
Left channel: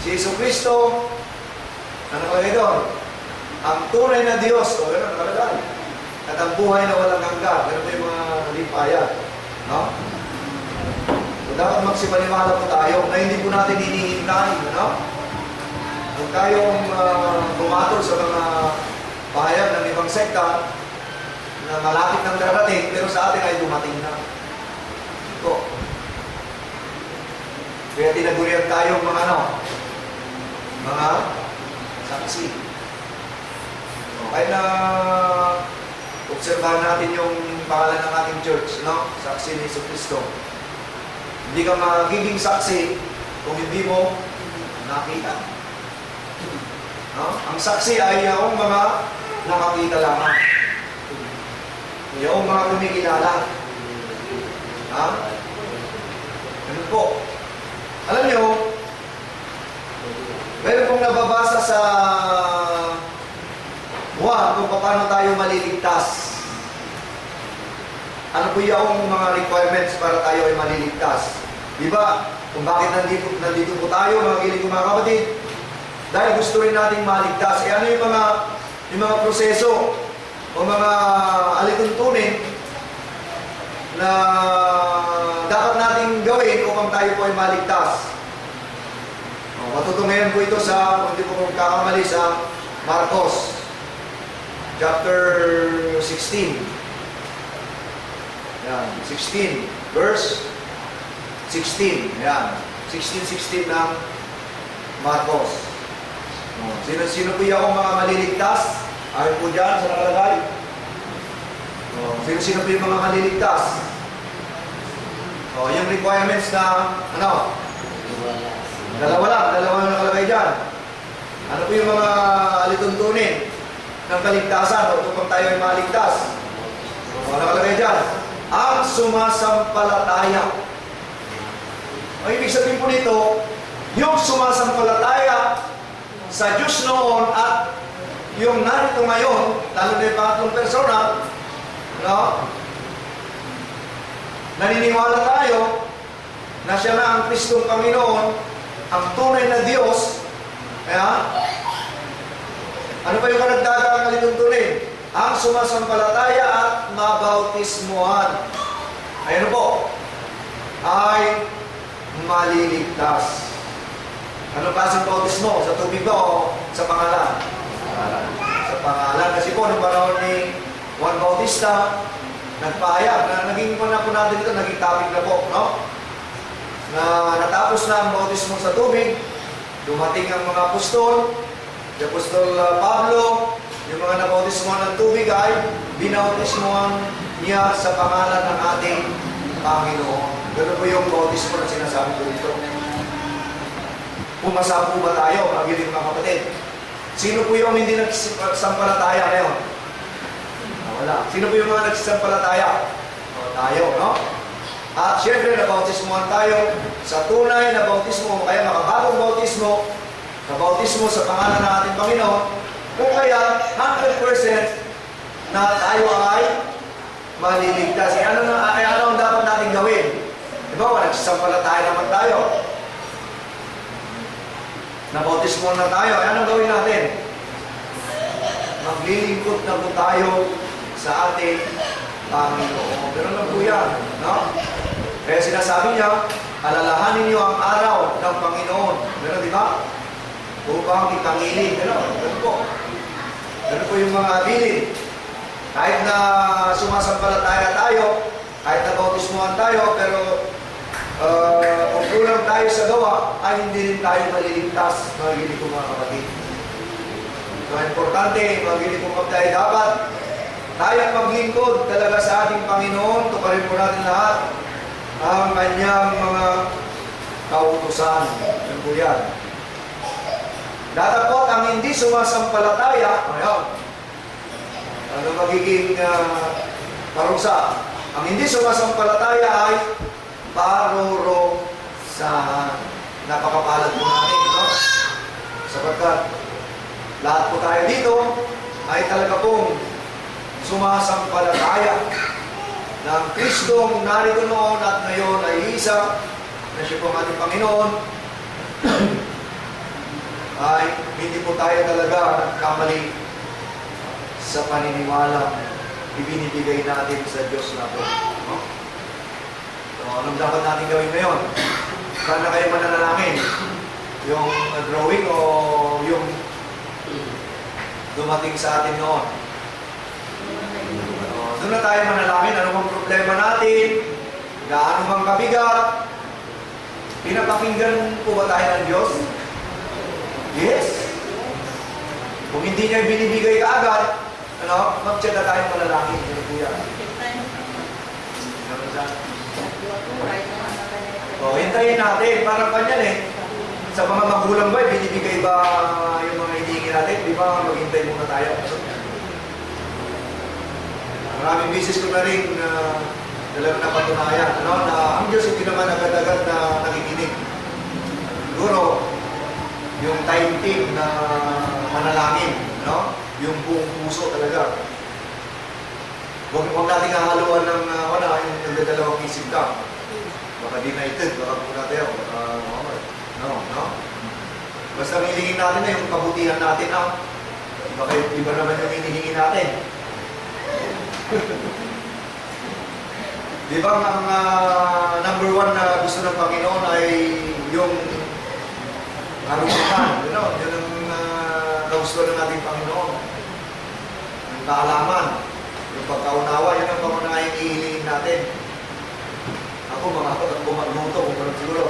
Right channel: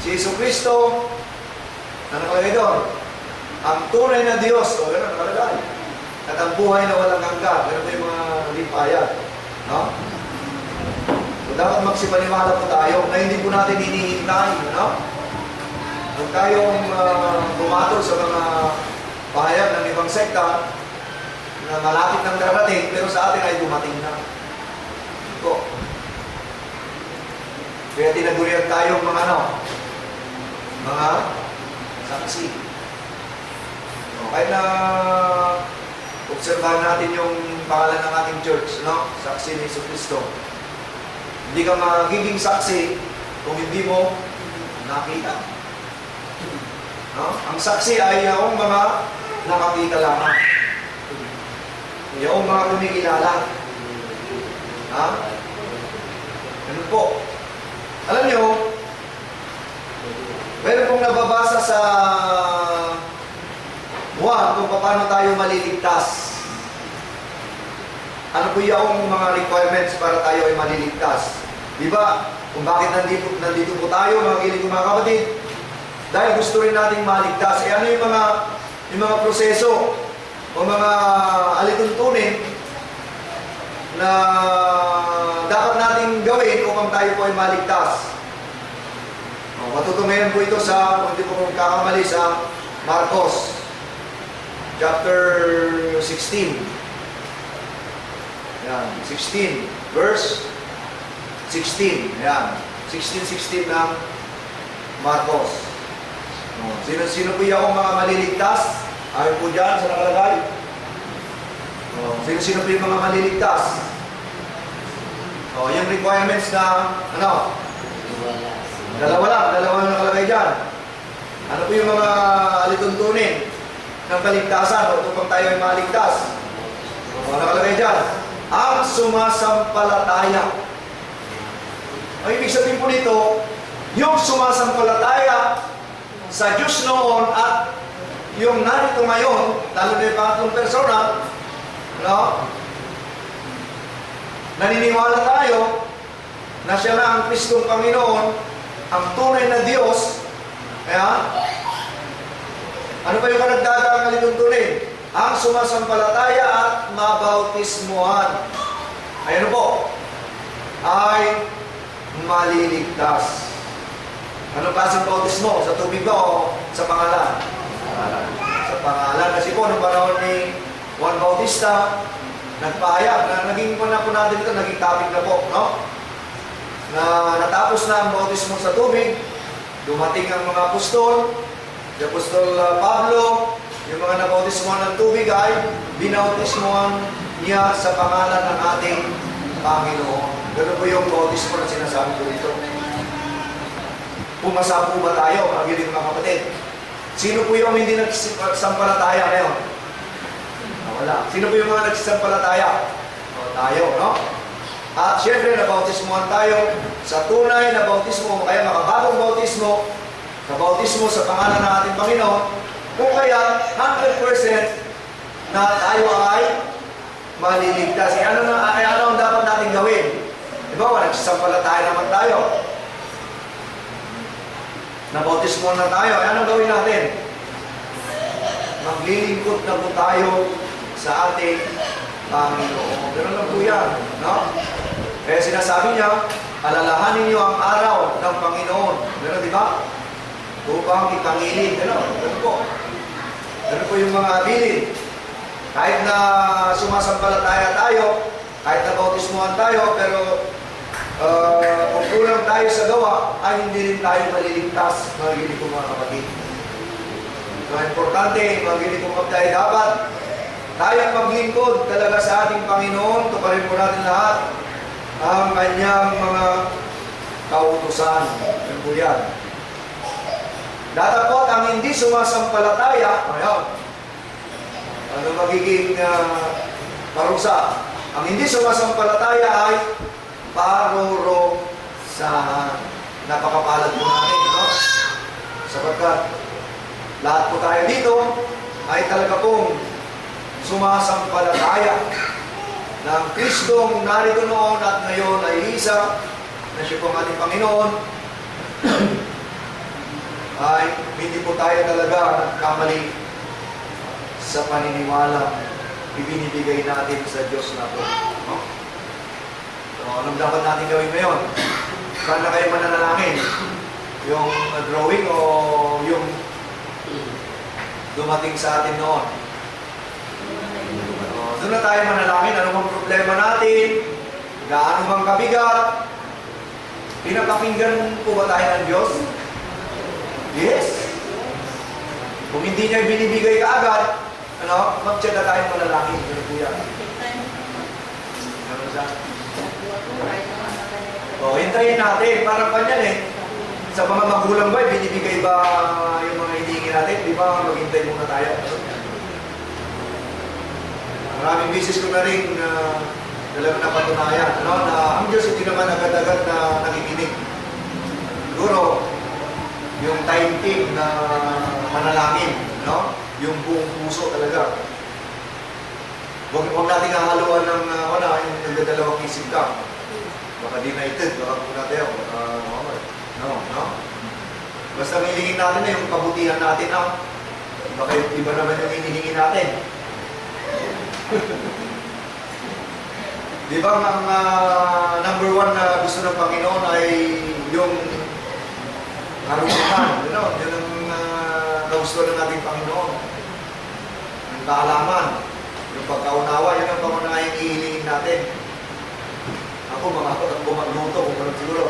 Si Yesu Kristo, na nakalagay doon, ang tunay na Diyos, o gano'n nakalagay, at ang buhay na walang hanggan. Gano'n po yung mga nalipayag. No? So, dapat magsipaniwala po tayo na hindi po natin hinihintay. No? Huwag tayong bumatol sa mga pahayag ng ibang sekta na malapit ng darating, pero sa atin ay dumating na. Ito. Kaya tinagurian tayo mga mga saksi. Okay na obserbahan natin yung pangalan ng ating church, no? Saksi ni Yesu Kristo. Hindi ka magiging saksi kung hindi mo nakita. No? Ang saksi ay yung mga nakakita lamang. Yung mga kumikilala. Ha? Ganun po. Alam nyo, meron pong nababasa sa kung paano tayo maliligtas. Ano po yung mga requirements para tayo ay maliligtas? Diba? Kung bakit nandito po tayo, mga kilig mga kapatid? Dahil gusto rin nating maligtas. Ano yung mga proseso o mga alituntunin na dapat nating gawin upang tayo po ay maligtas. Matutungayan po ito sa, kung di po kakamali, sa Marcos chapter 16. Yan, 16 verse 16. Yan, 16:16 ng Marcos. Sino po yung mga maliligtas? Ayaw po dyan sa nakalagay. Sino po yung mga maliligtas? Yung requirements na, dalawa lang nakalagay dyan. Ano po yung mga alituntunin ng kaligtasan o upang tayo ay maligtas? Ano nakalagay dyan? Ang sumasampalataya. Ang ibig sabihin po nito, yung sumasampalataya sa Diyos noon at yung narito ngayon, lalo na yung pangatlong persona, no? naniniwala tayo na siya na ang Kristong Panginoon, ang tunay na Diyos, kaya, ano ba yung karagdagang kalituntunin? Ang sumasampalataya at mabautismuhan. Ayan po, ay maliligtas. Anong klaseng bautismo? Sa tubig ba o sa pangalan? Sa pangalan. Kasi po, noong panahon ni Juan Bautista, nagpahayag na naging po natin ito, naging topic na po, no? Na natapos na ang bautismo sa tubig, dumating ang mga apostol, si Apostol Pablo, yung mga nabautismohan ng tubig ay binautismohan niya sa pangalan ng ating Panginoon. Ganun po yung bautismo na sinasabi ko dito. Pumasa po ba tayo, mga giling mga kapatid? Sino po yung hindi nagsampalataya ngayon? Wala. Sino po yung mga nagsampalataya? Tayo, no? At syempre, nabautismohan tayo sa tunay na bautismo, kaya makabagong bautismo, kabautismo sa pangalan ng ating Panginoon, kung kaya 100% na tayo ay maliligtas. Ano ang dapat natin gawin? Diba, nagsampalataya naman tayo. Nabautismo na tayo. Anong gawin natin? Maglilingkod na po tayo sa ating Panginoon. Ganun lang po yan. No? Kaya sinasabi niya, alalahanin niyo ang araw ng Panginoon. Ganun, di ba? Upang itangilin. Ganun po. Ganun po yung mga abilin. Kahit na sumasampalataya tayo, kahit na bautismuhan tayo, pero kung kulang tayo sa gawa, ay hindi rin tayo maliligtas, mga kong mga kapatid. So, importante, mga kong kapatid, dapat tayong maglingkod talaga sa ating Panginoon. Tuparin po natin lahat ang kanyang mga kautusan. Yan po yan. Datapot ang hindi sumasampalataya, ano magiging parusa? Ang hindi sumasampalataya ay parurusahan. Napakapalad po natin, no? Sapagkat lahat po tayo dito ay talaga pong sumasampalataya ng Kristong narito noon at ngayon ay isa na siya po ang ating Panginoon. Ay hindi po tayo talaga kamali sa paniniwala ibinibigay natin sa Diyos na po. No? So, anong dapat natin gawin ngayon? Saan na kayo mananalangin? Yung drawing o yung dumating sa atin noon? Doon na tayo manalangin. Ano bang problema natin? Gaano bang kabigat? Pinapakinggan po ba tayo ng Diyos? Yes. Kung hindi niya binibigay ka agad, mag-chat na tayo manalangin. Ano po yan? O, hintayin natin. Parang kanyan eh. Sa mga magulang ba, binibigay ba yung mga hinihingi natin? Di ba maghintay muna tayo? Maraming bisis ko na rin talagang napatunayan na ang Diyos hindi naman agad-agad na nakikinig. Siguro, yung time team na manalangin, yung buong puso talaga. Huwag natin hahaluan ng yung nagdadalawang isip ka. Baka denighted, baka po natin, no? Basta hilingin natin na yung kabutihan natin, baka iba naman yung hinihingi natin. Di ba ang number one na gusto ng Panginoon ay yung karunungan, yun ang gusto ng ating Panginoon. Yung kaalaman, yung pagkaunawa, yun ang pangunahing ihilingin natin. Ako, mga kapag magluto, kung parang siguro.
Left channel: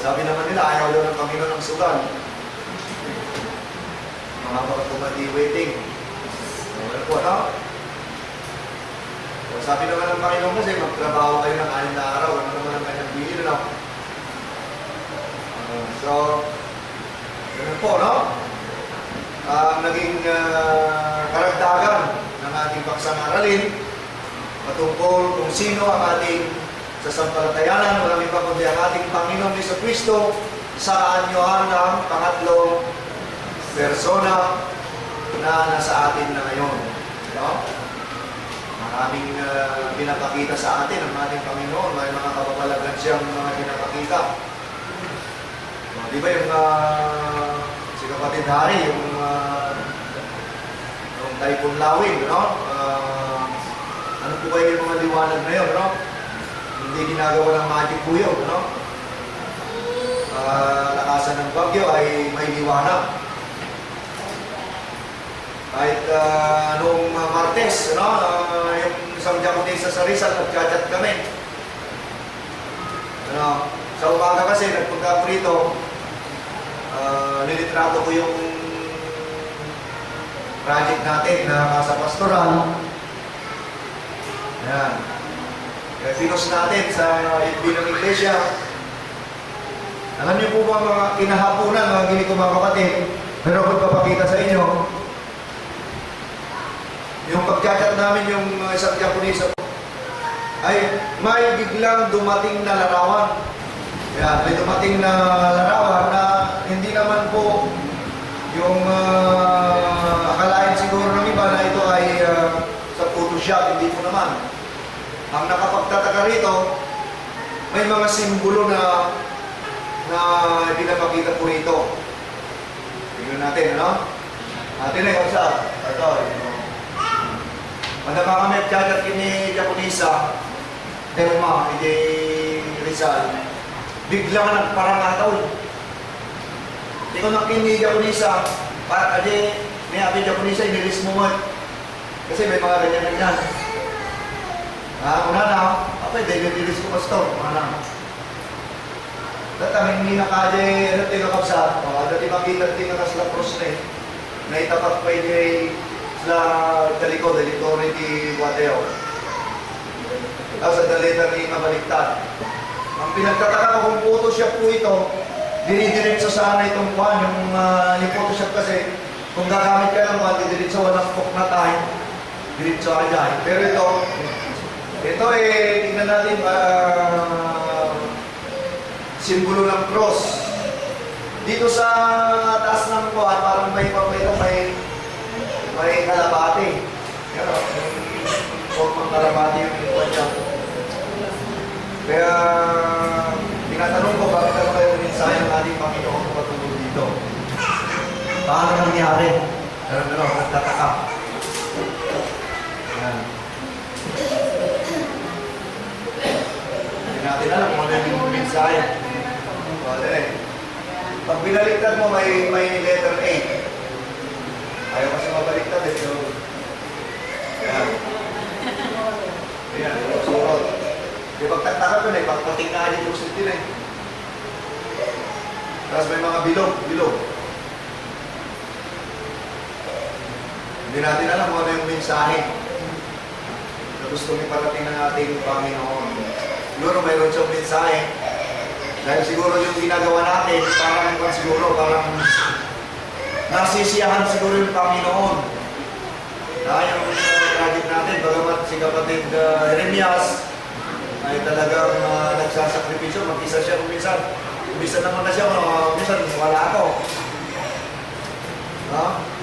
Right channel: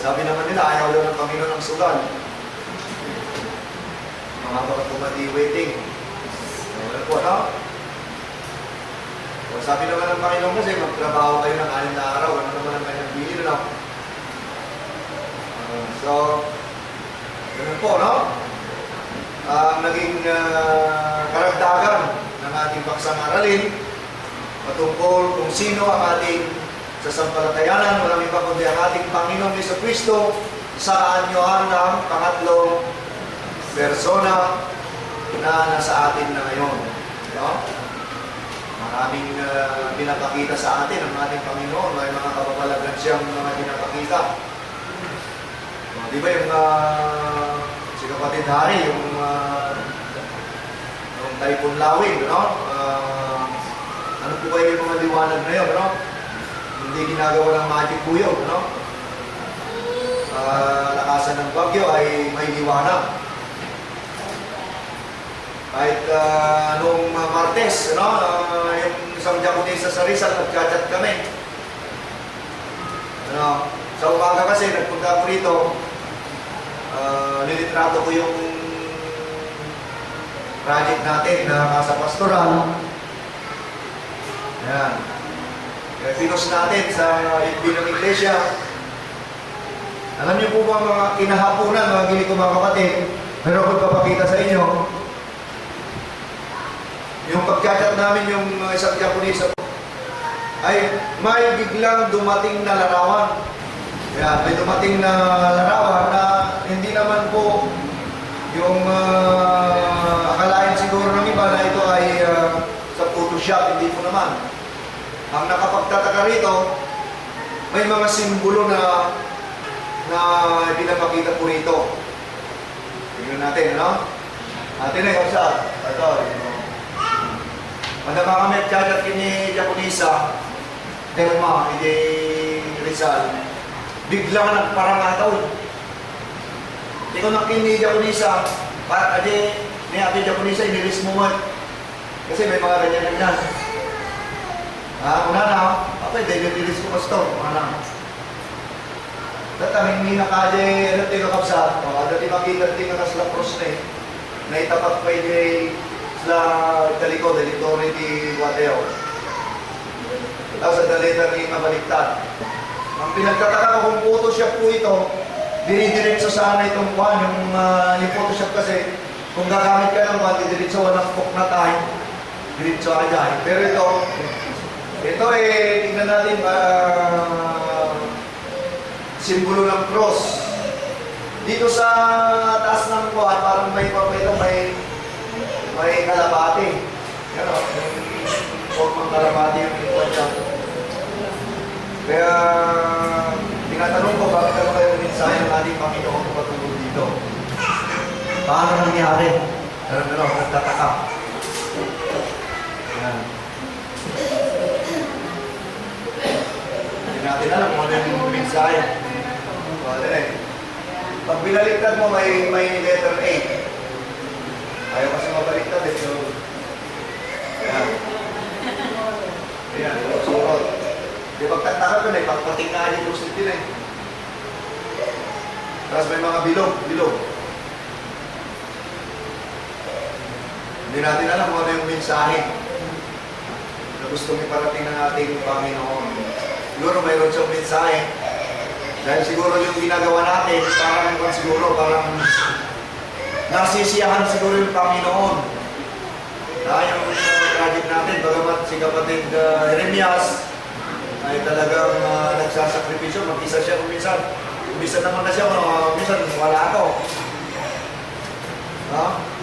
Sabi naman nila, ayaw daw ng Panginoon ng sugal. Mga kapag waiting. Ano po, sabi naman ng Panginoon kasi, magtrabaho kayo ng 6 na araw, ano naman ang kanyang bilin, so, ganun po, naging karagdagan ng ating paksang aralin patungkol kung sino ang ating sasampalatayanan, walang iba kundi ang ating Panginoong Jesucristo sa anyohan ng pangatlong persona na nasa atin na ngayon. Maraming pinapakita sa atin ang ating Panginoon. May mga kapapalagan siyang mga pinapakita. Di ba yung si Kapatid Hari, yung Typhoon Lawin, no? Ano po kayo yung mga liwanag na yun, no? Hindi ginagawa ng magic po yun, no? Lakasan ng bagyo ay may liwanag. Kahit noong Martes, no? Yung isang Japonesa sa Rizal, nag-chat kami. Ano? Sa umaga kasi, nagpunta ko rito, nilitrato ko yung project natin na nasa pastoral. Ayan. Kaya pinost natin sa FB ng Iglesia. Alam niyo po ba mga kinahaponan, mga gini ko mga kapatid, meron ko papakita sa inyo. Yung pagchat namin yung isang Japanese ay may biglang dumating na larawan. Kaya may dumating na larawan na hindi naman po yung akalain siguro ng iba na ito ay sa Photoshop, hindi po naman. Ang nakapagtataka rito, may mga simbolo na pinapakita po rito. Tignan natin, no? Atin na yung kapsat. Ito, ang nakakamit kagat kini Japonesa, Derma, hindi Rizal, biglang nagparangataw. Hindi ko nakini Japonesa, para adi ni Ate Japonesa, inilis mo mo. Kasi may mga ganyan-ganyan. Una na, apay, dahil inilis ko pastor, una na. Dati hindi nakade, ano tayo kapsat, dati makita tayo nakasla cross na eh. Naitapat pa yung sila talikod, dito rin di Guadeo. Tapos sa dalita rin mabaliktad. Ang pinagtataka ko kung Photoshop po ito, dinidiretso sana itong kuhan, yung Photoshop kasi, kung gagamit ka ng kuhan, didiretso walang book na tayo, diretso ka dyan. Pero ito tingnan natin, simbolo ng cross. Dito sa taas ng kuhan, parang may papito, may kalabati. Yan o, formang kalabati yung kuhan niya. Kaya, tinatanong ko, bakit ano kayo mensahe ng ating Panginoon kung patungkol dito? Paano nangyari? Pero, nagtataka. Ayan. Hindi natin alam kung ano yung mensahe. Pag binaliktad mo, may letter A. Ayaw kasi mabaliktad eh. So, ayan. Ayan, surot. Di pagtataka ko na, pagpatingkaan yung positive eh. Tapos may mga bilog. Hindi natin alam kung ano yung mensahe na gusto iparating ng ating Panginoon. Siguro mayroon siyang mensahe. Dahil siguro yung ginagawa natin, parang nasisiyahan siguro yung Panginoon. Yung project natin, bagamat si Kapatid Jeremias, ay talagang nagsasakripisyo, mag-isa siya minsan naman na siya, minsan wala ako.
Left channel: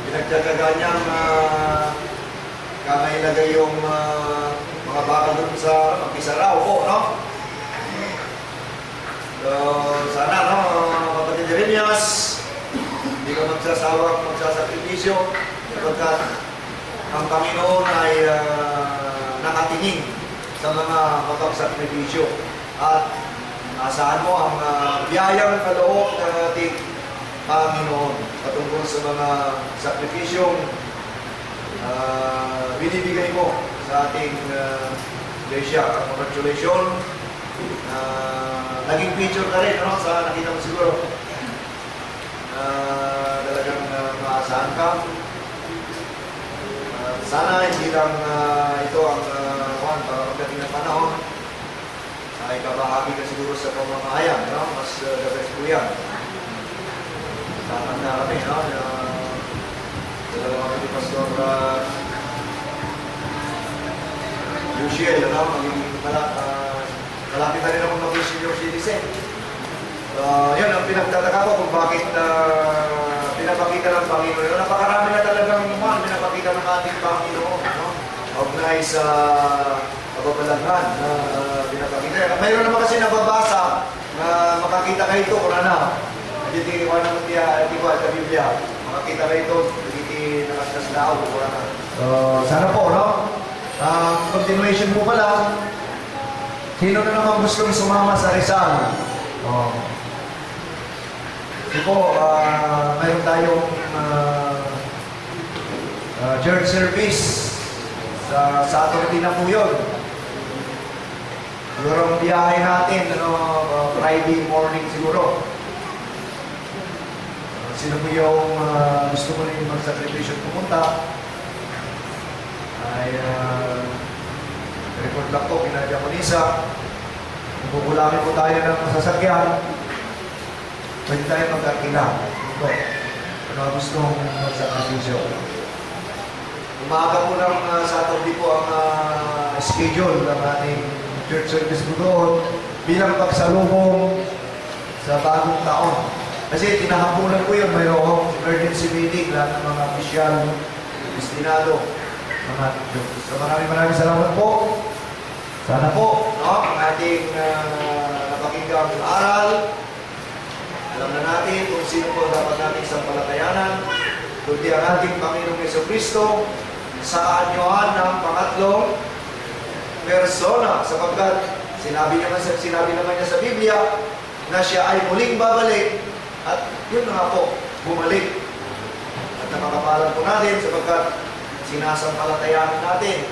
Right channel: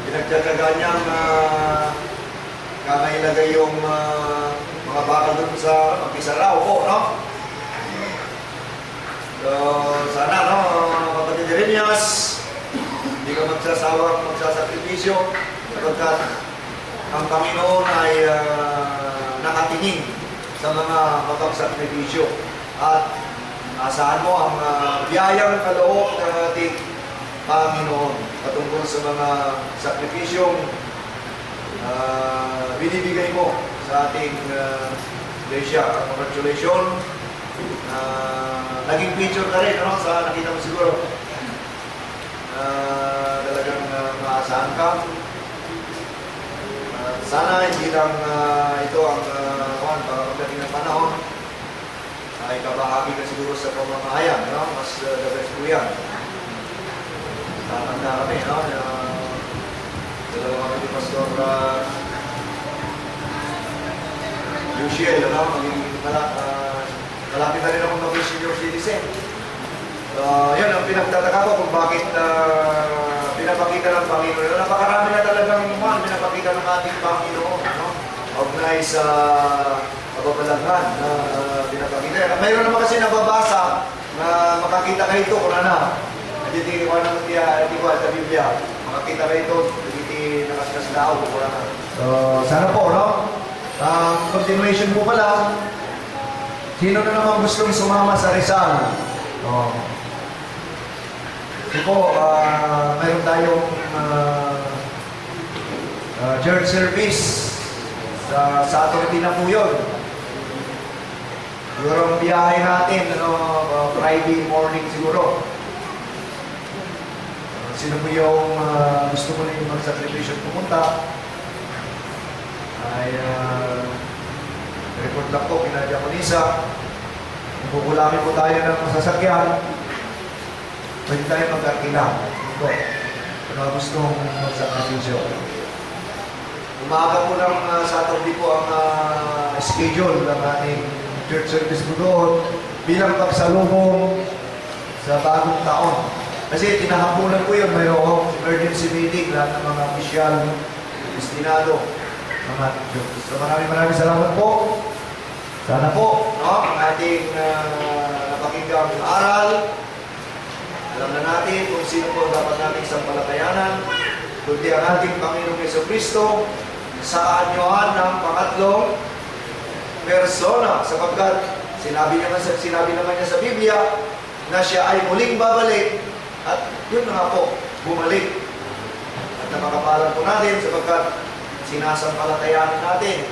Pinagtyaga niyang kamailagay yung mga bakal doon sa mag-isa raw po, no? So, sana, no, Kapatid Jeremias, hindi ka magsasakripisyo, sapagkat ang Panginoon ay nakatingin sa mga mapagsakripisyo. At asahan mo ang biyayang kaloob ng ating Panginoon patungkol sa mga sakripisyong binibigay mo sa ating iglesia. Congratulations. Naging picture ka rin, no? Sa nakita mo siguro. Talagang maasahan ka. Sana hindi lang ito ang pagdating ng panahon ay kabahagi ka siguro sa pamamahayan, no? Mas the best po yan. Tatanda kami, no? Dalawa kami ni Pastor Luciel, no? Malapit na rin akong maging senior citizen. Yun, ang pinagtataka ko kung bakit pinapakita ng Panginoon. Napakarami na talagang pinapakita ng ating Panginoon, no? Huwag na sanay sa kababalaghan na pinapakita. Mayroon naman kasi nababasa na makakita kayo ito kung ano. Hindi ko naman di ko sa Biblia. Makakita kayo ito, hindi nakastas na ako kung ano. So, sana po, no? Continuation po pala. Sino na naman gustong sumama sa Rizal? Ito po, mayroon tayong church service sa Saturday na po yun. Siguro ang biyahe natin, Friday morning siguro. Sino po yung gusto mo rin mag-sacrifice pumunta? Ay, report lang po, pinadya ko Nisa. Bubulangin po tayo ng sasakyan. Pwede tayo mag-arkila. Ito, kung gustong mag-sacrifice. Umaga po ng Saturday po ang schedule ng ating church service po doon bilang pagsalubong sa bagong taon. Kasi tinahapunan ko yun, mayroong emergency meeting lahat ng mga opisyal, destinado, mga Diyos. So maraming salamat po. Sana po, no, ang ating napakinggang aral, alam na natin kung sino po dapat nating sampalatayanan, kundi ang ating Panginoong Jesucristo sa anyuhan ng pangatlong persona, sapagkat sinabi naman niya sa Biblia na siya ay muling babalik at yun na nga po, bumalik. At nakakapalan po natin sapagkat sinasampalatayanan natin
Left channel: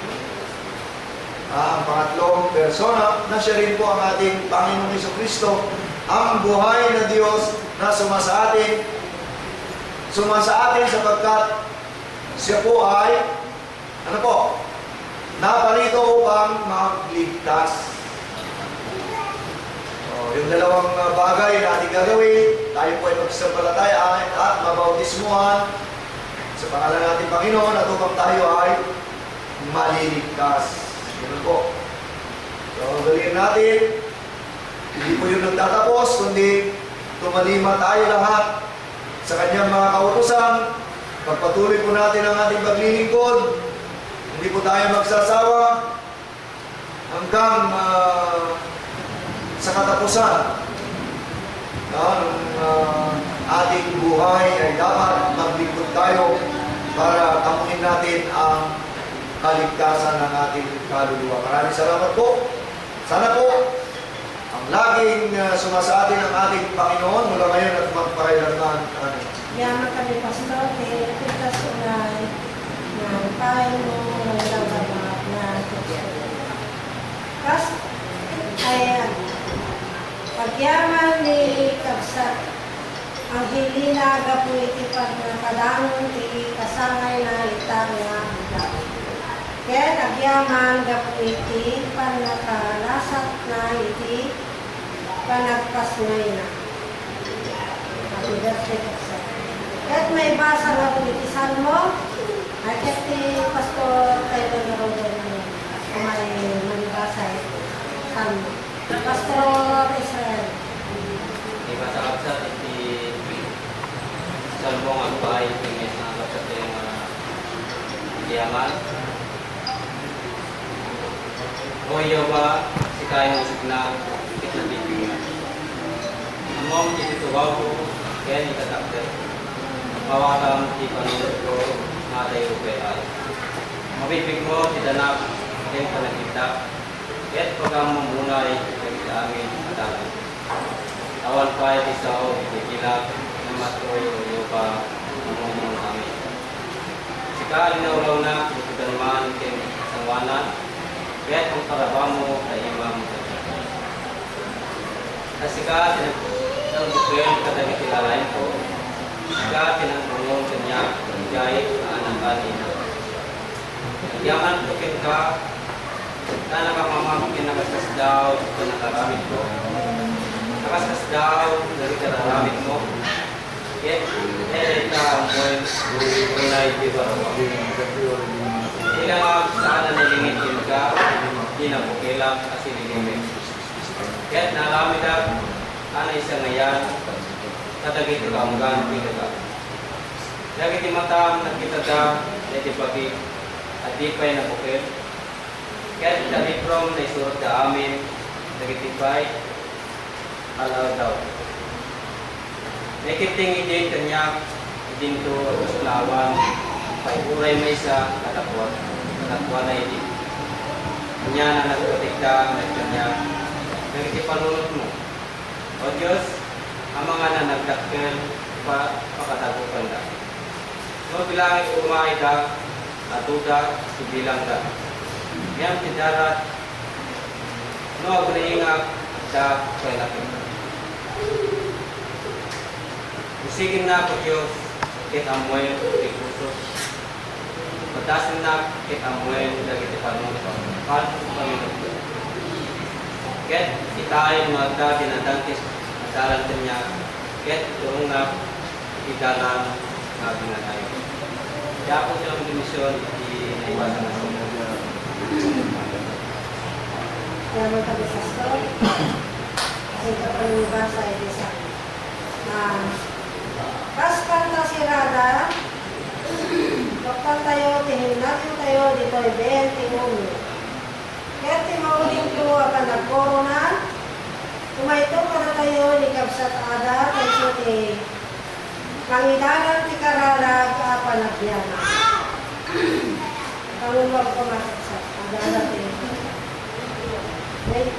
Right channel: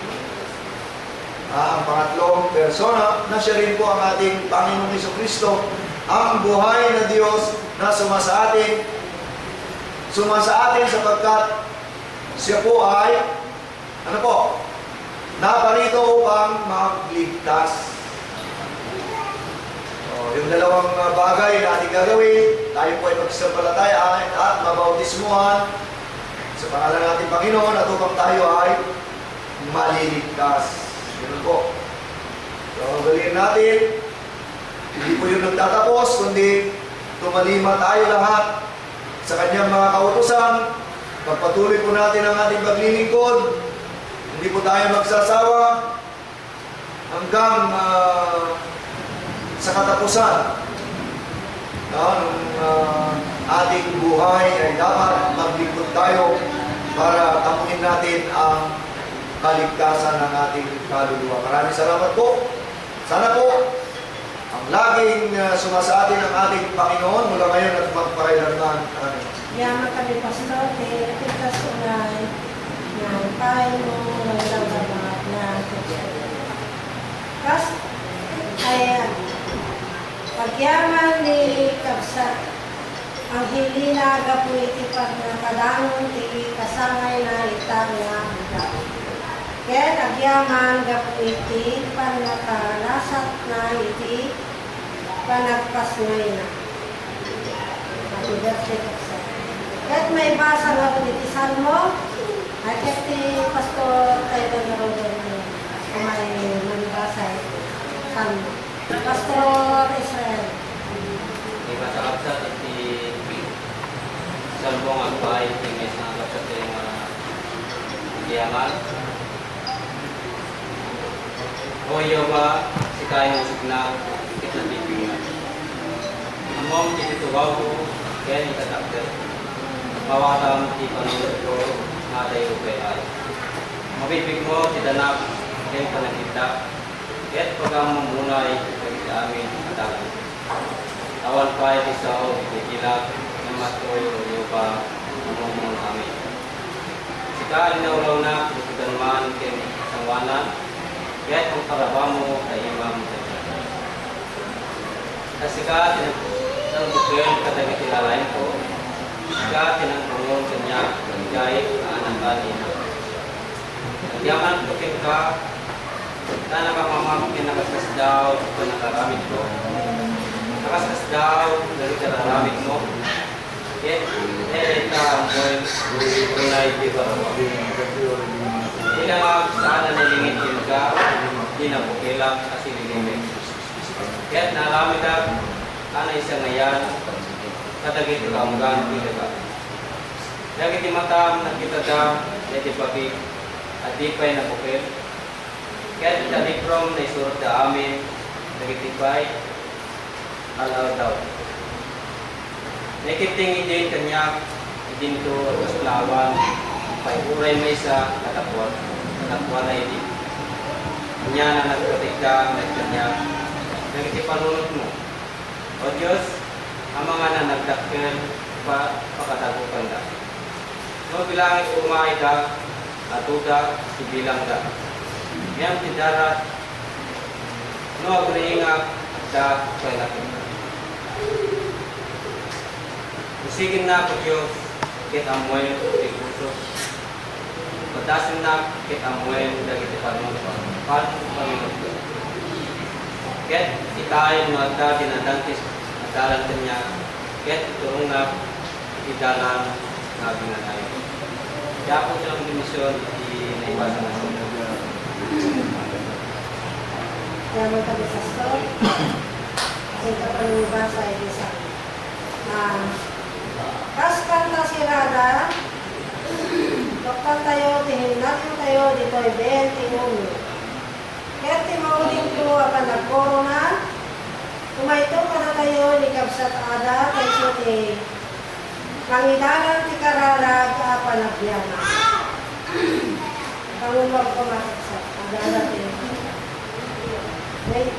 ang pangatlong persona na siya rin po ang ating Panginoong Jesucristo, ang buhay na Diyos na sumasa atin sapagkat siya po ay ano po? Naparito upang magligtas. Yung dalawang bagay na ating gagawin, tayo po ay magsampalataya at mabautismuhan sa pangalan natin Panginoon at upang tayo ay maliligtas. Ganun po. So, gawin natin, hindi po yung nagtatapos, kundi tumalima tayo lahat sa kanyang mga kautusan. Pagpatuloy po natin ang ating paglilingkod. Hindi po tayo magsasawa hanggang sa katapusan ng ating buhay ay dapat maglingkod tayo para tamuhin natin ang kaligtasan ng ating kaluluwa. Maraming salamat po. Sana po ang laging sumasa atin ang ating Panginoon mula ngayon at magparailanman. Yaman kami, Pastor, ating kasunay ng tayo mo ng labamat na kas ay pagyaman ni Kabsat ang hilina gapu iti pag nakadangon iti kasangay na itang nga hita. Kaya agyaman gapu iti pag nakalasat na iti panagpas ngay na. Patugas ni Kabsat. Kahit may basa nga po iti Salmo, at iti Pastor tayo na rin kung may manibasa Salmo. Pastor Israel. Di ba sa kapsat iti salbong ang bahay pingis na kapsat yung diyaman. O yawa si kayong signal ikit na bibingan. Among ititubaw ko kaya itatakte. Mawakam di panunod ko na tayo ay. Mabibig mo tidanap din panagkita. Kaya't pagkamang bunay kagit amin at alam. Awan pa ay isaw, ikikilag, namatoy, uyupa, namumong amin. Sika inaulaw na, ikutan man, king kasangwanan, kaya't ang karaba mo ay imam sa kita. Kasika, tinagbukwel, kadagit ilalain ko, sika, tinagpungon kanya, gayit, anang kanin. Yaman, tukit ka, na nakamamakin nagaskas daw sa nakaramit ko. Nagaskas daw, dari kararamit mo. Kaya, ka ang buhay, unay, di ba? Hindi nga saan na nilingin ka, hindi na pukilang kasi nilingin. Kaya naramit ka, ano isang ngayon, kadagit ka ang ganti ka. Dagit matam, nakita ka, dati pagi, at di pa'y napukil. libro na isurat sa amin, nagitibay, alaw daw. Nakitingin din kanya, din to kaslawan, paiuray may sa katapwat na hindi. Kanya na nagkatikda, kanya, nagitipanunod mo. O Diyos, ang mga nanagdakkel, pakatagupan da. No bilangin umay da, atuda, sibilang da. Yang tidarat, no agriingak da kay nakita. Isigin na ko Diyos, kit amoy di puso. Patasin na kit amoy dagiti panunod. Panunod. Kit itayin mo agda dinadantis adalan kanya. Kit turong na idalan na ginanayo. Kaya po silang dimisyon naiwasan na siya. Kaya mo kami sa story. Kasi ito pa nung basa ay isa. Kas kanta si Rada, kapag tayo, tihinagin tayo, di ko ibel, tinumi. Kaya timauling ko akan nagkorona, kumaito ka na tayo, ni Kabsat Ada, kay suti, pangidanan ti Karalag, apan nagbiyana. Pangulwag ko masaksak, ang dalat eh. Wait,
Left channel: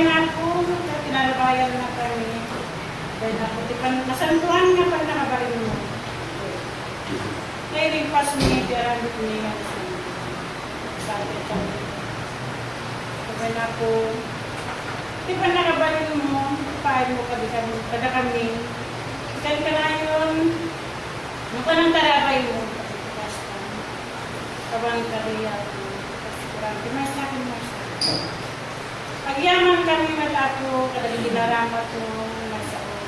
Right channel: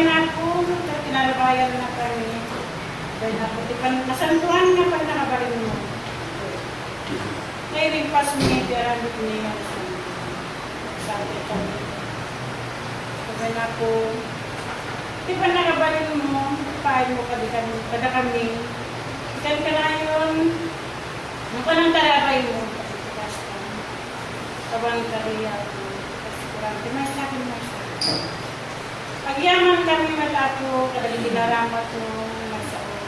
Nagtibay na ako, tinarabayan na kami. Dahil ako, masantuhan nga pag nakabarin mo. Nailigpas niya, diarabot niya sabi kami. Sabi na ako, di ba nakabarin mo, paano mo kada kami. Ikan ka na yun, nung pa nang tarabay mo, kabang kariya mo, kasi kurang, may sa akin, may sa akin. Pagyaman kami matato, kadali dinaramat mo, may sa akin.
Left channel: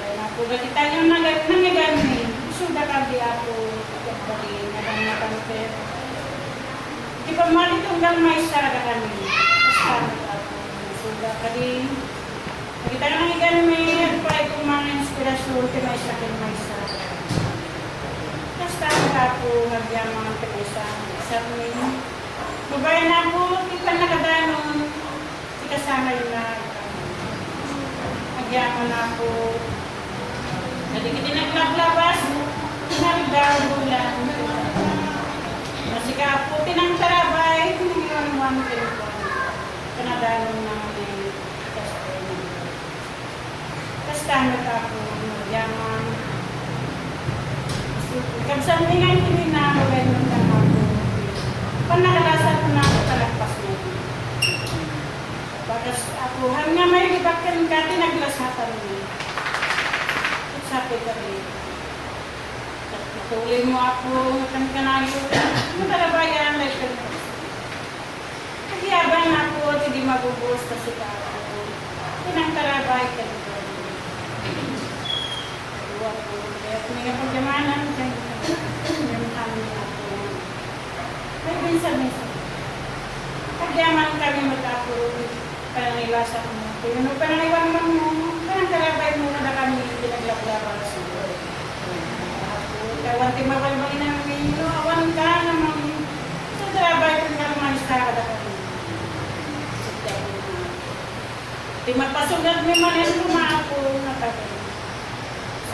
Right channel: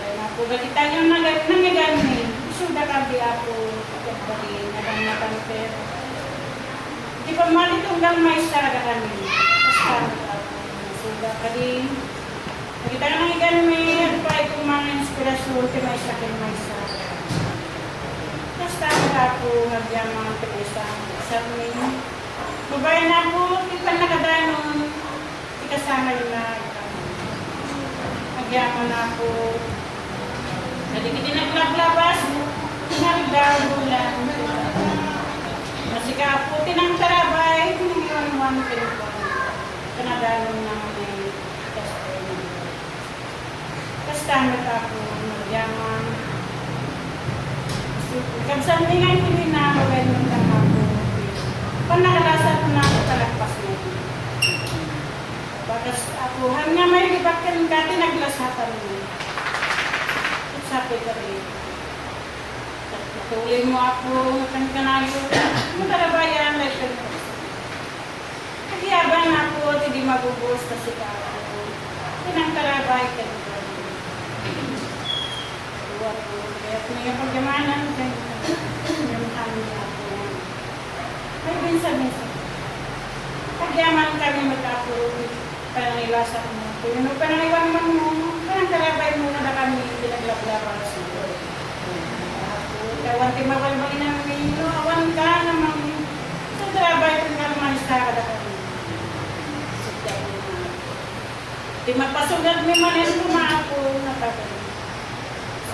Dahil ako, galitan yung nangyagani, suda kami ako, pagkabalin, nagang pero. Di ba malitunggang may saraga kami, basta ako, suda kami. Nakita ka nang iganmi, at pa itong mga inspirasyon, may sa akin, may sa akin. Basta ako, nagyamang pag-isang, sa amin. Babayan na ako, ipan nakadanon, ikasama yung na nagyaman na ako. Naligid din naglablabas, naligaw bulan. Masika ako, tinang tarabay, tinang pinipon. Kanadanon na may kastoy. Basta ako, nagyaman. Kabsan nga yung hindi na magayon lang ako. Pag nakalasan ko na ako, talagpas mo. Bagas ako, hanggang may libat ka ng dati, naglasatan mo. At sabi ka rin. Natuloy mo ako, kang kanayo. Matarabayan, like ka rin. Nagyaban ako, at hindi mabubuos kasi ka ako. Tinangkarabay ka rin. Kaya kung nga pagyamanan, yung amin ako. May binsa-binsa. Pagyaman kami magkapuro, panangiwasan mo. Kung ano panangiwan mo, parang karabay mo na kami pinaglablabang sa iyo. Kawan timawal-bali na kami, awan ka namang sa karabay kung naman sa kada kami. Timapasugat may manin kumaapo na kami.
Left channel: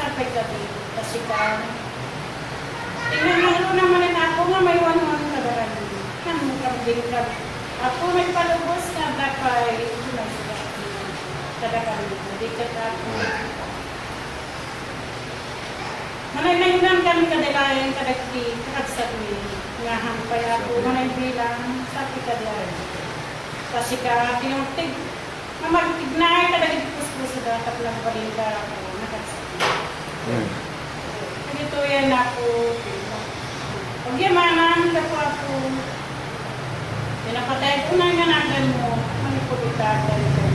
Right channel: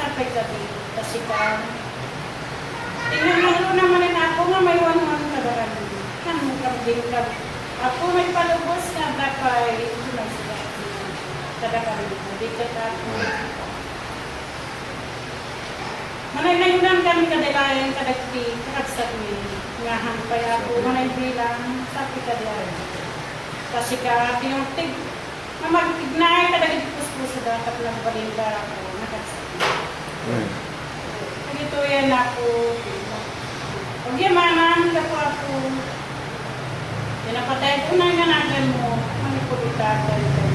Sampai kami, kasi ka. Tingnan mo naman ako nga may one-one na daran. Ano kami ka. Ako may palubos na bakay. Kada kami, dikat ako. Manay-nayunan kami kadalayan, kadagti, kakagsabi. Nga hampay ako, manay bilang, sabi kadalayan. Kasi ka, pinuntig. Mamagtignay, kadagit puspos sa dapat ng palinda ako. Ito yan ako. Pag yamanan, ako ako. Pinapatay ko na nga natin mo. Ano po itatay ka na.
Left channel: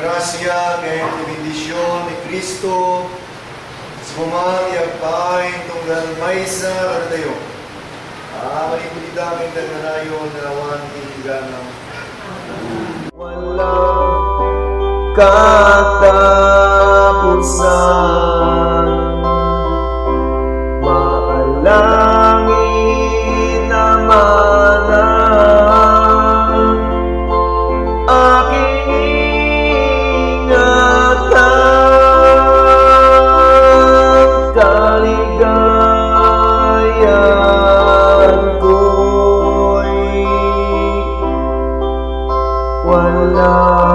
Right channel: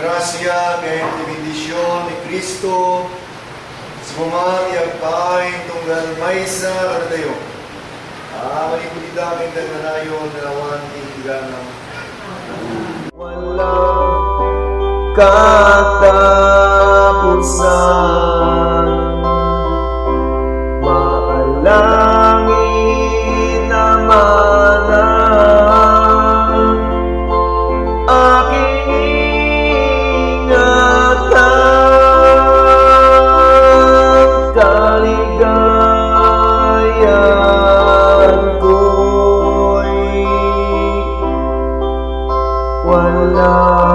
Grasya ngayon benedisyon ni Kristo sumamang paing tunggal maysa karadayo. Malipulita aking nagmanayon dalawan iniganang. Walang katapusan, maalangin naman ang aking ingatan, kaligayahan ko'y wala